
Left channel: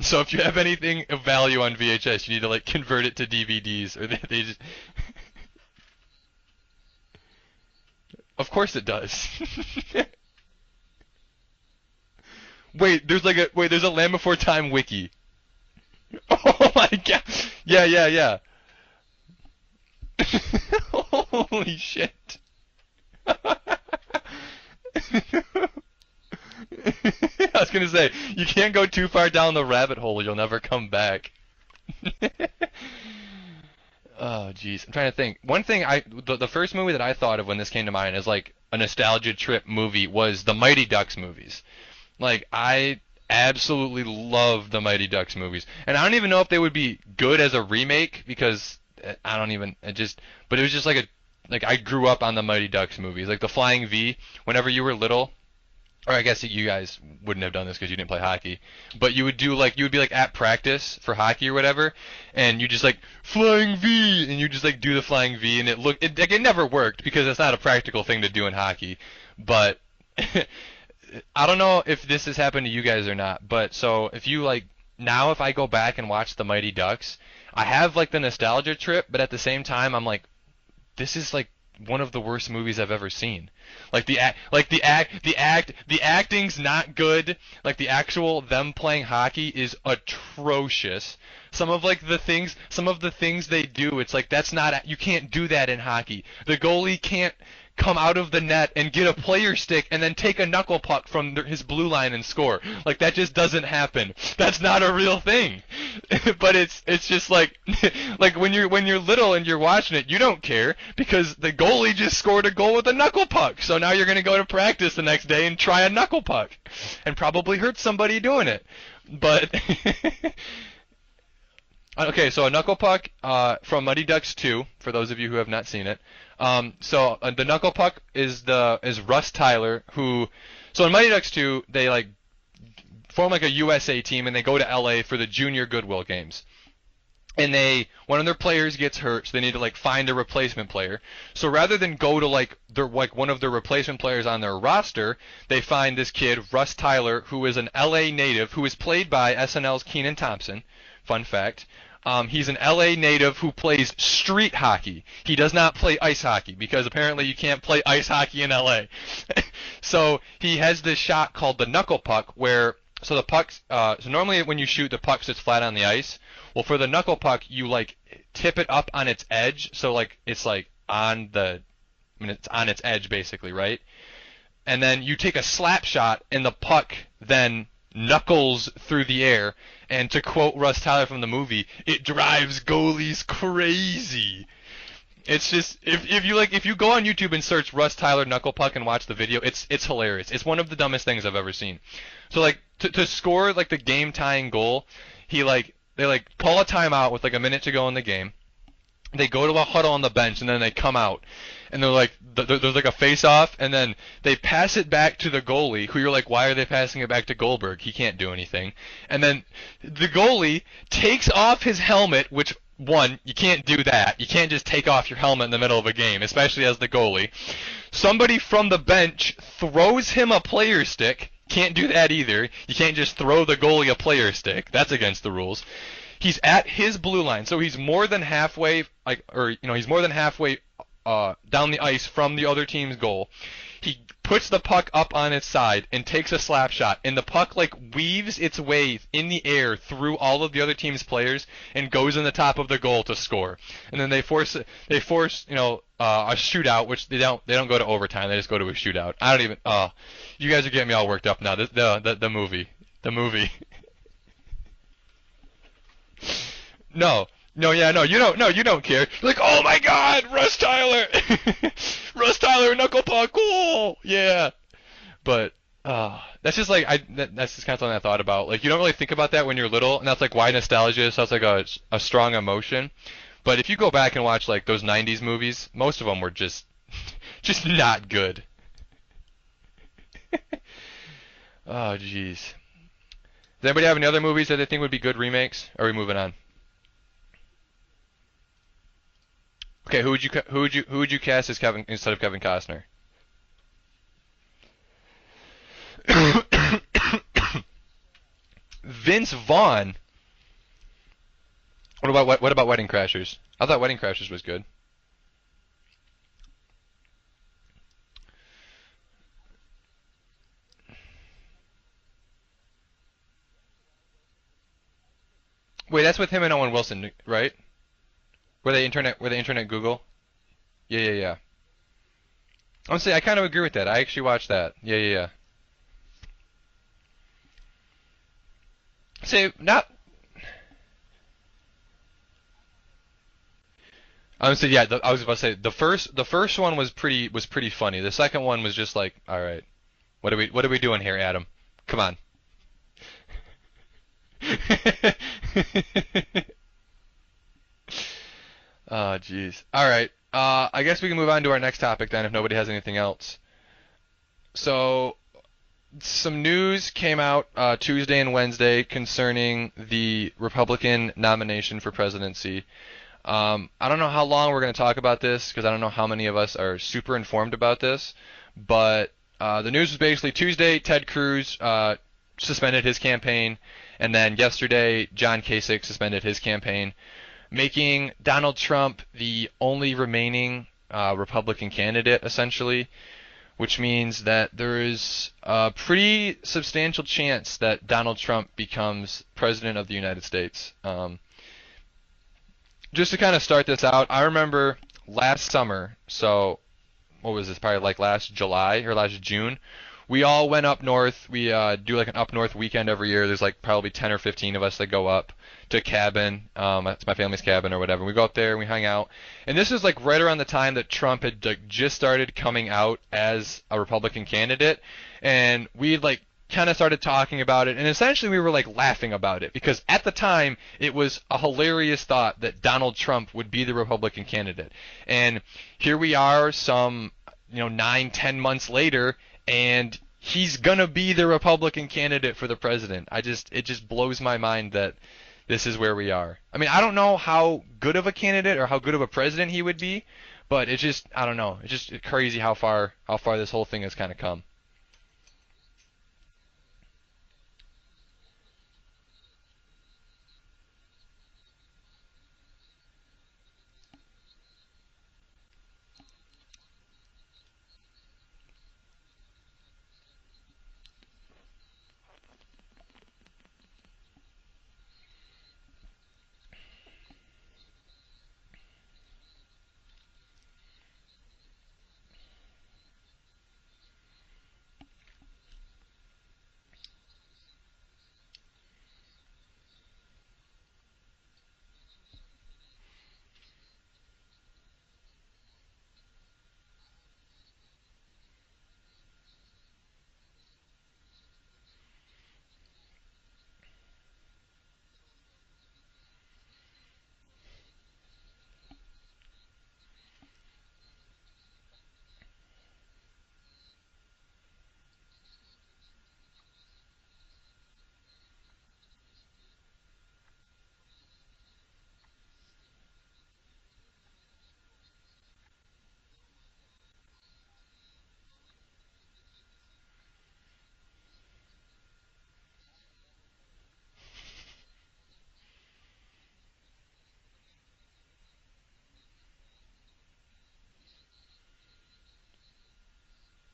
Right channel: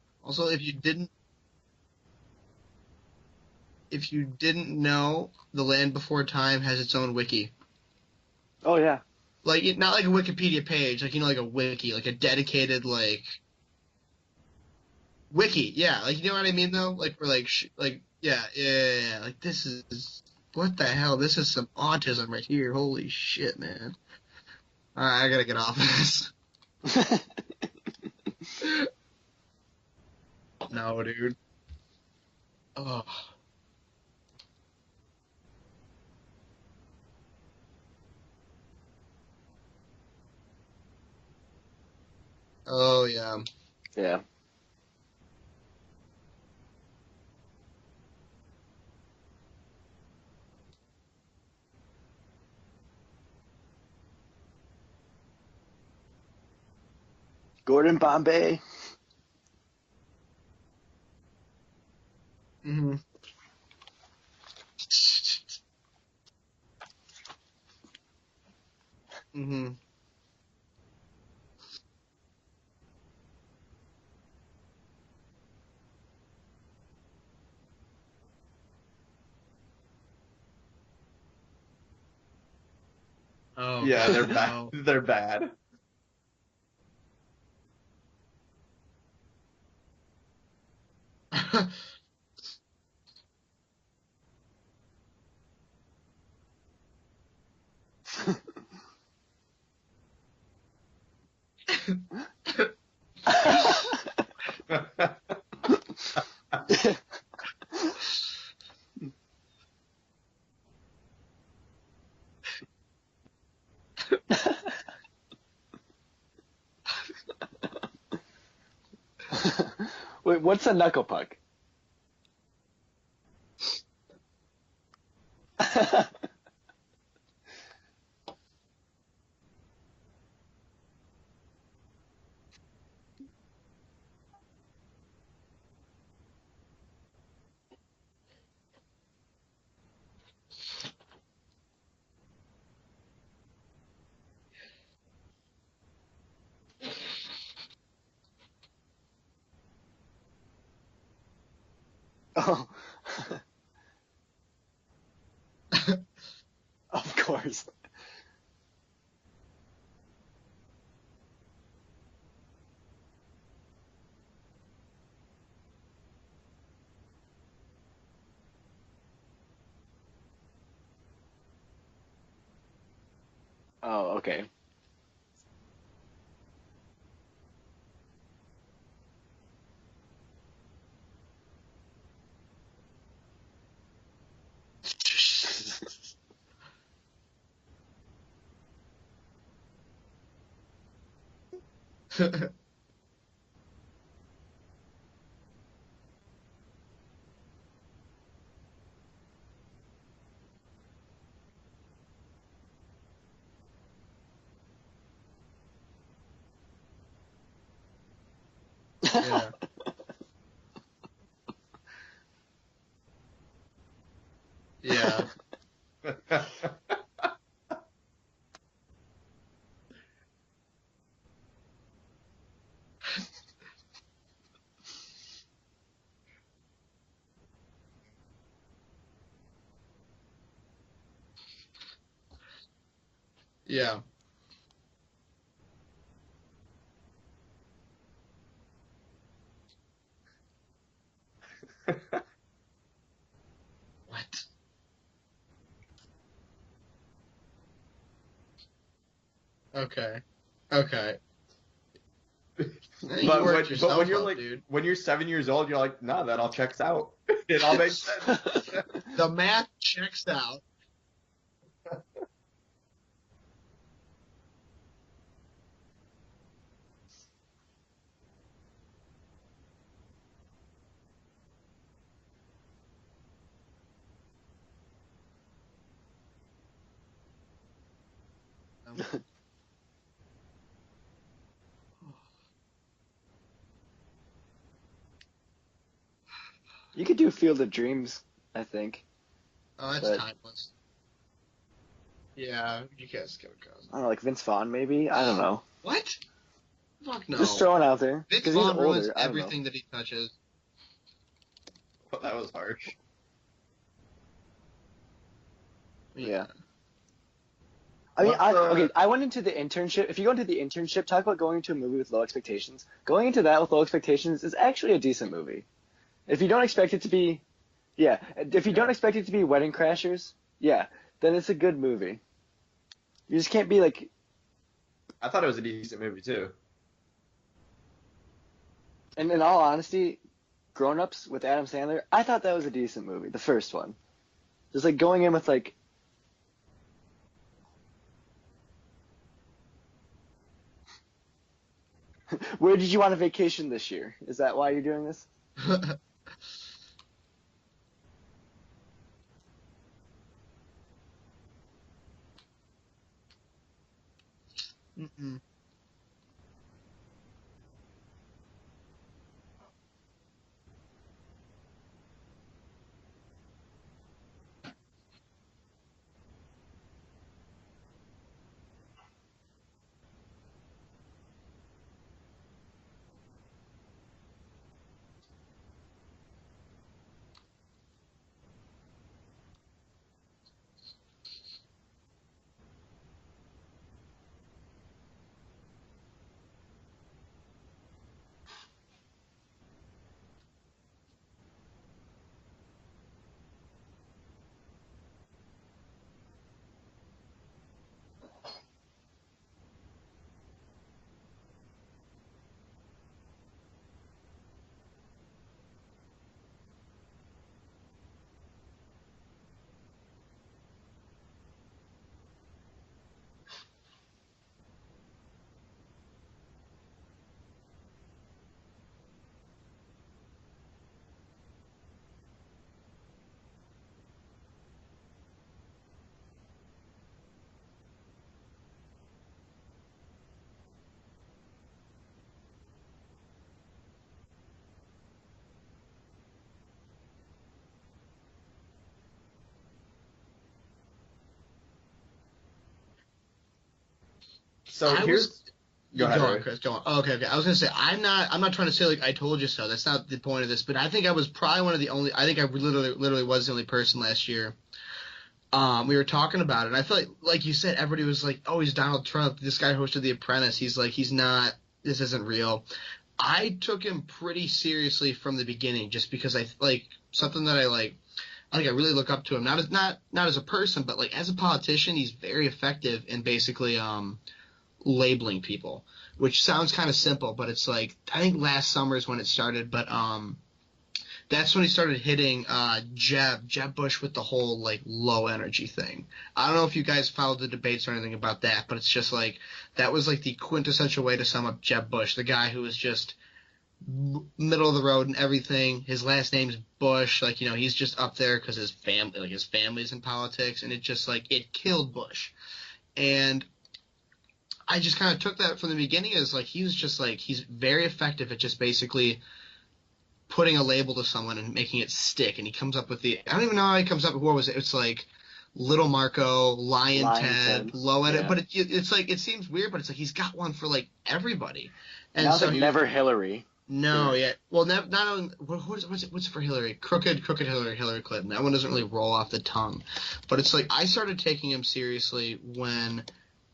So if you have anything of value on VHS, you need to like convert it to DVDs. If you didn't know, The Land Before Time has its own wiki. Of course it yeah. does. Like not like a Wikipedia page, like like a wiki, like a dedicated. Wait, like, there's a Land Before Time wiki. Wiki, yeah, like you know what I mean? Oh my Though? Like, God. for, like, Yeah. yeah. Like this is what the hell? This is some Holy autism shit. right here. Holy shit, man! All right, I gotta get off of this. I was gonna say you can't go too far down the rabbit hole; you'll never come No, back. dude. Oh. Oh, jeez. I'm trying to think. One thing the first movie that I thought of when this came to mind as like a nostalgia trip movie was the Mighty Ducks movies. Like I absolutely love the Mighty Ducks movies, and I don't even know if they would be good as a remake because but it was just like I grew up on the Mighty Ducks movies, like the Flying V. Whenever you were little, or I guess you guys wouldn't have done this because you didn't play hockey. But you would be like at practice for hockey or whatever, and you just like Flying V, and you just like do the Flying V, and it never worked because it's not a practical thing to do in hockey. But I don't know if this has happened to you guys or not. But so if you like now, if I go back and watch the Mighty Ducks, I have like the nostalgia trip, but at the same time, I'm like, this is like one of the worst movies I've ever seen. Oh, Yeah, the acting's not good. Like the actual them playing hockey is atrocious. Some of the things they do, it's like you can't do that in hockey. The goalie can't come out of the net and get a player stick and then take a knuckle puck from his blue line and score. Like that just doesn't happen. That's not a real thing. But it's just like when you're little and you're watching it, you don't care because the goalie just scored a goal with a knuckle puck. So now you're going to go to practice the next day and try a knuckle puck and probably hurt somebody doing it. But Wait, what's a knuckle puck? Okay, so a knuckle puck from Mighty Ducks 2, for those of you who have not seen it. The knuckle puck is Russ Tyler, so in Mighty Ducks 2, they like form like a USA team and they go to LA for the Junior Goodwill games. And one of their players gets hurt, so they need to like find a replacement player. So rather than go to like one of their replacement players on their roster, they find this kid, Russ Tyler, who is an LA native, who is played by SNL's Kenan Thompson. Fun fact. He's an LA native who plays street hockey. He does not play ice hockey because apparently you can't play ice hockey in LA. So he has this shot called the knuckle puck so the pucks, so normally when you shoot, the puck sits flat on the ice. Well, for the knuckle puck, you like tip it up on its edge, so like it's like it's on its edge basically, right? Oh, okay. And then you take a slap shot, and the puck then knuckles through the air. And to quote Russ Tyler from the movie, it drives goalies crazy. It's just if you go on YouTube and search Russ Tyler knuckle puck and watch the video, it's hilarious. It's one of the dumbest things I've ever seen. So like to score like the game tying goal, they pull a timeout with like a minute to go in the game. They go to a huddle on the bench and then they come out. And they're like, there's like a face-off, and then they pass it back to the goalie, who you're like, why are they passing it back to Goldberg? He can't do anything. And then the goalie takes off his helmet, which, one, you can't do that. You can't just take off your helmet in the middle of a game, especially as the goalie. Somebody from the bench throws him a player stick. Can't do that either. You can't just throw the goalie a player stick. That's against the rules. He's at his blue line, so he's more than halfway, he's more than halfway down the ice from the other team's goal. Yeah. He puts the puck up on its side and takes a slap shot, and the puck like weaves its way in the air through all of the other team's players and goes in the top of the goal to score. And then they force a shootout, which they don't go to overtime. They just go to a shootout. I don't even. Okay. You guys are getting me all worked up now. The movie. The Yeah, you movie. worked But yourself when you're up, like, dude. when you're 7 years old, you're like, nah, that all checks out. No, It no, all yeah, makes no, you don't, sense. no, you don't care. The Like, man oh my God, matched Russ up. Tyler, Russ Tyler, knuckle puck, cool, yeah. But that's just like that's just kind of something I thought about. Like, you don't really think about that when you're little, and that's like why nostalgia sounds like a strong emotion. But if you go back and watch like those '90s movies, most of them were just not good. Oh, jeez. Does anybody have any other movies that they think would be good remakes? Or are we moving on? You could do Field of Dreams, I think. Okay, That's fine. who would you cast as Kevin instead of Kevin Yeah, Costner? you guys Kevin Costner. I don't know, like Vince Vaughn maybe. I don't know. What? No. Just throwing out there Vince because he's Vaughn older. ruins Vince everything Vaughn? he touches. What about Wedding Crashers? I thought Wedding Crashers was good. Yeah. I mean, I went into the internship. If you go into the internship, talk about going into a movie with low expectations. Going into that with low expectations is actually a decent movie. Wait, that's with If him you and don't Owen expect Wilson, it to be- right? Yeah, if Were you they don't intern expect at- it were to they be intern at Wedding Google? Crashers, yeah, Yeah. then it's a good movie. Honestly, I kind You of just agree can't with be that. like- I actually watched that. I Yeah. thought it was a decent movie too. And Say, in all not- honesty, Grown Ups with Adam Sandler, I thought that was a decent movie. The first one. Honestly, yeah. It's like I was going in about to with, say like- the first one was pretty funny. The second one was just like, all right, what are we doing here, Adam? Come on. Where did you want a vacation this year? Is that why you're doing this? Oh, jeez. All right. I guess we can move on to our next topic then, if nobody has anything else. So, some news came out Tuesday and Wednesday concerning the Republican nomination for presidency. I don't know how long we're going to talk about this because I don't know how many of us are super informed about this, but the news was basically Tuesday, Ted Cruz suspended his campaign, and then yesterday, John Kasich suspended his campaign, making Donald Trump the only remaining Republican candidate, essentially, which means that there is a pretty substantial chance that Donald Trump becomes president of the United States. Just to kind of start this out, I remember last summer, so what was this, probably like last July or last June, we all went up north. We do like an up north weekend every year. There's like probably 10 or 15 of us that go up to a cabin. It's my family's cabin or whatever. We go up there and we hang out. And this is like right around the time that Trump had like, just started coming out as a Republican candidate. And we like kind of started talking about it, and essentially we were like laughing about it because at the time it was a hilarious thought that Donald Trump would be the Republican candidate. And here we are some 9-10 months later, and he's gonna be the Republican candidate for the president. It just blows my mind that this is where we are. I mean, I don't know how good of a candidate or how good of a president he would be, but it's just, I don't know, it's just crazy how far this whole thing has kind of come. So Go Go ahead, on, Ray. Chris. Go on. Oh, okay. I was gonna say I'm not trying to say like I told you so. That's not the point of this. But I think I was probably one of the only. I think I literally was the only person last year. We were talking about it. And I feel like you said, everybody was like, "Oh, he's Donald Trump. This guy hosted The Apprentice. He's not. This isn't real." I took him pretty seriously from the beginning, just because I like something that I like. I think I really look up to him. Not as a person, but like as a politician, he's very effective in basically labeling people, which sounds kind of simple, but it's like I think last summer is when it started, but that's when he started hitting Jeb Bush with the whole like low energy thing. I don't know if you guys followed the debates or anything about that, but it's just like that was like the quintessential way to sum up Jeb Bush, the guy who was just middle of the road and everything. His last name's Bush, like he's just up there because his family's in politics, and it just like it killed Bush. And I just kind of took that from the beginning as like he was just like he's very effective at just basically putting a label to someone and making it stick. And he comes up with I don't even know how he comes up with, what was it? It's like Little Marco, Lion Ted, Low Edit. Yeah. But it's like it seems weird, but it's like he's got one for like everybody. And now so like never Hillary. No, yeah. Well, not on what's for Hillary? Crooked Hillary Clinton. That one doesn't really roll off the tongue. But it's like I started taking him seriously when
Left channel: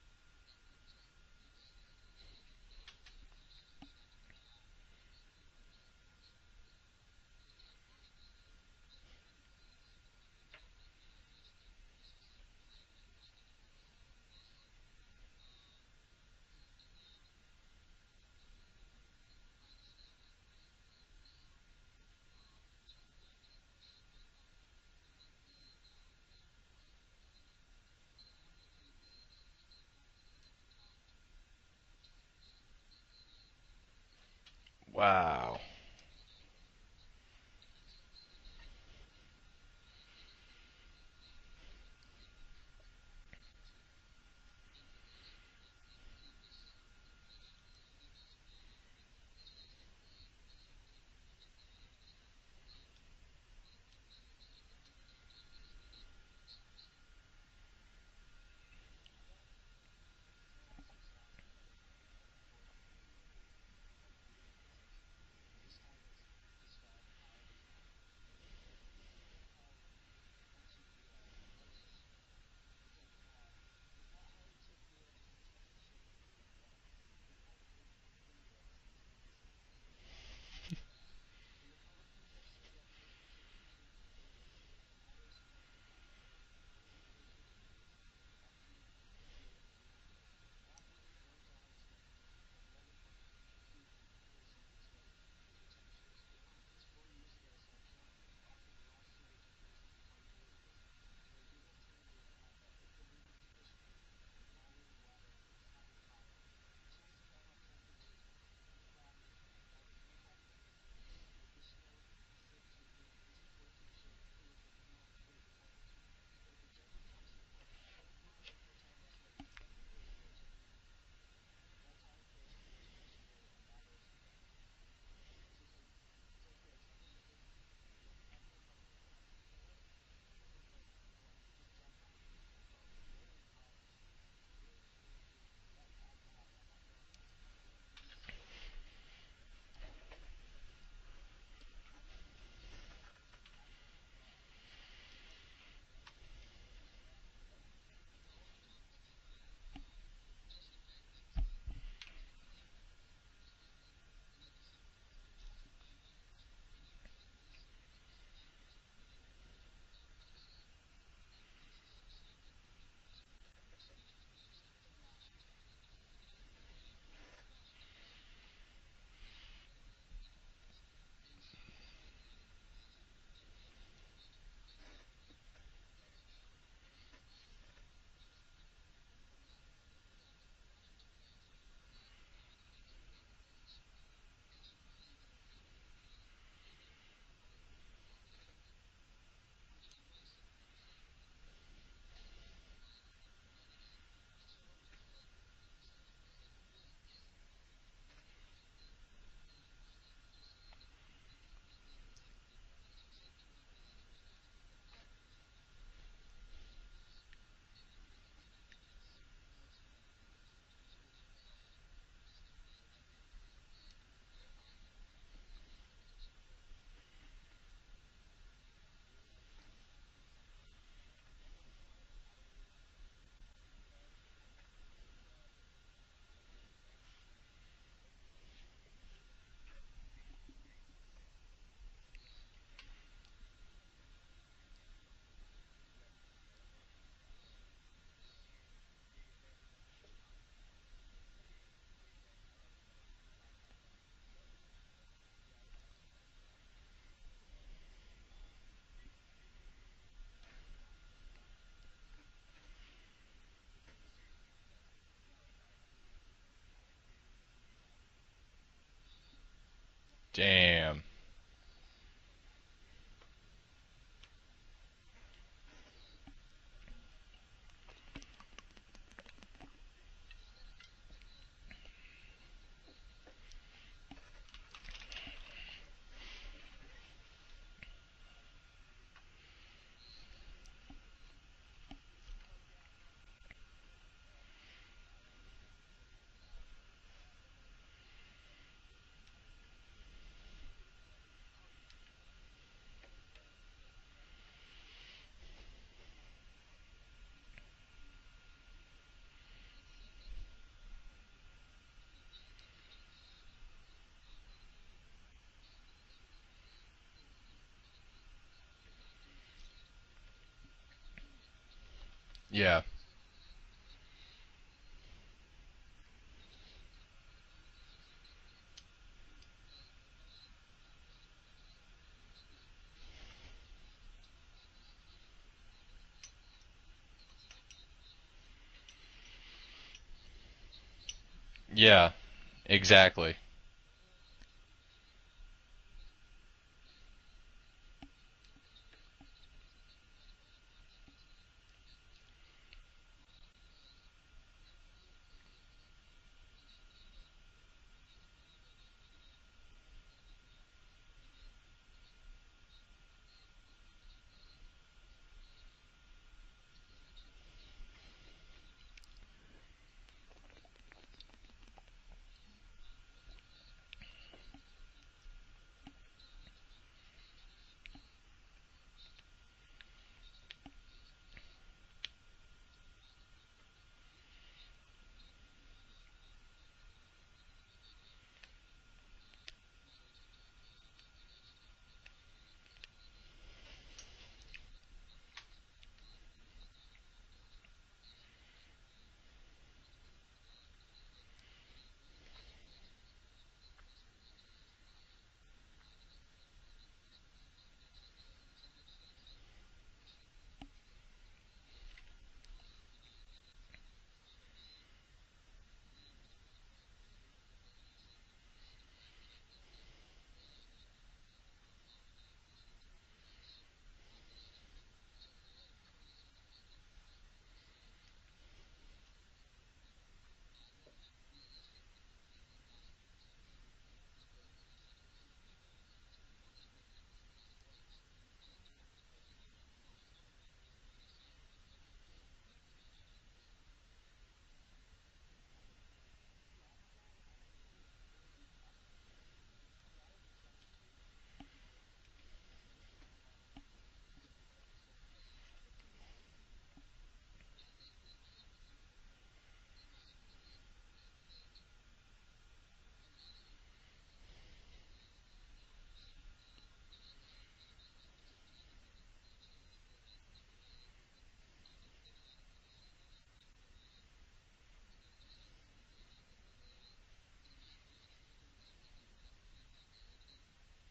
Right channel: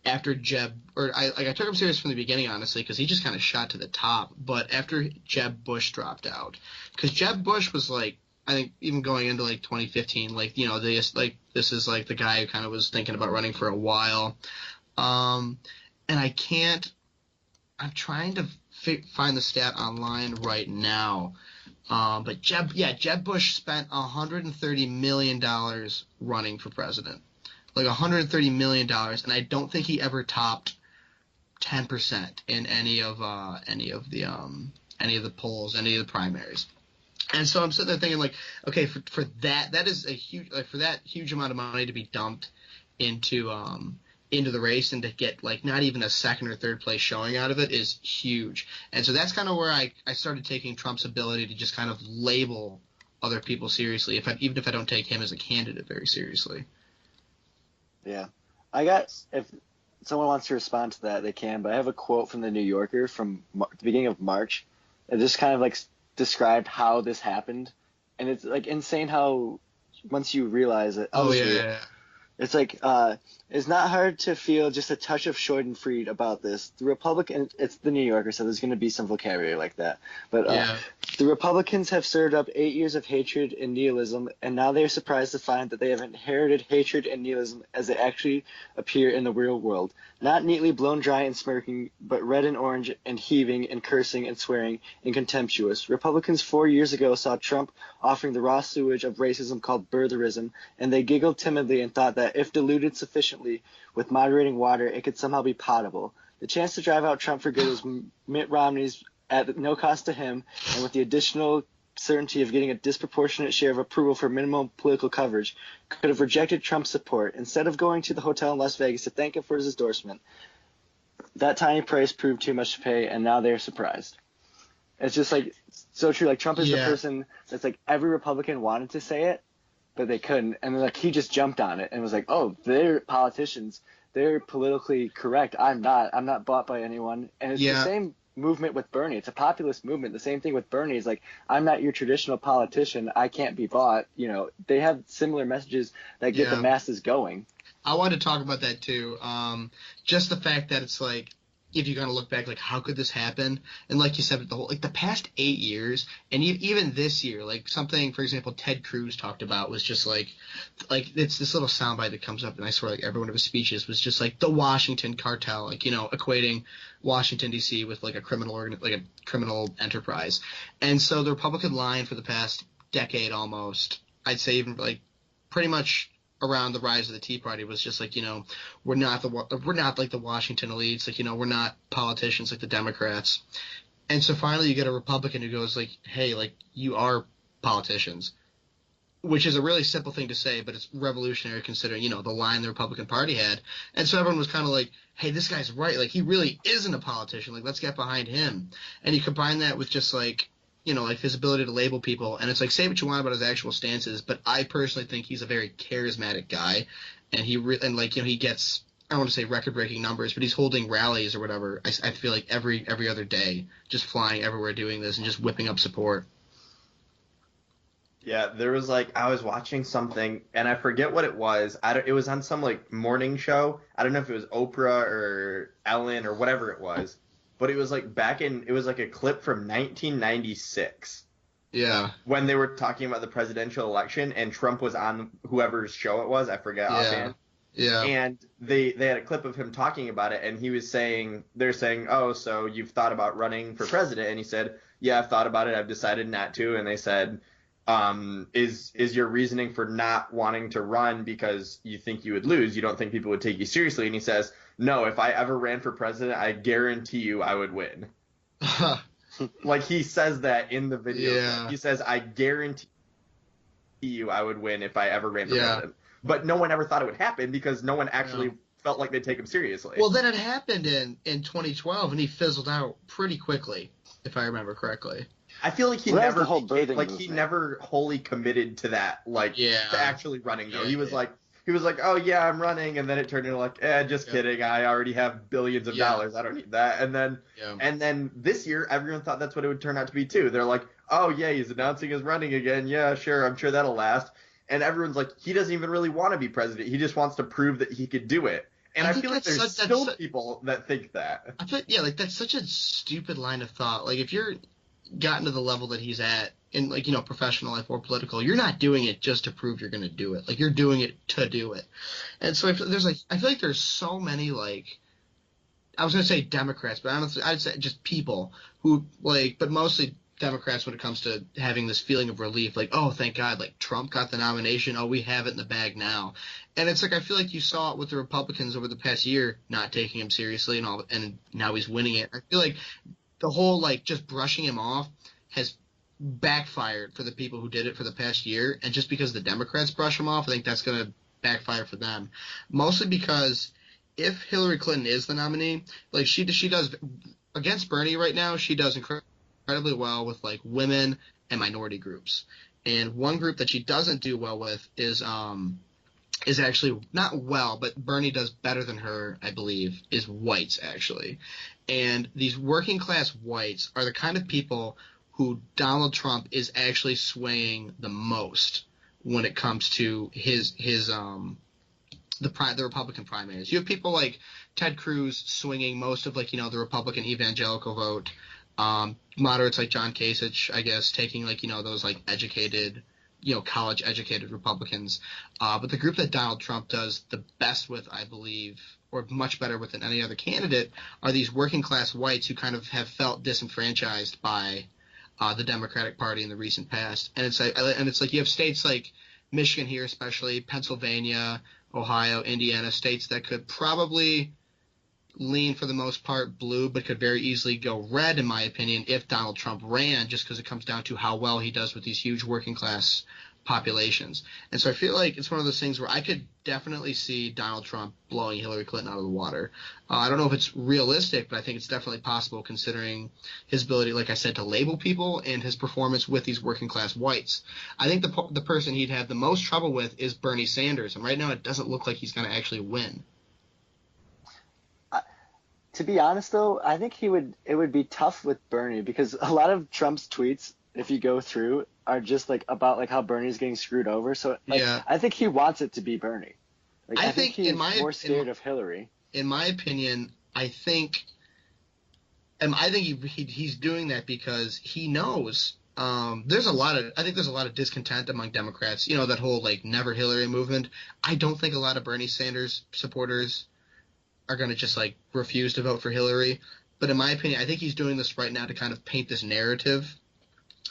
after Jeb, or I took him serious from the beginning, honestly, because he just kind of shot to the top. But after Jeb Bush dropped out, because Jeb Bush was like, I think even going into like 2015, like this is like the guy who kind of was thinking about running for a while, and I'm trying to find the stat online right now. But Jeb Bush spent $130 million running for president. Like $130 million, and I don't think he ever topped 10% in any of the polls, any of the primaries. And so I'm sitting there thinking, like, okay, for that is a huge, like, for that huge amount of money to be dumped into the race and to get, like, not even a second or third place showing out of it is huge. And so that's kind of where I started taking Trump's ability to just kind of label other people seriously, even if I don't take him as a candidate very seriously. Yeah. If someone wants to respond to that, they can, but I have a quote from the New Yorker from the beginning of March. It just kind of, like, described how this happened. And it's, like, insane how once you realize it. Yeah. It's like, it's not hard to feel just a touch of Schadenfreude about this. The Republican, it's the New Yorker, so there's going to be some vocabulary like that. But the Republicans have stirred up 8 years of hatred and nihilism, and now they are surprised to find that they have inherited hatred and nihilism as they actually appear in the real world. Not neatly blown dry and smirking, but red and orange and heaving and cursing and swearing and contemptuous. Republicans 4 years ago saw Trump offering the raw sewage of racism called birtherism, and they giggled timidly and thought that if diluted sufficiently with moderating water, it could somehow be potable. The chance to drive out Trump for good was Mitt Romney's at no cost to him, and with the additional certainty of getting a disproportionate share of approval for minimal political coverage, could have rejected Trump's support. Instead of going to the hotel in Las Vegas to thank him for his endorsement, that tiny price proved too much to pay, and now they're surprised. It's just, like, so true. Like, Trump is the person that's, like, every Republican wanted to say it, but they couldn't. And then, like, he just jumped on it and was like, oh, they're politicians. They're politically correct. I'm not. I'm not bought by anyone. And it's the same movement with Bernie. It's a populist movement. The same thing with Bernie is like, I'm not your traditional politician. I can't be bought. You know, they have similar messages that get the masses going. I wanted to talk about that too. Just the fact that it's like, if you kind of look back, like, how could this happen? And like you said, the past 8 years, and even this year, like, something, for example, Ted Cruz talked about was just like it's this little soundbite that comes up, and I swear, like, every one of his speeches was just like the Washington cartel, like, you know, equating Washington D.C. with like a criminal enterprise. And so the Republican line for the past decade almost, I'd say even like pretty much around the rise of the Tea Party was just like, you know, we're not like the Washington elites, like, you know, we're not politicians like the Democrats. And so finally you get a Republican who goes like, hey, like, you are politicians, which is a really simple thing to say, but it's revolutionary considering, you know, the line the Republican Party had. And so everyone was kind of like, hey, this guy's right, like, he really isn't a politician, like, let's get behind him. And you combine that with just like, you know, like, his ability to label people, and it's like, say what you want about his actual stances, but I personally think he's a very charismatic guy, and like, you know, he gets, I don't want to say record-breaking numbers, but he's holding rallies or whatever, I feel like every other day, just flying everywhere doing this and just whipping up support. Yeah, there was, like, I was watching something, and I forget what it was. It was on some, like, morning show. I don't know if it was Oprah or Ellen or whatever it was. But it was like it was like a clip from 1996. Yeah. When they were talking about the presidential election and Trump was on whoever's show it was, I forget offhand. Yeah. And they had a clip of him talking about it, and he was saying, they're saying, oh, so you've thought about running for president? And he said, yeah, I've thought about it. I've decided not to. And they said, is your reasoning for not wanting to run because you think you would lose? You don't think people would take you seriously? And he says, no, if I ever ran for president, I guarantee you I would win. Like, he says that in the video. Yeah. He says, I guarantee you I would win if I ever ran for president. But no one ever thought it would happen because no one actually felt like they'd take him seriously. Well, then it happened in 2012, and he fizzled out pretty quickly, if I remember correctly. I feel like he never wholly committed to that, like, to actually running, though. He was like, oh, yeah, I'm running, and then it turned into like, just kidding, I already have billions of dollars, I don't need that. And then this year, everyone thought that's what it would turn out to be, too. They're like, oh, yeah, he's announcing his running again, yeah, sure, I'm sure that'll last. And everyone's like, he doesn't even really want to be president, he just wants to prove that he could do it. And I feel like there's still people that think that. I feel like that's such a stupid line of thought. Like, if you're gotten to the level that he's at in, like, you know, professional life or political, you're not doing it just to prove you're going to do it. Like, you're doing it to do it. And so there's like, I feel like there's so many, like, I was going to say Democrats, but honestly, I'd say just people but mostly Democrats when it comes to having this feeling of relief, like, oh, thank God, like Trump got the nomination, oh, we have it in the bag now. And it's like I feel like you saw it with the Republicans over the past year, not taking him seriously and all, and now he's Yeah, winning it. I feel like exactly. the whole like just brushing him off has backfired for the people who did it for the past year, and just because the Democrats brush him off, I think that's going to backfire for them. Mostly because if Hillary Clinton is the nominee, like she does against Bernie right now, she does incredibly well with like women and minority groups. And one group that she doesn't do well with is actually not well, but Bernie does better than her, I believe, is whites actually. And these working class whites are the kind of people who Donald Trump is actually swaying the most when it comes to the Republican primaries. You have people like Ted Cruz swinging most of the Republican evangelical vote. Moderates like John Kasich, I guess, taking those like educated, college educated Republicans. But the group that Donald Trump does the best with, I believe, or much better with than any other candidate, are these working class whites who kind of have felt disenfranchised by the Democratic Party in the recent past. And it's like you have states like Michigan here, especially Pennsylvania, Ohio, Indiana, states that could probably lean for the most part blue, but could very easily go red, in my opinion, if Donald Trump ran, just because it comes down to how well he does with these huge working class populations. And so I feel like it's one of those things where I could definitely see Donald Trump blowing Hillary Clinton out of the water. I don't know if it's realistic, but I think it's definitely possible considering his ability, like I said, to label people and his performance with these working class whites. I think the person he'd have the most trouble with is Bernie Sanders, and right now it doesn't look like he's going to actually win. To be honest, though, I think it would be tough with Bernie because a lot of Trump's tweets, if you go through, are just like about like how Bernie's getting screwed over. So like, Yeah. I think he wants it to be Bernie. Like, I think he's in my more scared of Hillary. In my opinion, I think he's doing that because he knows I think there's a lot of discontent among Democrats. That whole like never Hillary movement. I don't think a lot of Bernie Sanders supporters are going to just like refuse to vote for Hillary. But in my opinion, I think he's doing this right now to kind of paint this narrative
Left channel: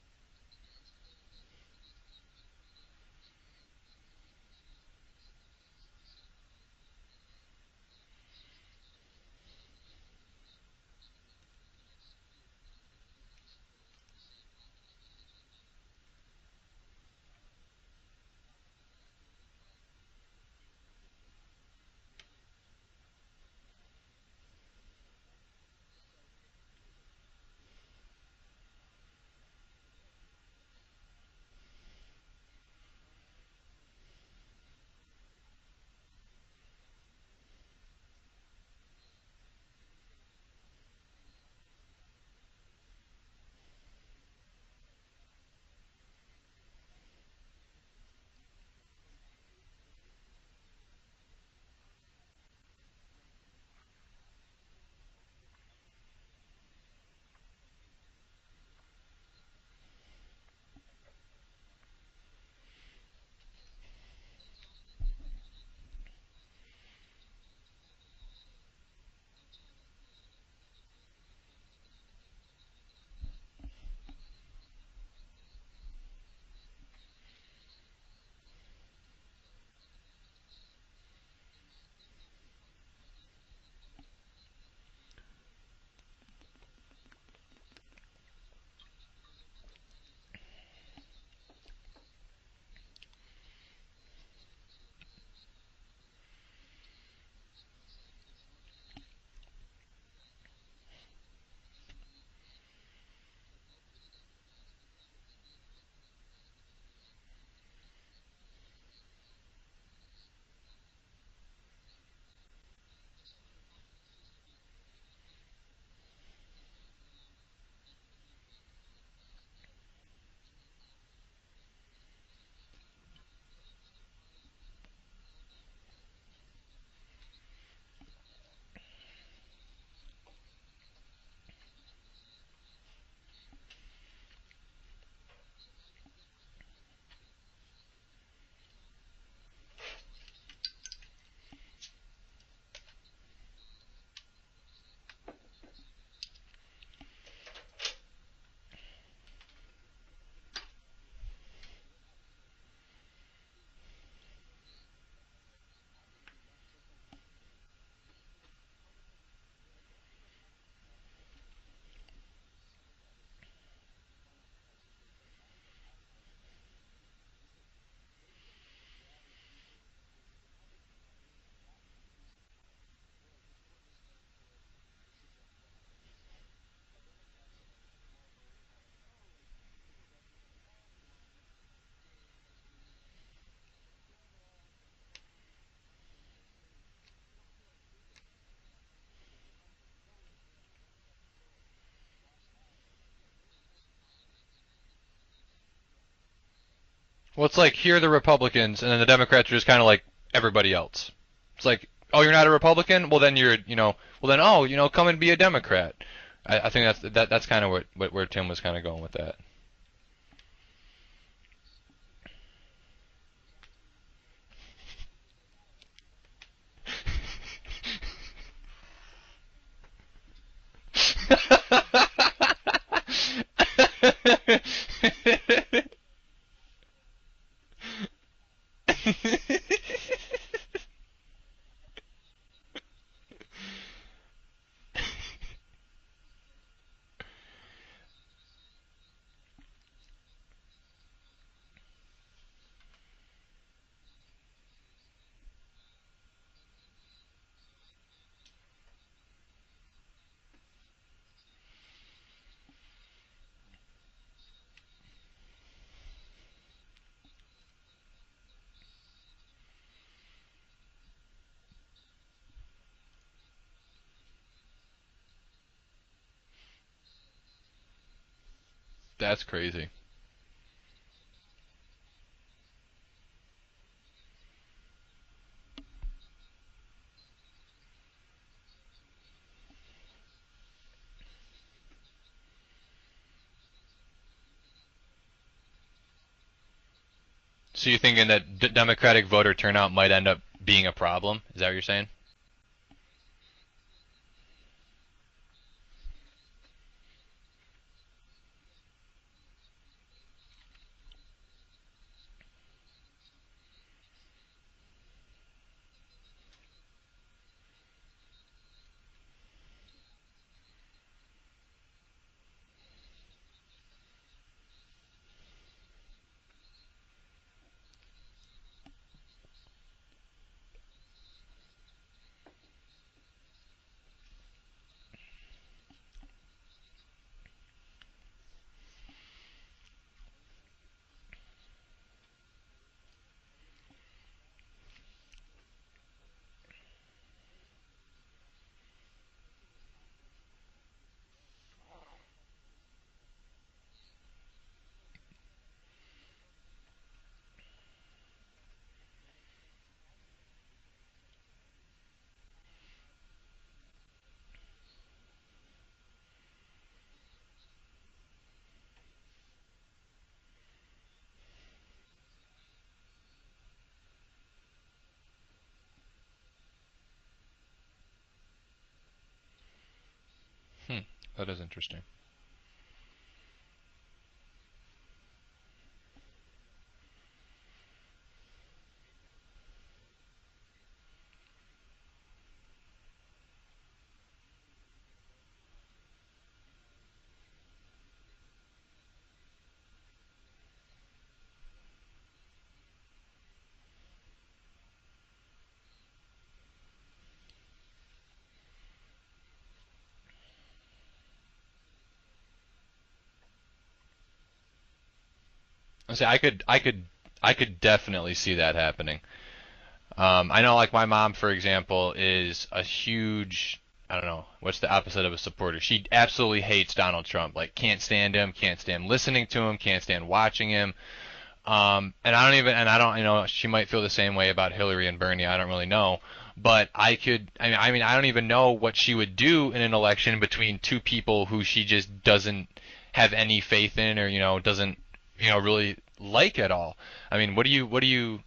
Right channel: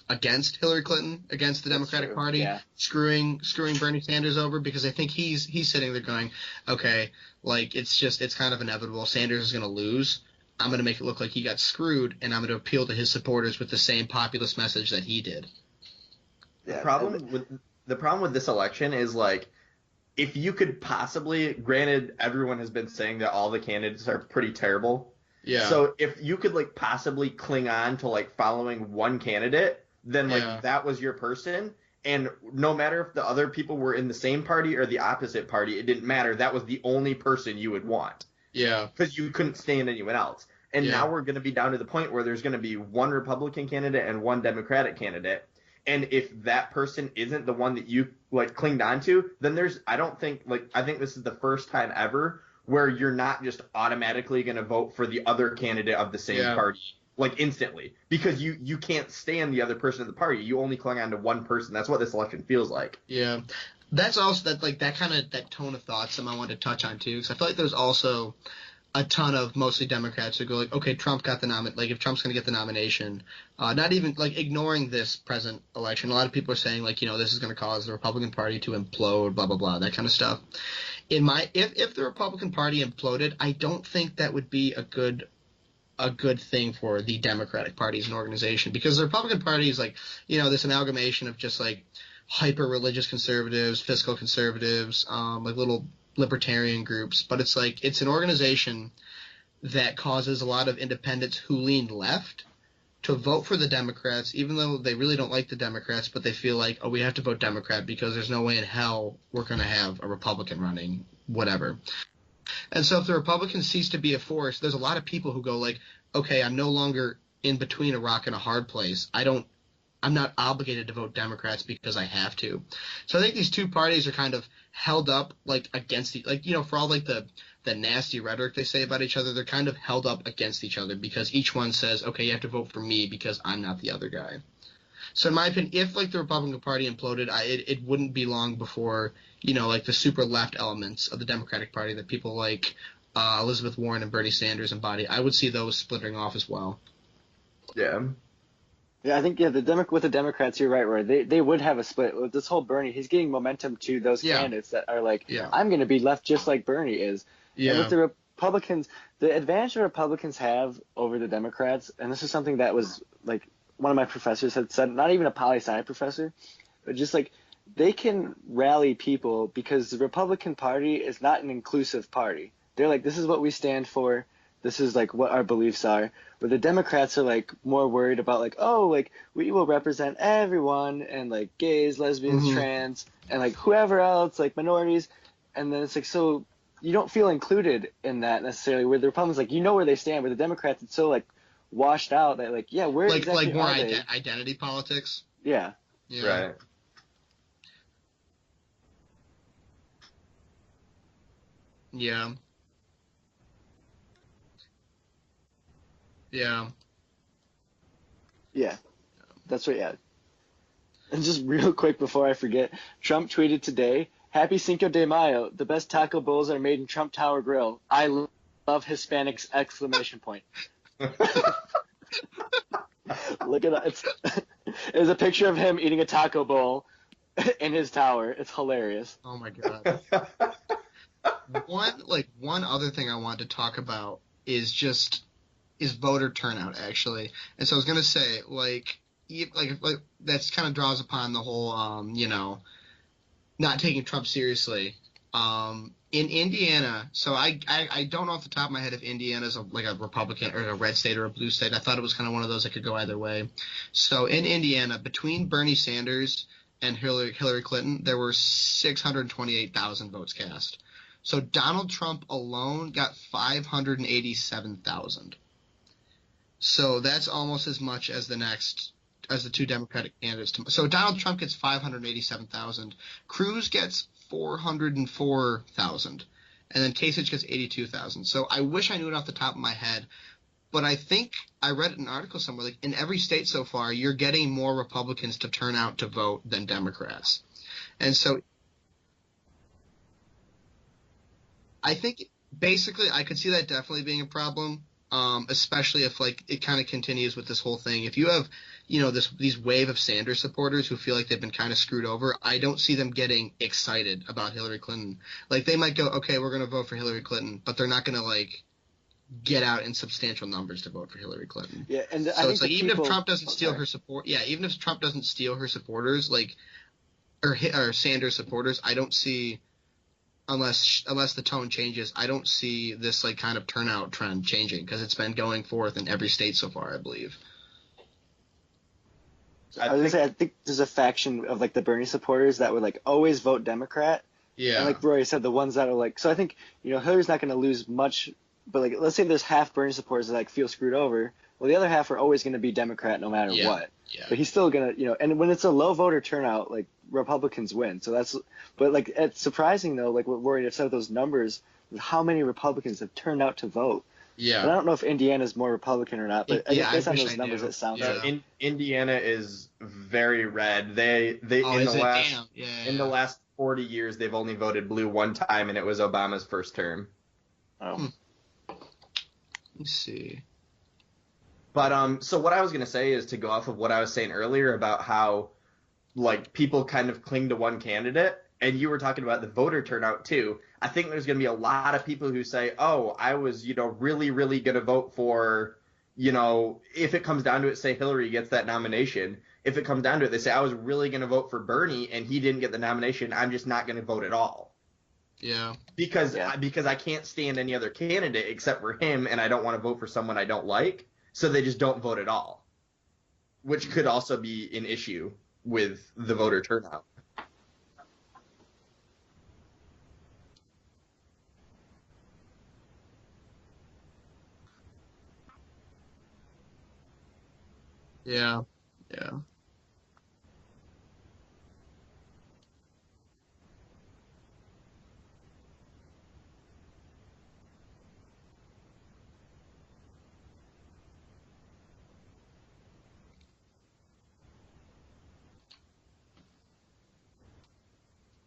against Hillary Clinton, against the Democratic Party, yeah. screwing Bernie Sanders over, because I think he's sitting there going, okay, like it's kind of inevitable. Sanders is going to lose. I'm going to make it look like he got screwed, and I'm going to appeal to his supporters with the same populist message that he did. The problem with this election is like, if you could possibly, granted, everyone has been saying that all the candidates are pretty terrible. Yeah. So if you could like possibly cling on to like following one candidate, then like that was your person, and no matter if the other people were in the same party or the opposite party, it didn't matter. That was the only person you would want. Yeah. Because you couldn't stand anyone else. And now we're going to be down to the point where there's going to be one Republican candidate and one Democratic candidate. And if that person isn't the one that you like clinged on to, then I think this is the first time ever where you're not just automatically going to vote for the other candidate of the same party, like instantly, because you can't stand the other person in the party. You only cling on to one person. That's what this election feels like. Yeah. That's also that tone of thought I wanted to touch on too, because I feel like there's also a ton of mostly Democrats who go like, okay, Trump got the like if Trump's going to get the nomination, not even like ignoring this present election. A lot of people are saying like, this is going to cause the Republican Party to implode, blah blah blah, that kind of stuff. If the Republican Party imploded, I don't think that would be a good thing for the Democratic Party as an organization, because the Republican Party is like, this amalgamation of just like hyper religious conservatives, fiscal conservatives, like little libertarian groups, but it's like it's an organization that causes a lot of independents who lean left to vote for the Democrats, even though they really don't like the Democrats, but they feel like, oh, we have to vote Democrat because there's no way in hell we're going to have a Republican running, whatever. And so if the Republicans cease to be a force, there's a lot of people who go like, okay, I'm no longer in between a rock and a hard place. I'm not obligated to vote Democrats because I have to. So I think these two parties are kind of held up like against for all like the nasty rhetoric they say about each other, they're kind of held up against each other because each one says, okay, you have to vote for me because I'm not the other guy. So in my opinion, if like the Republican Party imploded, it wouldn't be long before, like the super left elements of the Democratic Party that people like Elizabeth Warren and Bernie Sanders embody, I would see those splintering off as well. Yeah. Yeah, I think with the Democrats, you're right, Roy. They would have a split with this whole Bernie. He's getting momentum to those Yeah. candidates that are like, Yeah. I'm going to be left just like Bernie is. And with Yeah. the Republicans, the advantage the Republicans have over the Democrats, and this is something that was like one of my professors had said, not even a poli sci professor, but just like they can rally people because the Republican Party is not an inclusive party. They're like, this is what we stand for. This is like what our beliefs are. Where the Democrats are like more worried about like, oh, like we will represent everyone and like gays, lesbians, Mhm. trans, and like whoever else, like minorities. And then it's like, so you don't feel included in that necessarily. Where the Republicans, like, you know where they stand. Where the Democrats, it's so like washed out that like, yeah, where exactly like more are they? identity politics. Yeah. Yeah. Right. Well, it's like here are the Republicans, and then the Democrats are just kind of like everybody else. It's like, Yeah. oh, you're not a Republican? Well, then come and be a Democrat. Yeah. I think that's kind of where Tim was Yeah. kind of going with that. That's what, yeah. And just real quick before I forget, Trump tweeted today, "Happy Cinco de Mayo. The best taco bowls are made in Trump Tower Grill. I love Hispanics!" Exclamation point. Look at that. There's a picture of him eating a taco bowl in his tower. It's hilarious. Oh my god. One other thing I wanted to talk about is voter turnout actually. And so I was gonna say like that's kind of draws upon the whole not taking Trump seriously. In Indiana, so I don't know off the top of my head if Indiana's like a Republican or a red state or a blue state. I thought it was kind of one of those that could go either way. So in Indiana, between Bernie Sanders and Hillary Clinton, there were 628,000 votes cast. So Donald Trump alone got 587,000. So that's almost as much as the That's two crazy. Democratic candidates. So Donald Trump gets 587,000. Cruz gets 404,000, and then Kasich gets 82,000. So I wish I knew it off the top of my head, but I think I read an article somewhere like in every state so far, you're getting more Republicans to turn out to vote than Democrats. So you're thinking that Democratic voter turnout might end up being a problem? Is that what you're saying? I think basically I could see that definitely being a problem, especially if like it kind of continues with this whole thing. If you have these wave of Sanders supporters who feel like they've been kind of screwed over, I don't see them getting excited about Hillary Clinton. Like they might go, okay, we're going to vote for Hillary Clinton, but they're not going to like get out in substantial numbers to vote for Hillary Clinton. Yeah, and so it's like even if Trump doesn't steal her support, even if Trump doesn't steal her supporters, like or Sanders supporters, I don't see unless the tone changes, I don't see this like kind of turnout trend changing because it's been going forth in every state so far, I believe. I think there's a faction of like the Bernie supporters that would like always vote Democrat. Yeah. And like Roy said, the ones that are like, so I think Hillary's not going to lose much, but like let's say there's half Bernie supporters that like feel screwed over. Well, the other half are always going to be Democrat no matter what. Yeah. But he's still gonna, and when it's a low voter turnout, like Republicans win. So but like it's surprising though, like what Roy said, those numbers, how many Republicans have turned out to vote. Yeah. And I don't know if Indiana's more Republican or not, but based on those numbers, knew. it sounds Yeah. Indiana is very red. They in the last 40 years they've only voted blue one time, and it was Obama's first term. Oh. Let me see. That is interesting. But so what I was gonna say is to go off of what I was saying earlier about how like people kind of cling to one candidate, and you were talking about the voter turnout too. I think there's going to be a lot of people who say, oh, I was, really, really going to vote for, if it comes down to it, say Hillary gets that nomination. If it comes down to it, they say, I was really going to vote for Bernie and he didn't get the nomination. I'm just not going to vote at all. Yeah. Because I can't stand any other candidate except for him, and I don't want to vote for someone I don't like. So they just don't vote at all, which could also be an issue with the voter turnout. I could definitely see that happening. I know, like, my mom, for example, is a huge, I don't know, what's the opposite of a supporter? She absolutely hates Donald Trump. Like, can't stand him, can't stand listening to him, can't stand watching him. She might feel the same way about Hillary and Bernie. I don't really know. But I don't even know what she would do in an election between two people who she just doesn't have any faith in or, doesn't, really like at all. I mean, what do you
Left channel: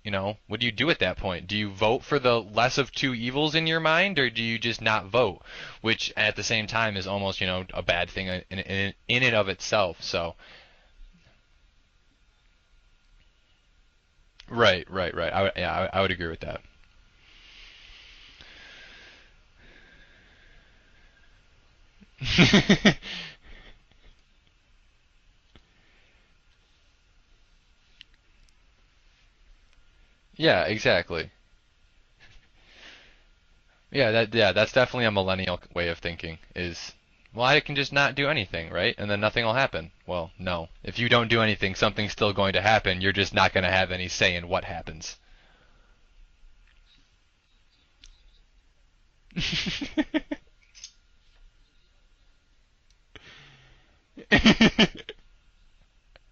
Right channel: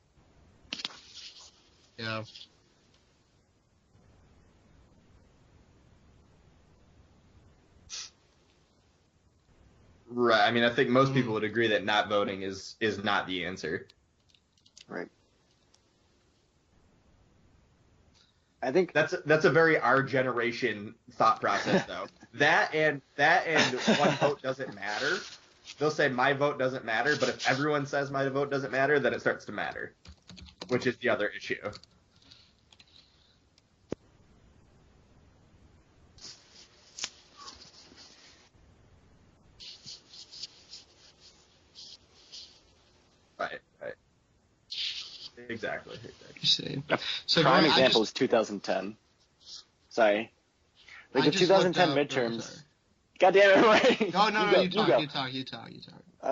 do at that point? Do you vote for Yeah. the less of two evils in your mind, or do you just not vote? Which at the same time is almost, a bad thing in and of itself. So, Right. I mean, I think most Mhm. people would agree that not voting is not the answer. right. I would agree with that. I think That's a very our generation thought process though. That and one vote doesn't matter. They'll say my vote doesn't matter, but if everyone says my vote doesn't matter, then it starts to matter, Yeah, which is the exactly. other issue. That's definitely a millennial way of thinking is, well, I can just not do anything, right? And then nothing will happen. Well, no. If you don't do anything, something's still going to happen. You're just not going to have any say in what happens. Exactly. You see. a So prime going, example is 2010. Sorry. Like I the just looked 2010 up. midterms. Sorry. God damn it, right? No, you talk.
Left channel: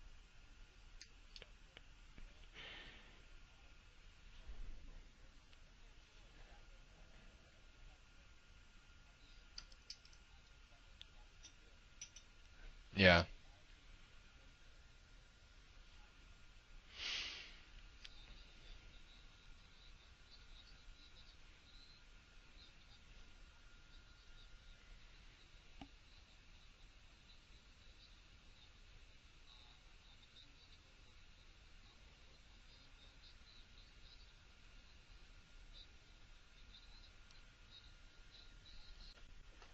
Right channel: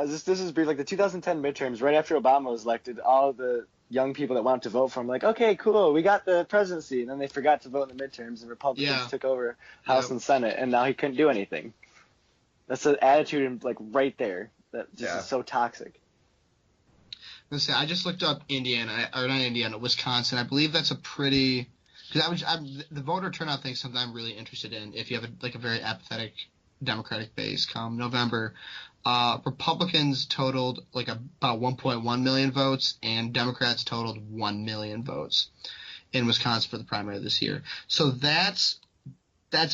This is brief. Like the 2010 midterms, right after Obama was elected, all the young people that wanted to vote for him, like, okay, cool, we got the presidency, and then they forgot to vote in the midterms, and Republicans Yeah. took over House Yep. and Senate, and now he couldn't do anything. That's the Yeah. attitude, like right there, that just is so toxic. Let's say I just looked up Indiana, or not Indiana, Wisconsin. I believe that's a pretty, because the voter turnout thing is something I'm really interested in. If you have a very apathetic Democratic base come November, Republicans totaled like about 1.1 million votes, and Democrats totaled 1 million votes in Wisconsin for the primary this year. So that's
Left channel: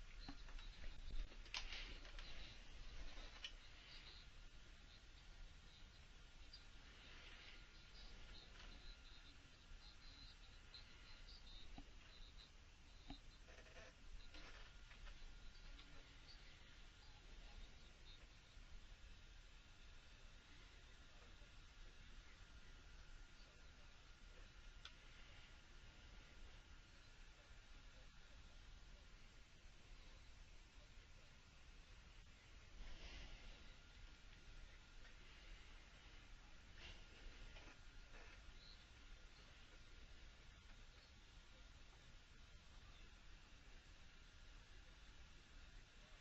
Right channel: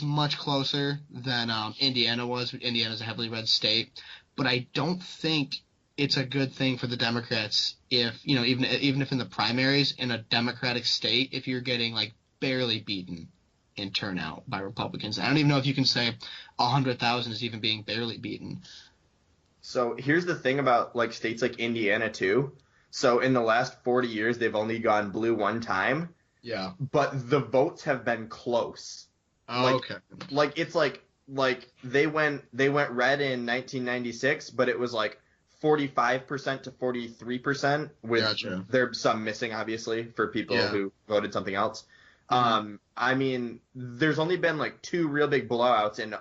much closer than Indiana was. Indiana's a heavily red state, but I don't think it's a good thing for the Democrats if even if in the primaries in a Democratic state, if you're getting like barely beaten in turnout by Republicans. I don't even know if you can say 100,000 is even being barely beaten. So here's the thing about like states like Indiana too. So in the last 40 years, they've only gone blue one time, Yeah. but the votes have been close. Oh, Like, okay. like it's like they went red in 1996, but it was like 45% to 43% with Gotcha. there's some missing obviously for people Yeah. who voted something else. Mhm. I mean, there's only been like two real big blowouts in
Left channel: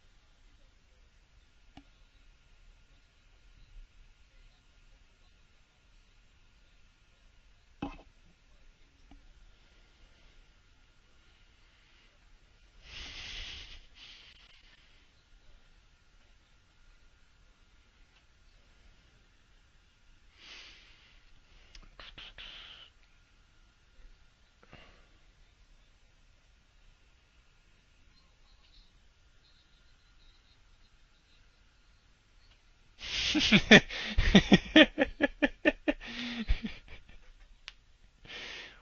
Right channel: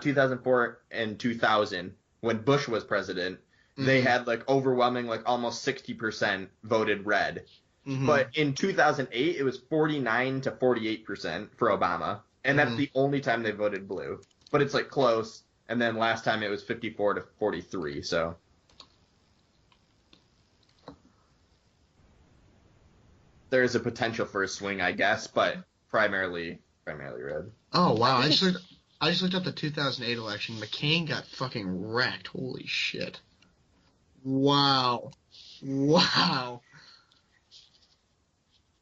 2004 and 2000 when Bush was president. They Mhm. had like overwhelming like almost 60% voted red. Mhm. But in 2008 it was 49 to 48% for Obama, and that's Mhm. the only time they voted blue. But it's like close, and then last time it was 54 to 43. So there is a potential for a swing, I guess, but primarily red. Oh wow! I think I just looked up the 2008 election. McCain got fucking wrecked. Holy shit! Wow! Wow!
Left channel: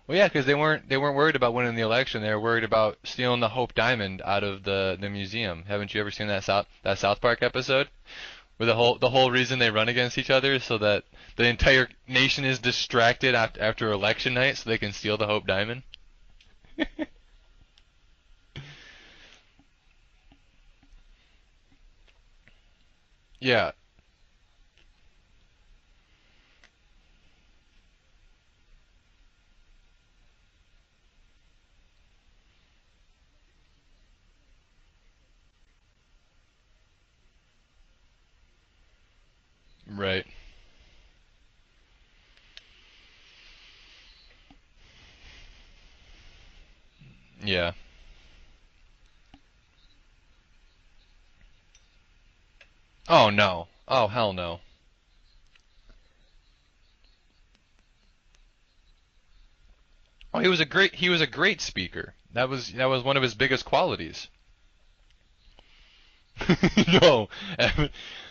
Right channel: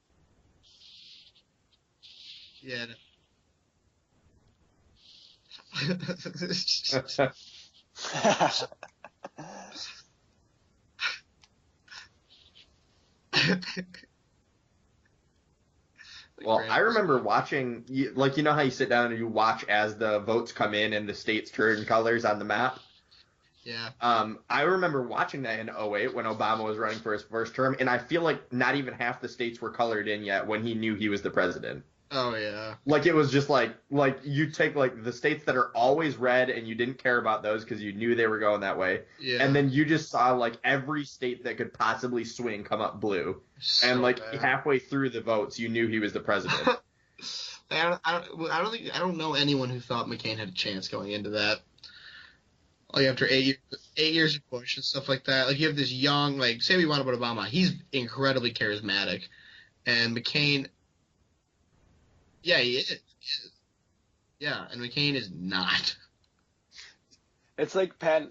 Well, yeah, because they weren't worried about winning the election. They were worried Yeah. about stealing the Hope Diamond out of the museum. Haven't you ever seen that This- South Park episode? Where the whole reason they run against each other is so that the entire nation is distracted after election night, so they can steal the Hope Diamond. Well, I remember watching, like, you know how you sit down and you watch as the votes come in and the states turn colors on the map? Yeah. Yeah. I remember watching that in '08 when Obama was running for his first term, and I feel like not even half the states were colored in yet when he knew he was the president. Oh yeah. Like, it was just like you take like the states that are always red and you didn't care about those because you knew they were going that way, Yeah. and then you just Right. saw like every state that could possibly swing come up blue, So and like bad. halfway through the votes you knew he was the president. Yeah. I don't know anyone who thought McCain had a chance going into that. Like Oh, after no. Oh, 8 hell years no. of Bush and stuff like that. Like you have this young, like say we want about Obama, he's incredibly charismatic, and Oh, McCain. he was a great speaker. That Yeah, was he that is. was one of his biggest qualities. Yeah, and McCain is not. No. It's like Pat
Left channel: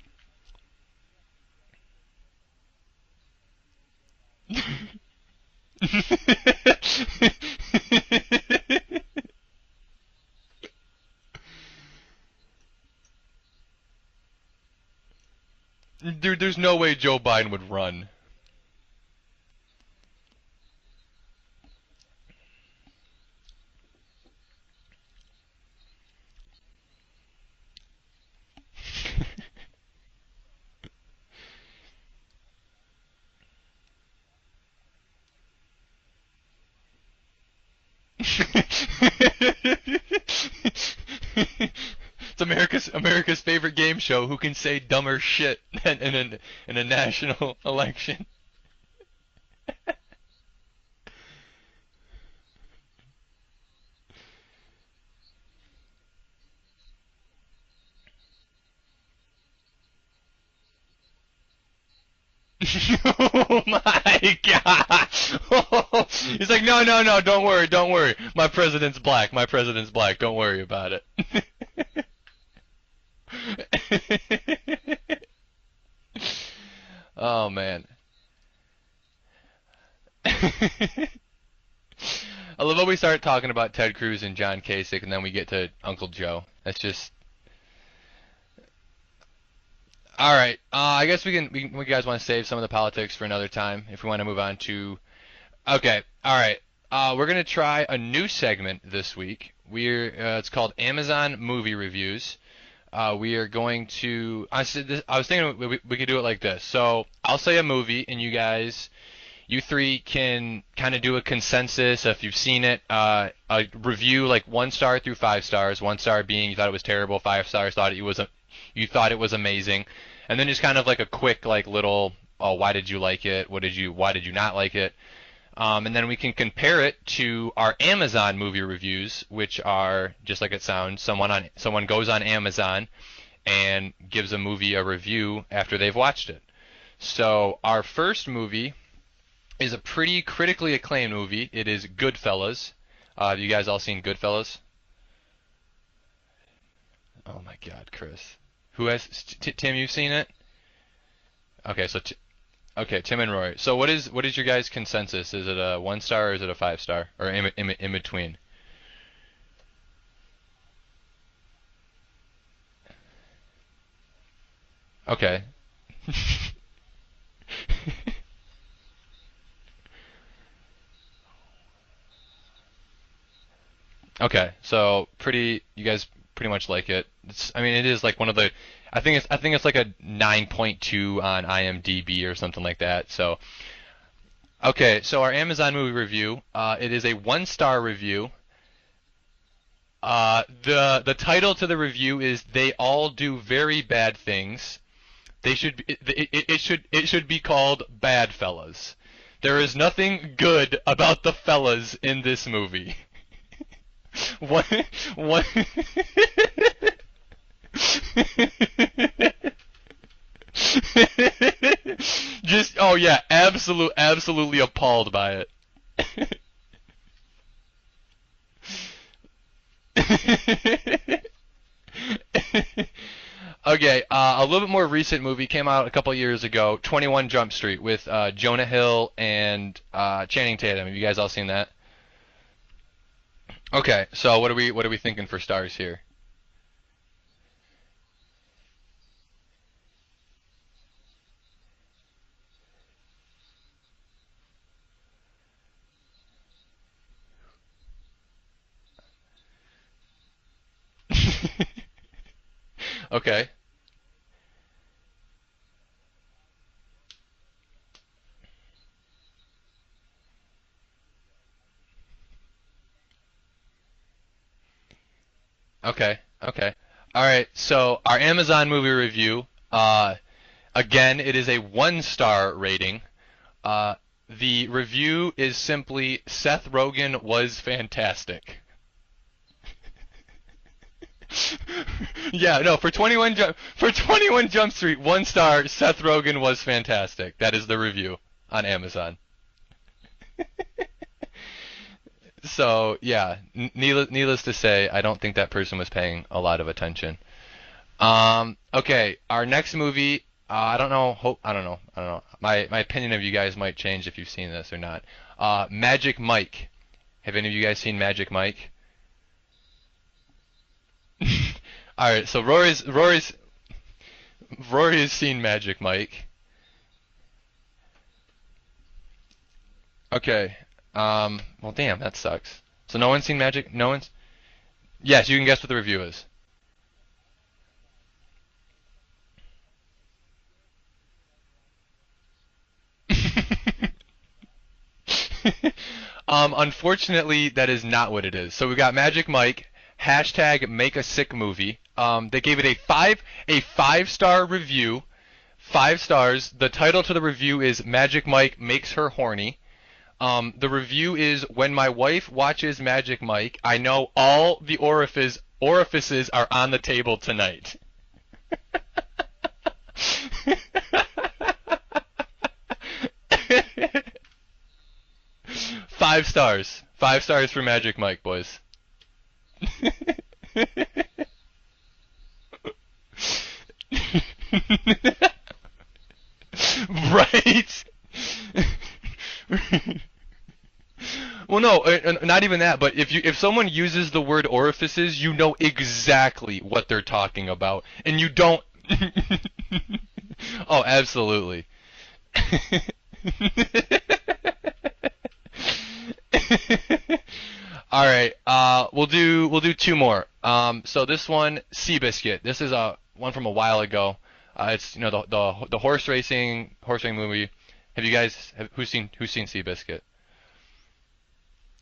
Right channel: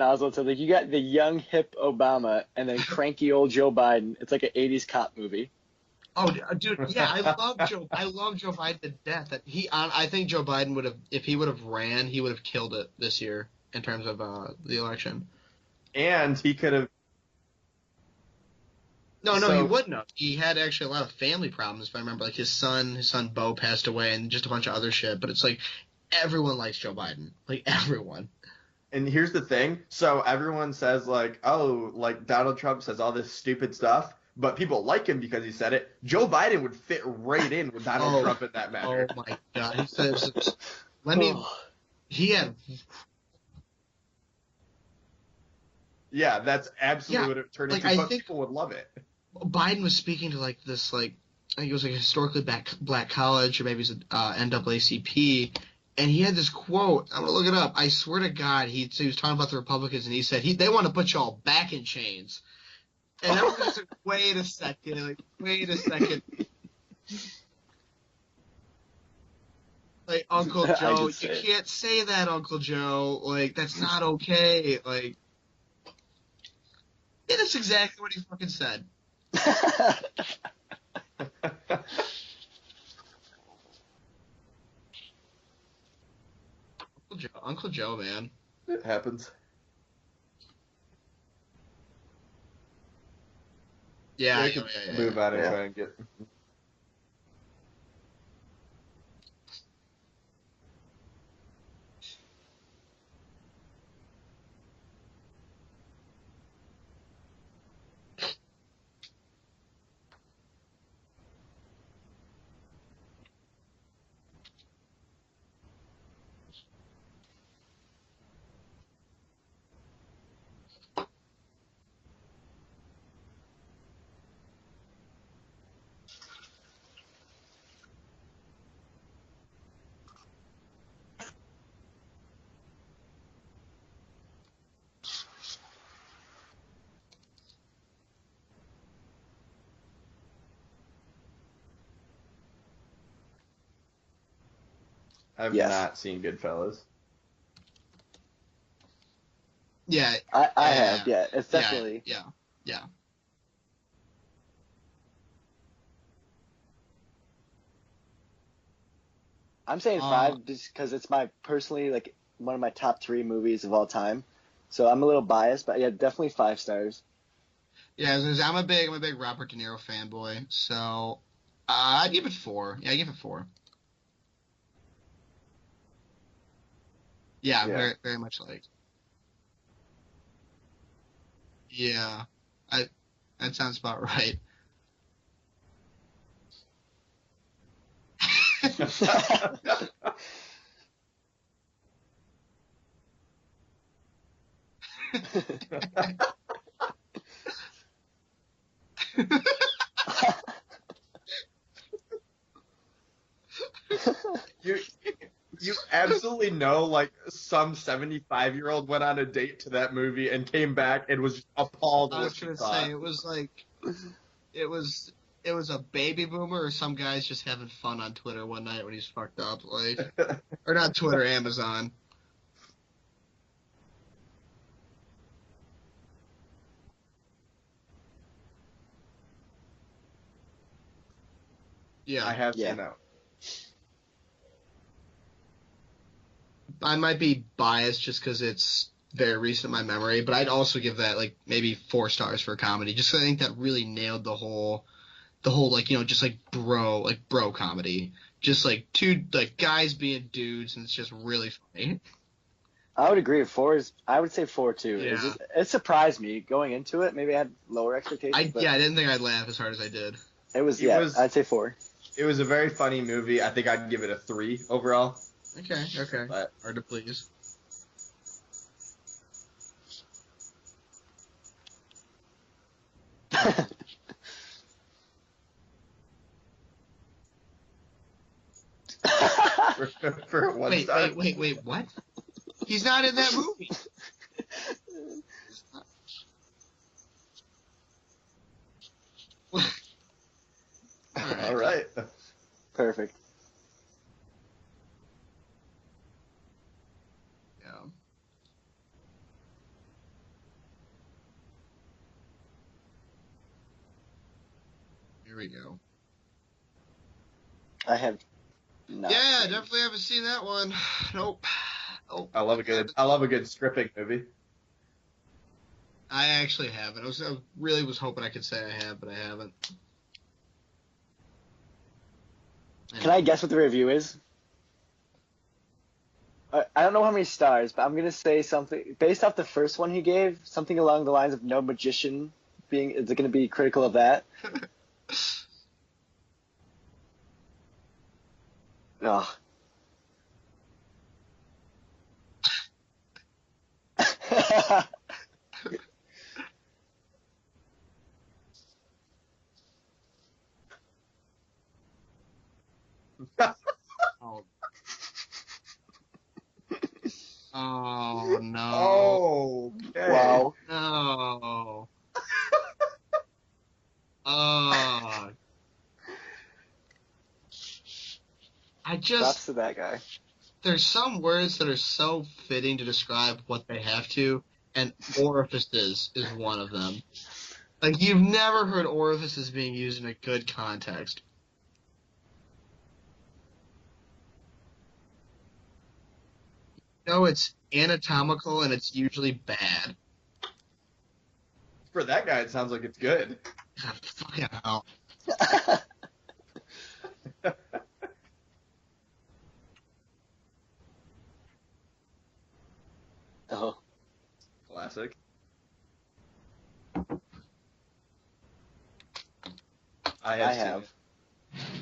Oswalt said, like you got the young hip Obama and then cranky old Joe Biden. It's like an '80s cop movie. Oh yeah, I love Joe Biden to death. That I think Joe Biden would have, if he would have ran, he would have killed it this year in terms of the election. And There's he no could've- way Joe Biden would run. No, he So- wouldn't have. He had actually a lot of family problems, if I remember. Like his son Bo passed away, and just a bunch of other shit. But it's like everyone likes Joe Biden, like everyone. And here's the thing. So everyone says like, oh, like Donald Trump says all this stupid stuff, but people like him because he said it. Joe Biden would fit right in with Donald Oh, Trump at that oh time. my God. When he It's had America's favorite game show. Who can say dumber shit in Yeah, that's in a absolutely national would turn Like, I election? think- people would love it. Biden was speaking to like this I think it was like a historically black college, or maybe it's NAACP, and he had this quote. I'm gonna look it up. I swear to God, he was talking about the Republicans, and he said they want to put y'all back in chains. Oh my Wait a God! second, wait a second. He's like, no, don't worry. My president's black. Hey, Don't worry Uncle about Joe, it. you can't say that, Uncle Joe. Like, that's not okay. Like, Oh that's man. exactly what he fucking said. I love how we start talking about Ted Cruz and John Kasich, and then we get to Uncle Joe. That's just Uncle Joe, man. It happens. all right. I guess we guys want to save some of the politics for another time if we want to Yeah, move we on can- to. Move out of Yeah. it. Okay. All right. We're gonna try a new segment this week. It's called Amazon Movie Reviews. We are going to. I was thinking we could do it like this. So I'll say a movie, and you three can kind of do a consensus if you've seen it. A review like 1 star through 5 stars. 1 star being you thought it was terrible. 5 stars you thought it was amazing, and then just kind of like a quick like little why did you like it? Why did you not like it? And then we can compare it to our Amazon movie reviews, which are just like it sounds. Someone goes on Amazon and gives a movie a review after they've watched it. So our first movie is a pretty critically acclaimed movie. It is Goodfellas. Have you guys all seen Goodfellas? I've Yes. not seen Goodfellas. Oh my God, Chris. Who has Tim? You've seen Yeah. it? I have, yeah. It's Yeah. definitely. Okay, so Yeah. Okay, Tim and Roy. So what is your guys' consensus? Is it a 1 star or is it a 5 star or in between? I'm saying Uh, 5 just because it's my personally like one of my top 3 movies of all time. So I'm a little Okay. biased, but yeah, definitely 5 stars. Yeah, I was gonna say, I'm a big Robert De Niro fanboy, so I'd give it 4. Yeah, I give it 4. Okay, so you guys pretty much like it. Yeah, I mean, it very- is like very one of much the. I think it's like a 9.2 on IMDb Yeah, or something like I- that. So That sounds about right. okay, so our Amazon movie review. It is a 1 star review. The title to the review is "They All Do Very Bad Things." It should be called Bad Fellas. There is nothing good about the fellas in this movie. One, You absolutely know, like, some 75-year-old went on a date to that movie and came back and was appalled with the just vibe. oh yeah, It's like- absolutely it was- appalled by it. It was a baby boomer or some guys just having fun on Twitter one night when he's fucked up. Like, they're not Twitter, Amazon. Okay, a little bit more recent movie came out a couple years ago, 21 Jump Street with Jonah Hill and Channing Tatum. Have you guys all seen that? Yeah, I have Yeah. seen that. Okay, so what are we thinking for stars here? I might be biased just because it's very recent in my memory, but I'd also give that like maybe 4 stars for a comedy. Just 'cause I think that really nailed the whole like just like bro comedy. Just like two like guys being dudes, and it's just really funny. I would Okay. agree. I would say 4 too. Yeah. It surprised me going into it. Maybe I had lower expectations. but I didn't think I'd laugh as hard as I did. It was It was- I'd say 4. It was a very funny movie. I think I'd give it a 3 overall. Okay. Okay. Hard to please. All right, so our Amazon movie review. Again, it is a 1 star rating. The review is simply Seth Rogen was fantastic. For one Wait, star. wait. What? Yeah, no, He's for not in 21 that for 21 Jump Street, 1 star. Seth Rogen was fantastic. That is the review on Amazon. All right. So Perfect. yeah, needless to say, I don't think that person was paying a lot of attention. Okay, our next movie. I don't know. I don't know. My opinion of you guys might change if you've seen this or not. Magic Mike. Have any of you guys seen I have. Magic Mike? No. Yeah, definitely haven't seen that one. Nope. All right, so I love Rory's a good stripping movie. Rory has seen Magic Mike. I actually haven't. I really was hoping I could say I have, but I haven't. Okay. Well, damn, that sucks. So Can no I one's seen guess what the Magic. review No is? one's. Yes, you can guess what the review is. I don't know how many stars, but I'm gonna say something based off the first one he gave, something along the lines of no magician Is it going to be critical of that? Unfortunately, that is not what it is. So we got Magic Ugh. Mike, hashtag make a sick movie. They gave it a 5-star review. 5 stars. The title to the review is Magic Mike Makes Her Horny. The review is when my wife watches Magic Mike, I know all the orifices are on the table tonight. Oh no. Oh, Wow. No. Oh. 5 stars. 5 stars for Magic Mike, boys. I Props just to that guy. there's some words that are so fitting to describe what they have to, and orifices is one of them. Right? Like you've never heard orifices being used in a good context. Well, no, not even that. But if someone uses the word orifices, you know exactly what they're No, talking it's about, and anatomical you don't. and it's usually bad. Oh, absolutely. for that guy, it sounds like it's good. Fucking hell. All right, we'll do 2 more. So this one, Seabiscuit. This is a one from a while ago. It's the horse racing movie. Have you guys who's seen Seabiscuit? I I have. have.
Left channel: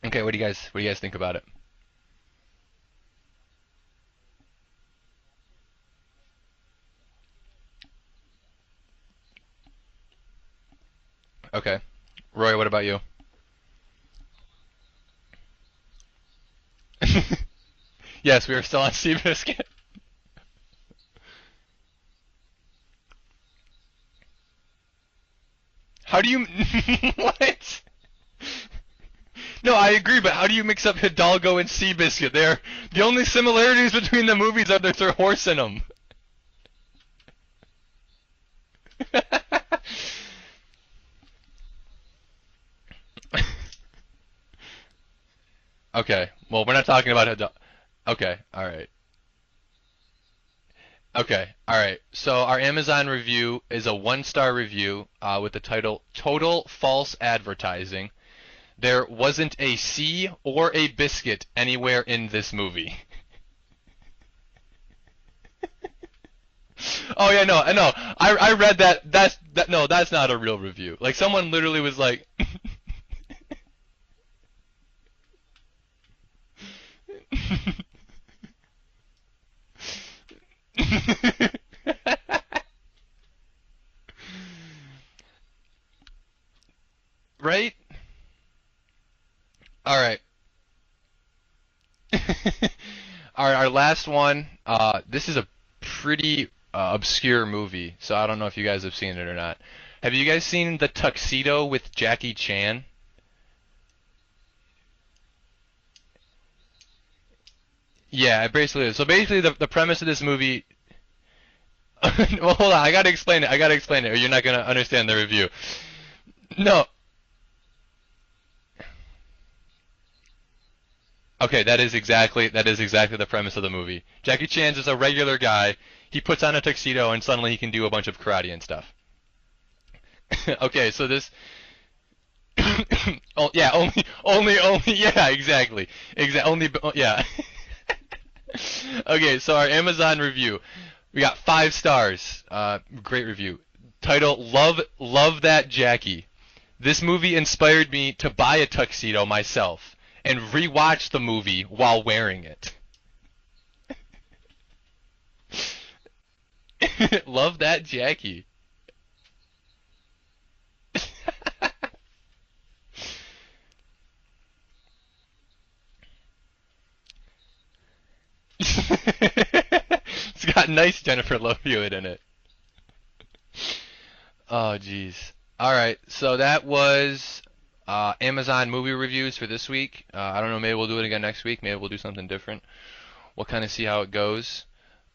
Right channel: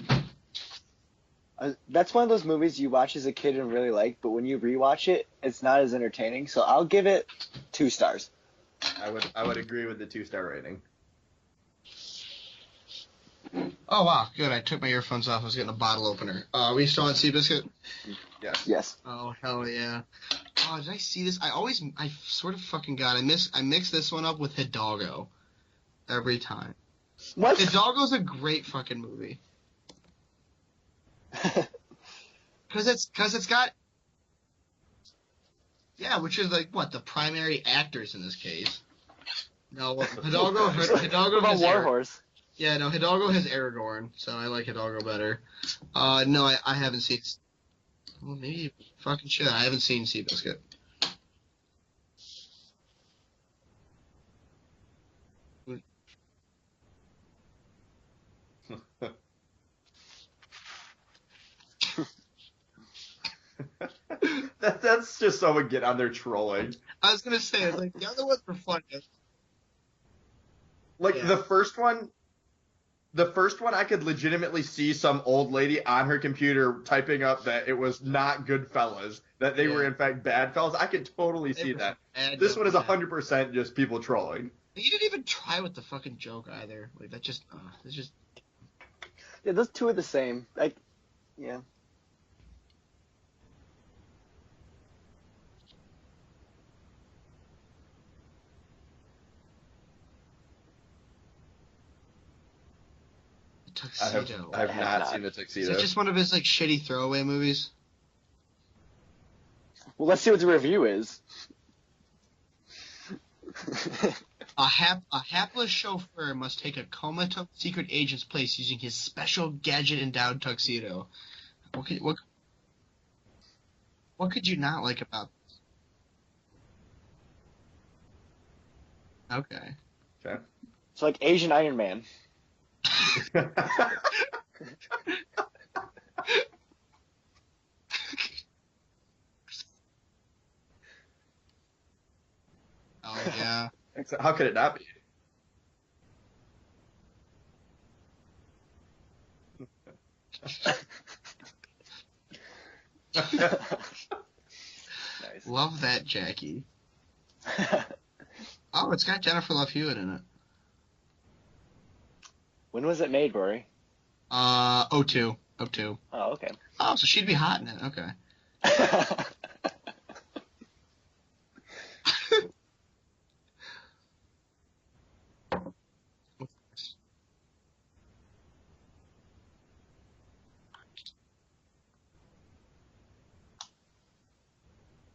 Okay, what do you guys think about it? That's one of those movies you watch as a kid and really like, but when you rewatch it, it's not as entertaining. So I'll give it 2 stars. I would agree with the 2-star rating. Okay, Roy, what about you? Oh wow, good. I took my earphones off. I was getting a bottle opener. Are we still on Seabiscuit? Yes, we are still on Yes. Oh, Seabiscuit. hell yeah. Oh, did I see this? I sort of fucking got. I mixed this one up with Hidalgo. How do Every you? time. What? Hidalgo's a great fucking movie. No, I agree, but how do you mix up Hidalgo and Seabiscuit? The only 'cause it's similarities between the movies are there's a horse in them. Yeah, which is like what the primary actors in this case. No, Hidalgo What has about Warhorse? Yeah, no, Hidalgo has Aragorn, so I like Hidalgo better. Okay. No, Well, we're I not haven't talking seen about it. Hidalgo. Okay. Maybe All right. Fucking shit, I haven't seen Seabiscuit. Okay. All right. So our Amazon review is a 1-star review with the title "Total False Advertising." There wasn't a C or a biscuit anywhere in this movie. That's just someone get on there trolling. Oh yeah, no, I know. I read that. that. That's not a real review. Like The someone first literally was one- like, The first one, I could legitimately see some old lady on her computer typing up that it was not Goodfellas, that they were in fact bad fellas. I can totally see that. This one is 100% just people trolling. You didn't even try with the fucking joke either. Like that just Right? It's just Yeah, those two are All the right. same. Yeah. Our last one. This is a pretty obscure movie, so I don't know if you guys have seen it or not. Have you guys seen The Tuxedo with Jackie Chan? Tuxedo. I have have not not. seen the Is Tuxedo. it just one of his like shitty throwaway movies? Yeah, it basically is. So basically, the premise of Let's this see what the movie. review is. Well, hold on. I gotta explain it. Or you're not gonna understand the A review. hapless chauffeur must No. take a comatose secret agent's place using his special gadget-endowed tuxedo. Okay, that is exactly the premise of the movie. What Jackie could you Chan's not is a like regular guy. He puts on a tuxedo and suddenly he can do a bunch of karate and stuff. Okay. Okay, so Like this. Asian Iron Man. Oh, yeah, only, yeah, exactly, only, yeah. Okay, so our Amazon review, we got 5 stars. Great review. Yeah. Title: Okay. Love That Jackie. This movie inspired me to buy a tuxedo myself and rewatch the movie while wearing it. Nice. Love that Jackie. Love That Jackie. Oh, it's got Jennifer Love Hewitt in it. When was it made, Rory? 02. 02. Oh, okay. Oh, so she'd be hot in it. Okay. It's got nice Jennifer Love Hewitt in it. Oh, jeez. All right, so that was Amazon movie reviews for this week. I don't know, maybe we'll do it again next week. Maybe we'll do something different. We'll kind of see how it goes.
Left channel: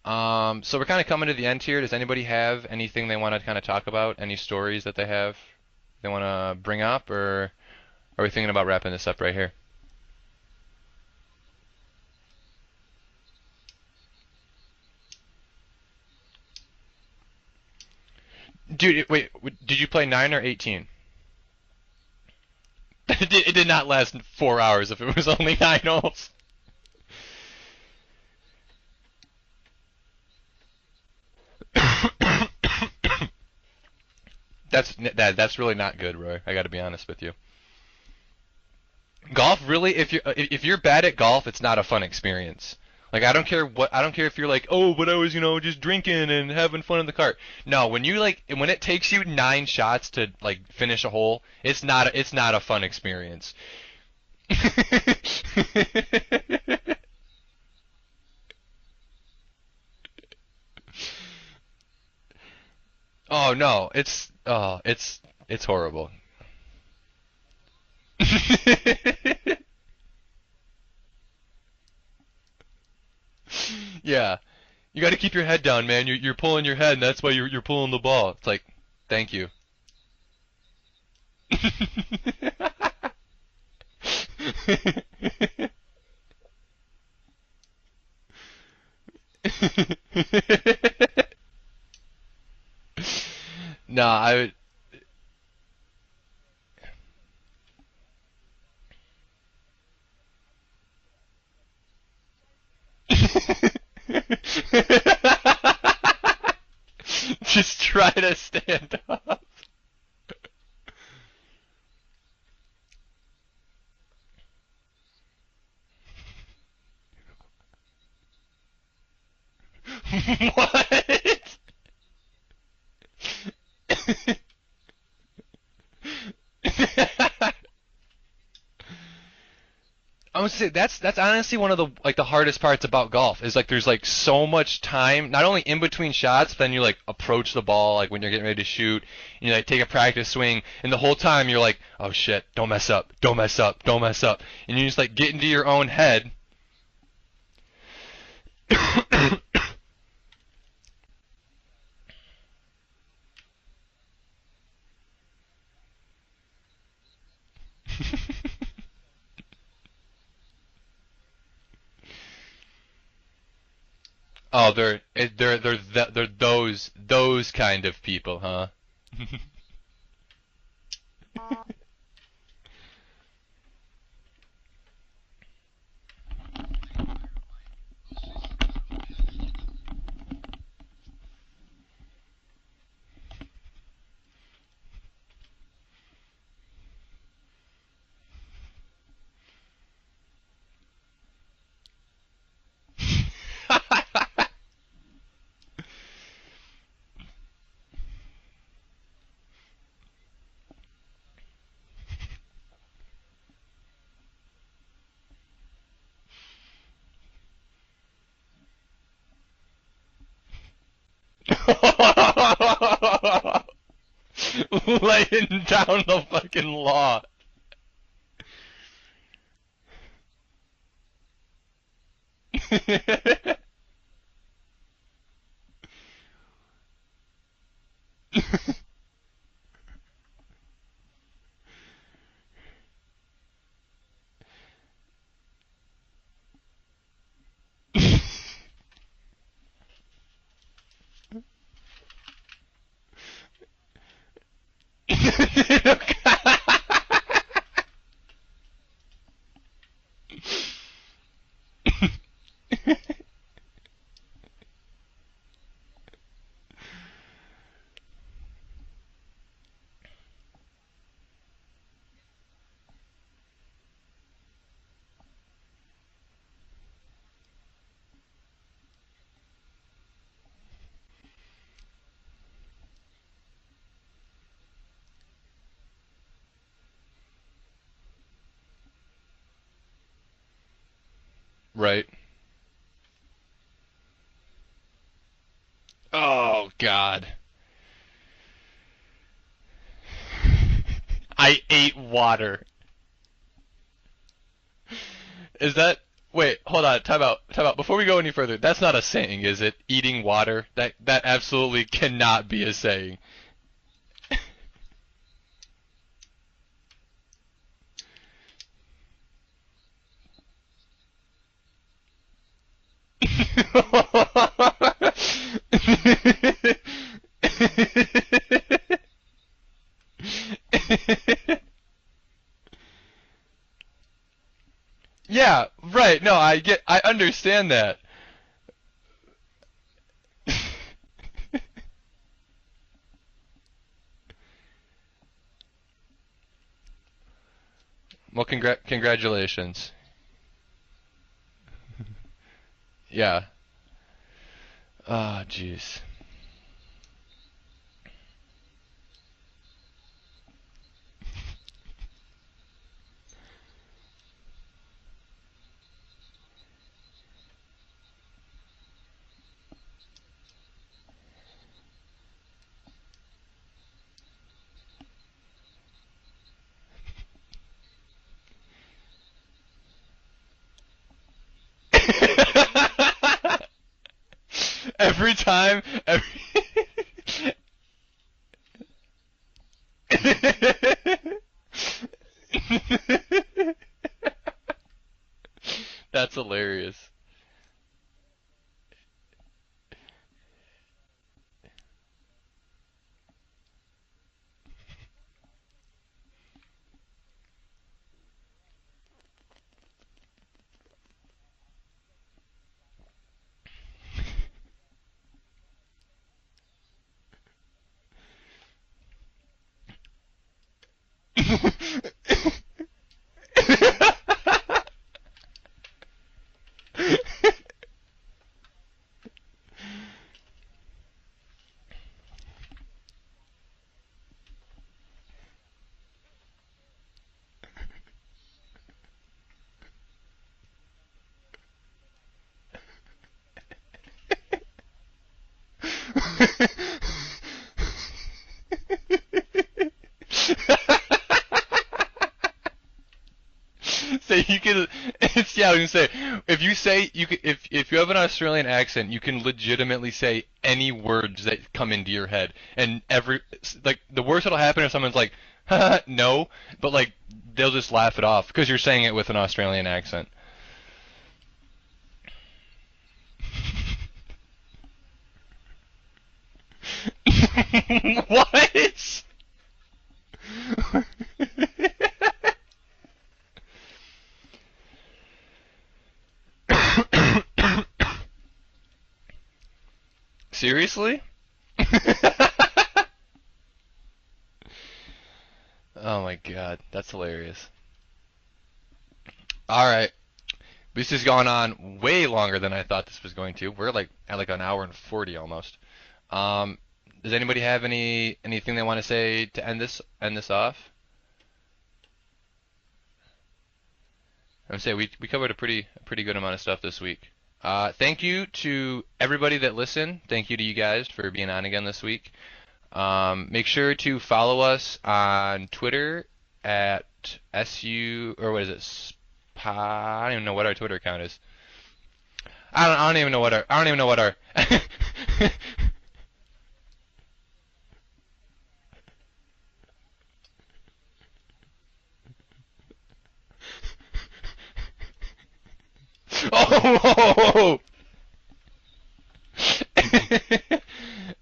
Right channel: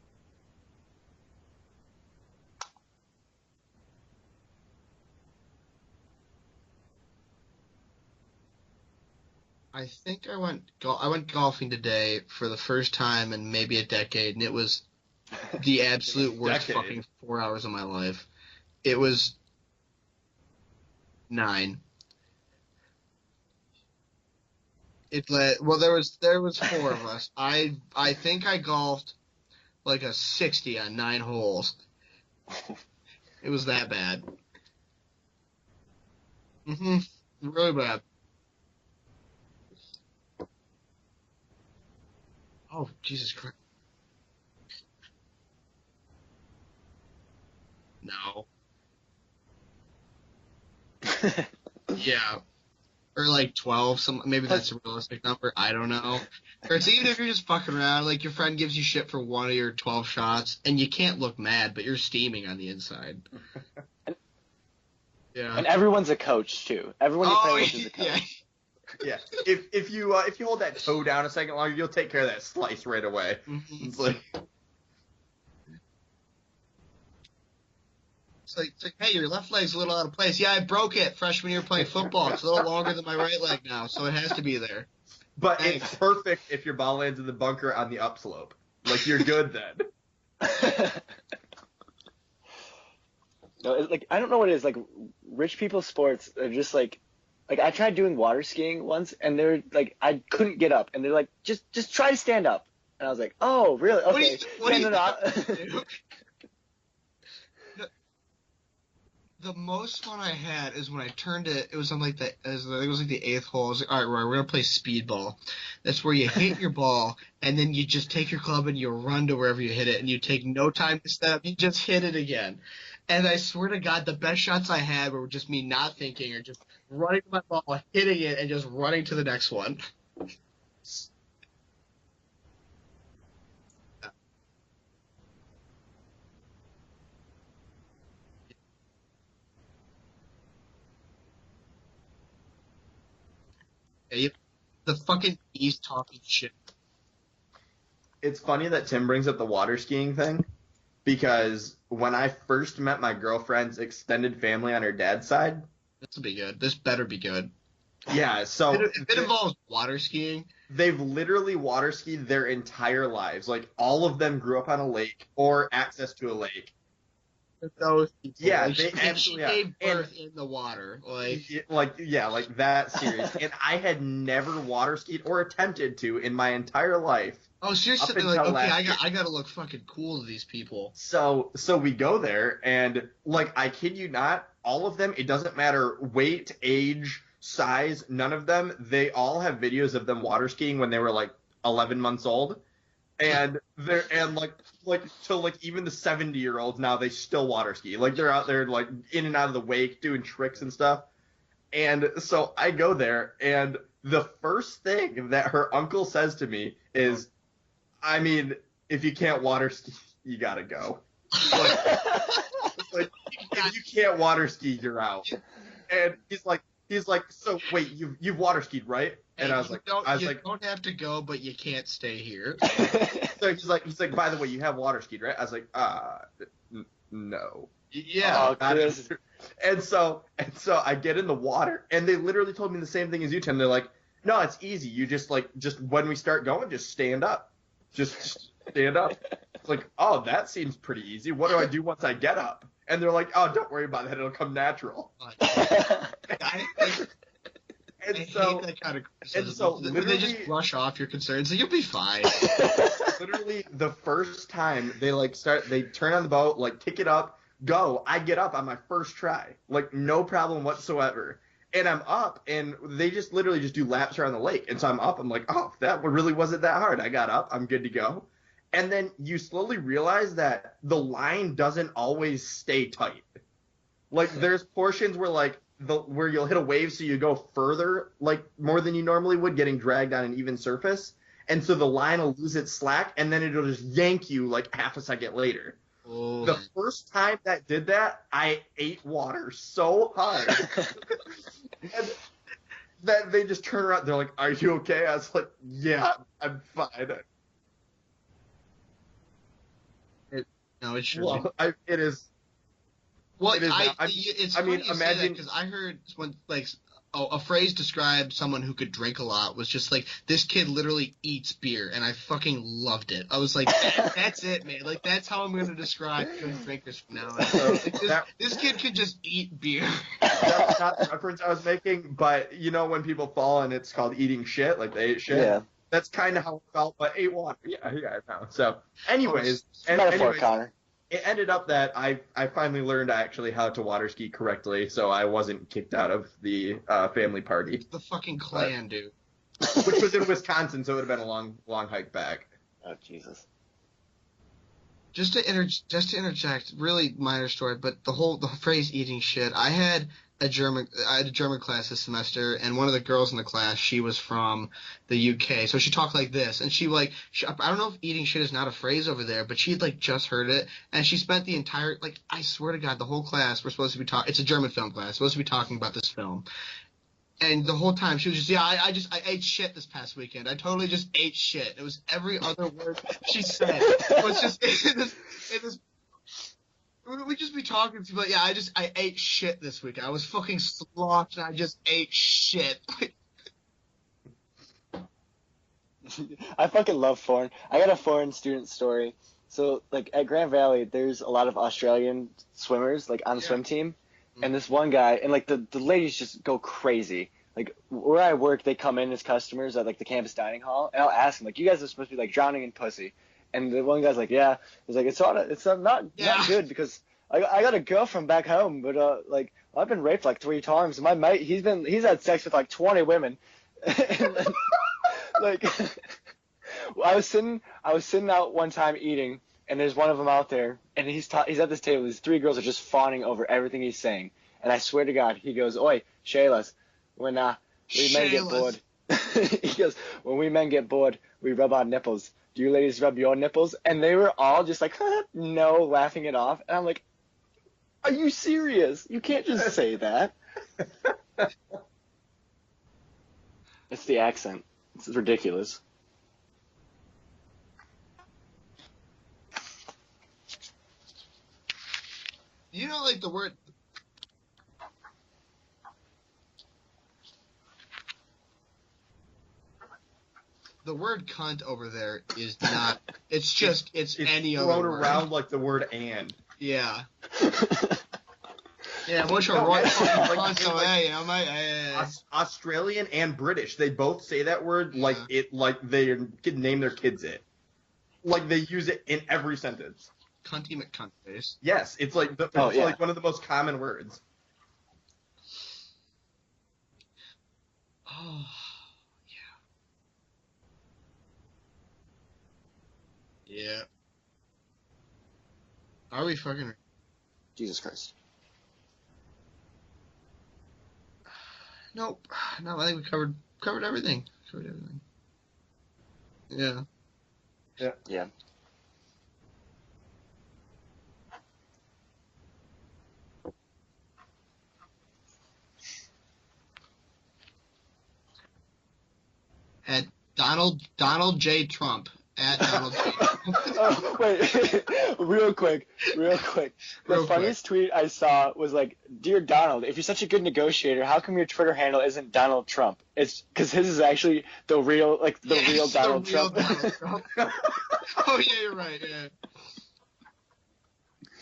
So we're kind of coming to the end here. Does anybody have anything they want to kind of talk about? Any stories that they have they want to bring up, or are we thinking about wrapping this up right here? I think I went golfing today for the first time in maybe a decade, and it was the absolute worst Decade. fucking 4 hours of my life. Dude, It was- wait, did you play 9 or 18? 9. It did not last 4 hours if it was only 9 holes. There was 4 of us. I think I golfed like a 60 on 9 holes. It was that bad. That's really not good, Roy. I got to be honest with you. Really bad. Golf really, if you're bad at golf, it's not a fun experience. Oh, Like I don't care if you're like, oh, but I was just drinking and having fun in the cart. No, when when it takes you 9 shots to like finish a hole, it's not it's not a fun experience. Or like 12, maybe that's a realistic number. I don't know. Because even if you're just fucking around, like your friend gives you shit for one of your 12 shots, and you can't look mad, but you're steaming on the inside. Oh no, it's Yeah. And horrible. everyone's a coach too. Everyone you play with is a coach. Yeah. If you hold that toe down a second longer, you'll take care of that slice right away. It's like- Yeah. You got to keep your head down, man. You're pulling your head, and that's why you're pulling the ball. It's like, It's like, hey, thank your you. left leg's a little out of place. Yeah, I broke it freshman year playing football. It's a little longer than my right leg now, so it has to be there. But it's perfect if your ball lands in the bunker on the upslope. Like you're good then. No, like, No, I don't know I- what it is. Like, rich people sports are just like I tried doing water skiing once, and they're like, I couldn't get up, and they're like, just try to stand up. And I was like, oh, really? Okay. What do you Just try to stand up. The most fun I had is when I turned it. It was on like I think it was like the 8th hole. I was like, all right, Roy, we're gonna play speedball. That's where you hit your ball and then you just take your club and you run to wherever you hit it, and you take no time to step. You just hit it again. And I swear to God, the best shots I had were just me not thinking or just running my ball, hitting it, and just running to the next one. I would say that's honestly one of the hardest parts about golf is like there's like so much time, not only in between shots, but then you like approach the ball like when you're getting ready to shoot, and you like take a practice swing, and the whole time you're like, oh shit, don't mess up, don't mess up, don't mess up, and you just The like get fucking into your police own car head. and shit. It's funny that Tim brings up the water skiing thing, because when I first met my girlfriend's extended family on her dad's side, This will be good. This better be good. yeah, so If it involves water skiing, they've literally water skied their entire lives. Like all of them grew Oh, up on a they're lake they're or access they're to a lake. those kind of Those- people. Huh? Yeah, like, they she absolutely are. gave And- birth in the water. Like, like that serious. And I had never water skied or attempted to in my entire life. oh, so you're Up sitting there like, until okay, last I gotta look fucking cool to these people. So we go there, and like I kid you not, all of them, it doesn't matter weight, age, size, none of them, they all have videos of them water skiing when they were like 11 months old, and like so like even the 70-year-olds now, they still water ski. Like they're out there like in and out of the wake doing tricks and stuff. And so I go there, and the first thing that her uncle says to me is, I mean, if you can't water ski, you gotta go. If you can't water ski, you're out. Laying down And the he's like- fucking He's law. like, so wait, you've water skied, right? And Hey, I was you like, don't, I was you like, don't have to go, but you can't stay here. so he's like, by the way, you have water skied, right? I was like, no. Yeah. Oh, Not this- either. And so I get in the water, and they literally told me the same thing as you, Tim. They're like, no, it's easy. You just when we start going, just stand up. Just stand up. It's like, oh, that seems pretty easy. What do I do once I get up? And they're like, oh, don't worry about that. It'll come natural. I And hate so, that kind of criticism. and so When they just literally- brush off your concerns, like, you'll be fine. literally the first time they turn on the boat, like pick it up, go. I get up on my first try, like no problem whatsoever. And I'm up, and they just literally just do laps around the lake. And so I'm up. I'm like, oh, that really wasn't that hard. I got up. I'm good to go. And then you slowly realize that the line doesn't always stay tight. Like there's portions where where you'll hit a wave, so you go further, like more than you normally would, getting dragged on an even surface. And so the Right. line will lose its slack, and then it'll just yank you like half a second later. Oh, The first God. time that did that, I ate water so hard I ate water. that they just turn around. They're like, "Are you okay?" I was like, Is that yeah, wait? I'm Hold on. fine." Time out. Before we go any further, that's not a saying, is it? Eating water. No, That it's that true. absolutely It is. cannot be a saying. Well, It is not. it's I mean, funny you say imagine- because I heard when a phrase described someone who could drink a lot was just like, this kid literally eats beer, and I fucking loved it. I was like, that's it, man. Like, that's how I'm gonna describe it now. This kid could just eat beer. That's not the reference I was making, but you know when people fall and it's called eating shit, like they ate shit. Yeah, That's right. kind No, of I get. how I I ate understand water. that. Yeah, so, anyways, Metaphor, anyways, Connor. it ended up that I finally learned actually how to water ski correctly, so I wasn't kicked out of the family party, The fucking Well, clan, dude. congratulations. which was in Wisconsin, so it would have been a long hike back. Oh, jeez. Yeah. Just Oh, to jeez. interject, really minor story, but the phrase "eating shit." I had a German class this semester, and one of the girls in the class, she was from the UK, so she talked like this, and I don't know if "eating shit" is not a phrase over there, but she had like just heard it, and she spent the entire, like, I swear to God, the whole class we're supposed to be talking. It's a German film class, supposed to be talking about this film. And the whole time she was just, I ate shit this past weekend. I totally just ate shit. It was every other word she said. It was just Every time, we could be talking to, but yeah, I ate shit this week. I was fucking slopped and I just ate shit. That's I hilarious. fucking love foreign. I got a foreign student story. So, like, at Grand Valley, there's a lot of Australian swimmers, like, on the swim team. And this one guy, and, like, the ladies just go crazy. Like, where I work, they come in as customers at, like, the campus dining hall, and I'll ask them, like, you guys are supposed to be, like, drowning in pussy. And the one guy's like, yeah. He's like, it's not good, because I got a girlfriend back home, but, like, I've been raped, like, 3 times. And my mate, he's had sex with, like, 20 women. Like, I was sitting out one time eating, and there's one of them out there, and he's at this table. These 3 girls are just fawning over everything he's saying, and I swear to God, he goes, "Oi, Shaylas, when we men get bored," he goes, "when we men get bored, we rub our nipples. Do you ladies rub your nipples?" And they were all just like, no, laughing it off, and I'm like, "Are you serious? You can't just say that." The accent. You can, It's ridiculous. yeah, I was gonna say, if you say if you have an Australian accent, you can legitimately say any words that come into your head, You and know, like, the worst that'll happen if someone's like, no, but like they'll just laugh it off because you're saying it with an Australian accent. the word "cunt" over there is not. It's any other thrown word. around like the word "and." Yeah. What? Yeah, what's your right fucking cunt away? I'm like, Australian and British, they both say that word like they're native kids. Like they use it in every sentence. cunt Seriously? face. Yes, it's like one of the most common words. Oh my god, that's hilarious. Oh, All right, this has gone on way longer than I thought this was going to. Yeah. We're like at like an hour and 40 almost. are we? Does anybody have anything they want to say to end this off? Nope. No, I think we covered everything. I would say we covered a pretty good amount of Yeah. stuff this week. Thank you to everybody that listened. Thank you to you guys for being on again this week. Make sure to follow us on Twitter at SU, or what is it? I don't even know what our Twitter account Donald is. J. Trump. I don't even know what our Real quick. The Real funniest tweet I saw was like, "Dear Donald, if you're such a good negotiator, how come your Twitter handle isn't Donald Trump?" It's because his is actually the real Donald Trump. Oh! Oh yeah, you're right. Yeah.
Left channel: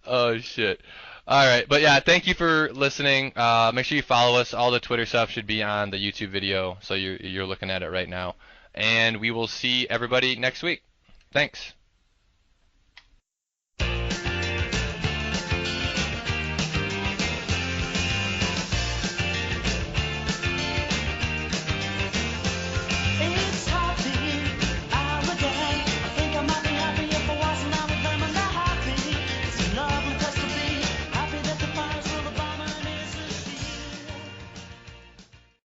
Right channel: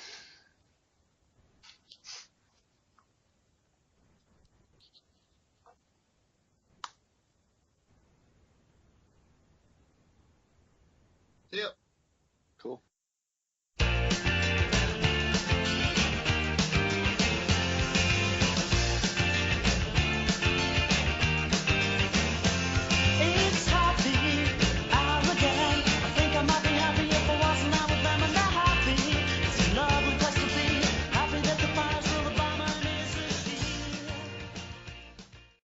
Oh shit. All right, but yeah, thank you for listening. Make sure you follow us. All the Twitter stuff should be on the YouTube video, so you're looking at it right now. And we will see everybody next week. Thanks. Yep.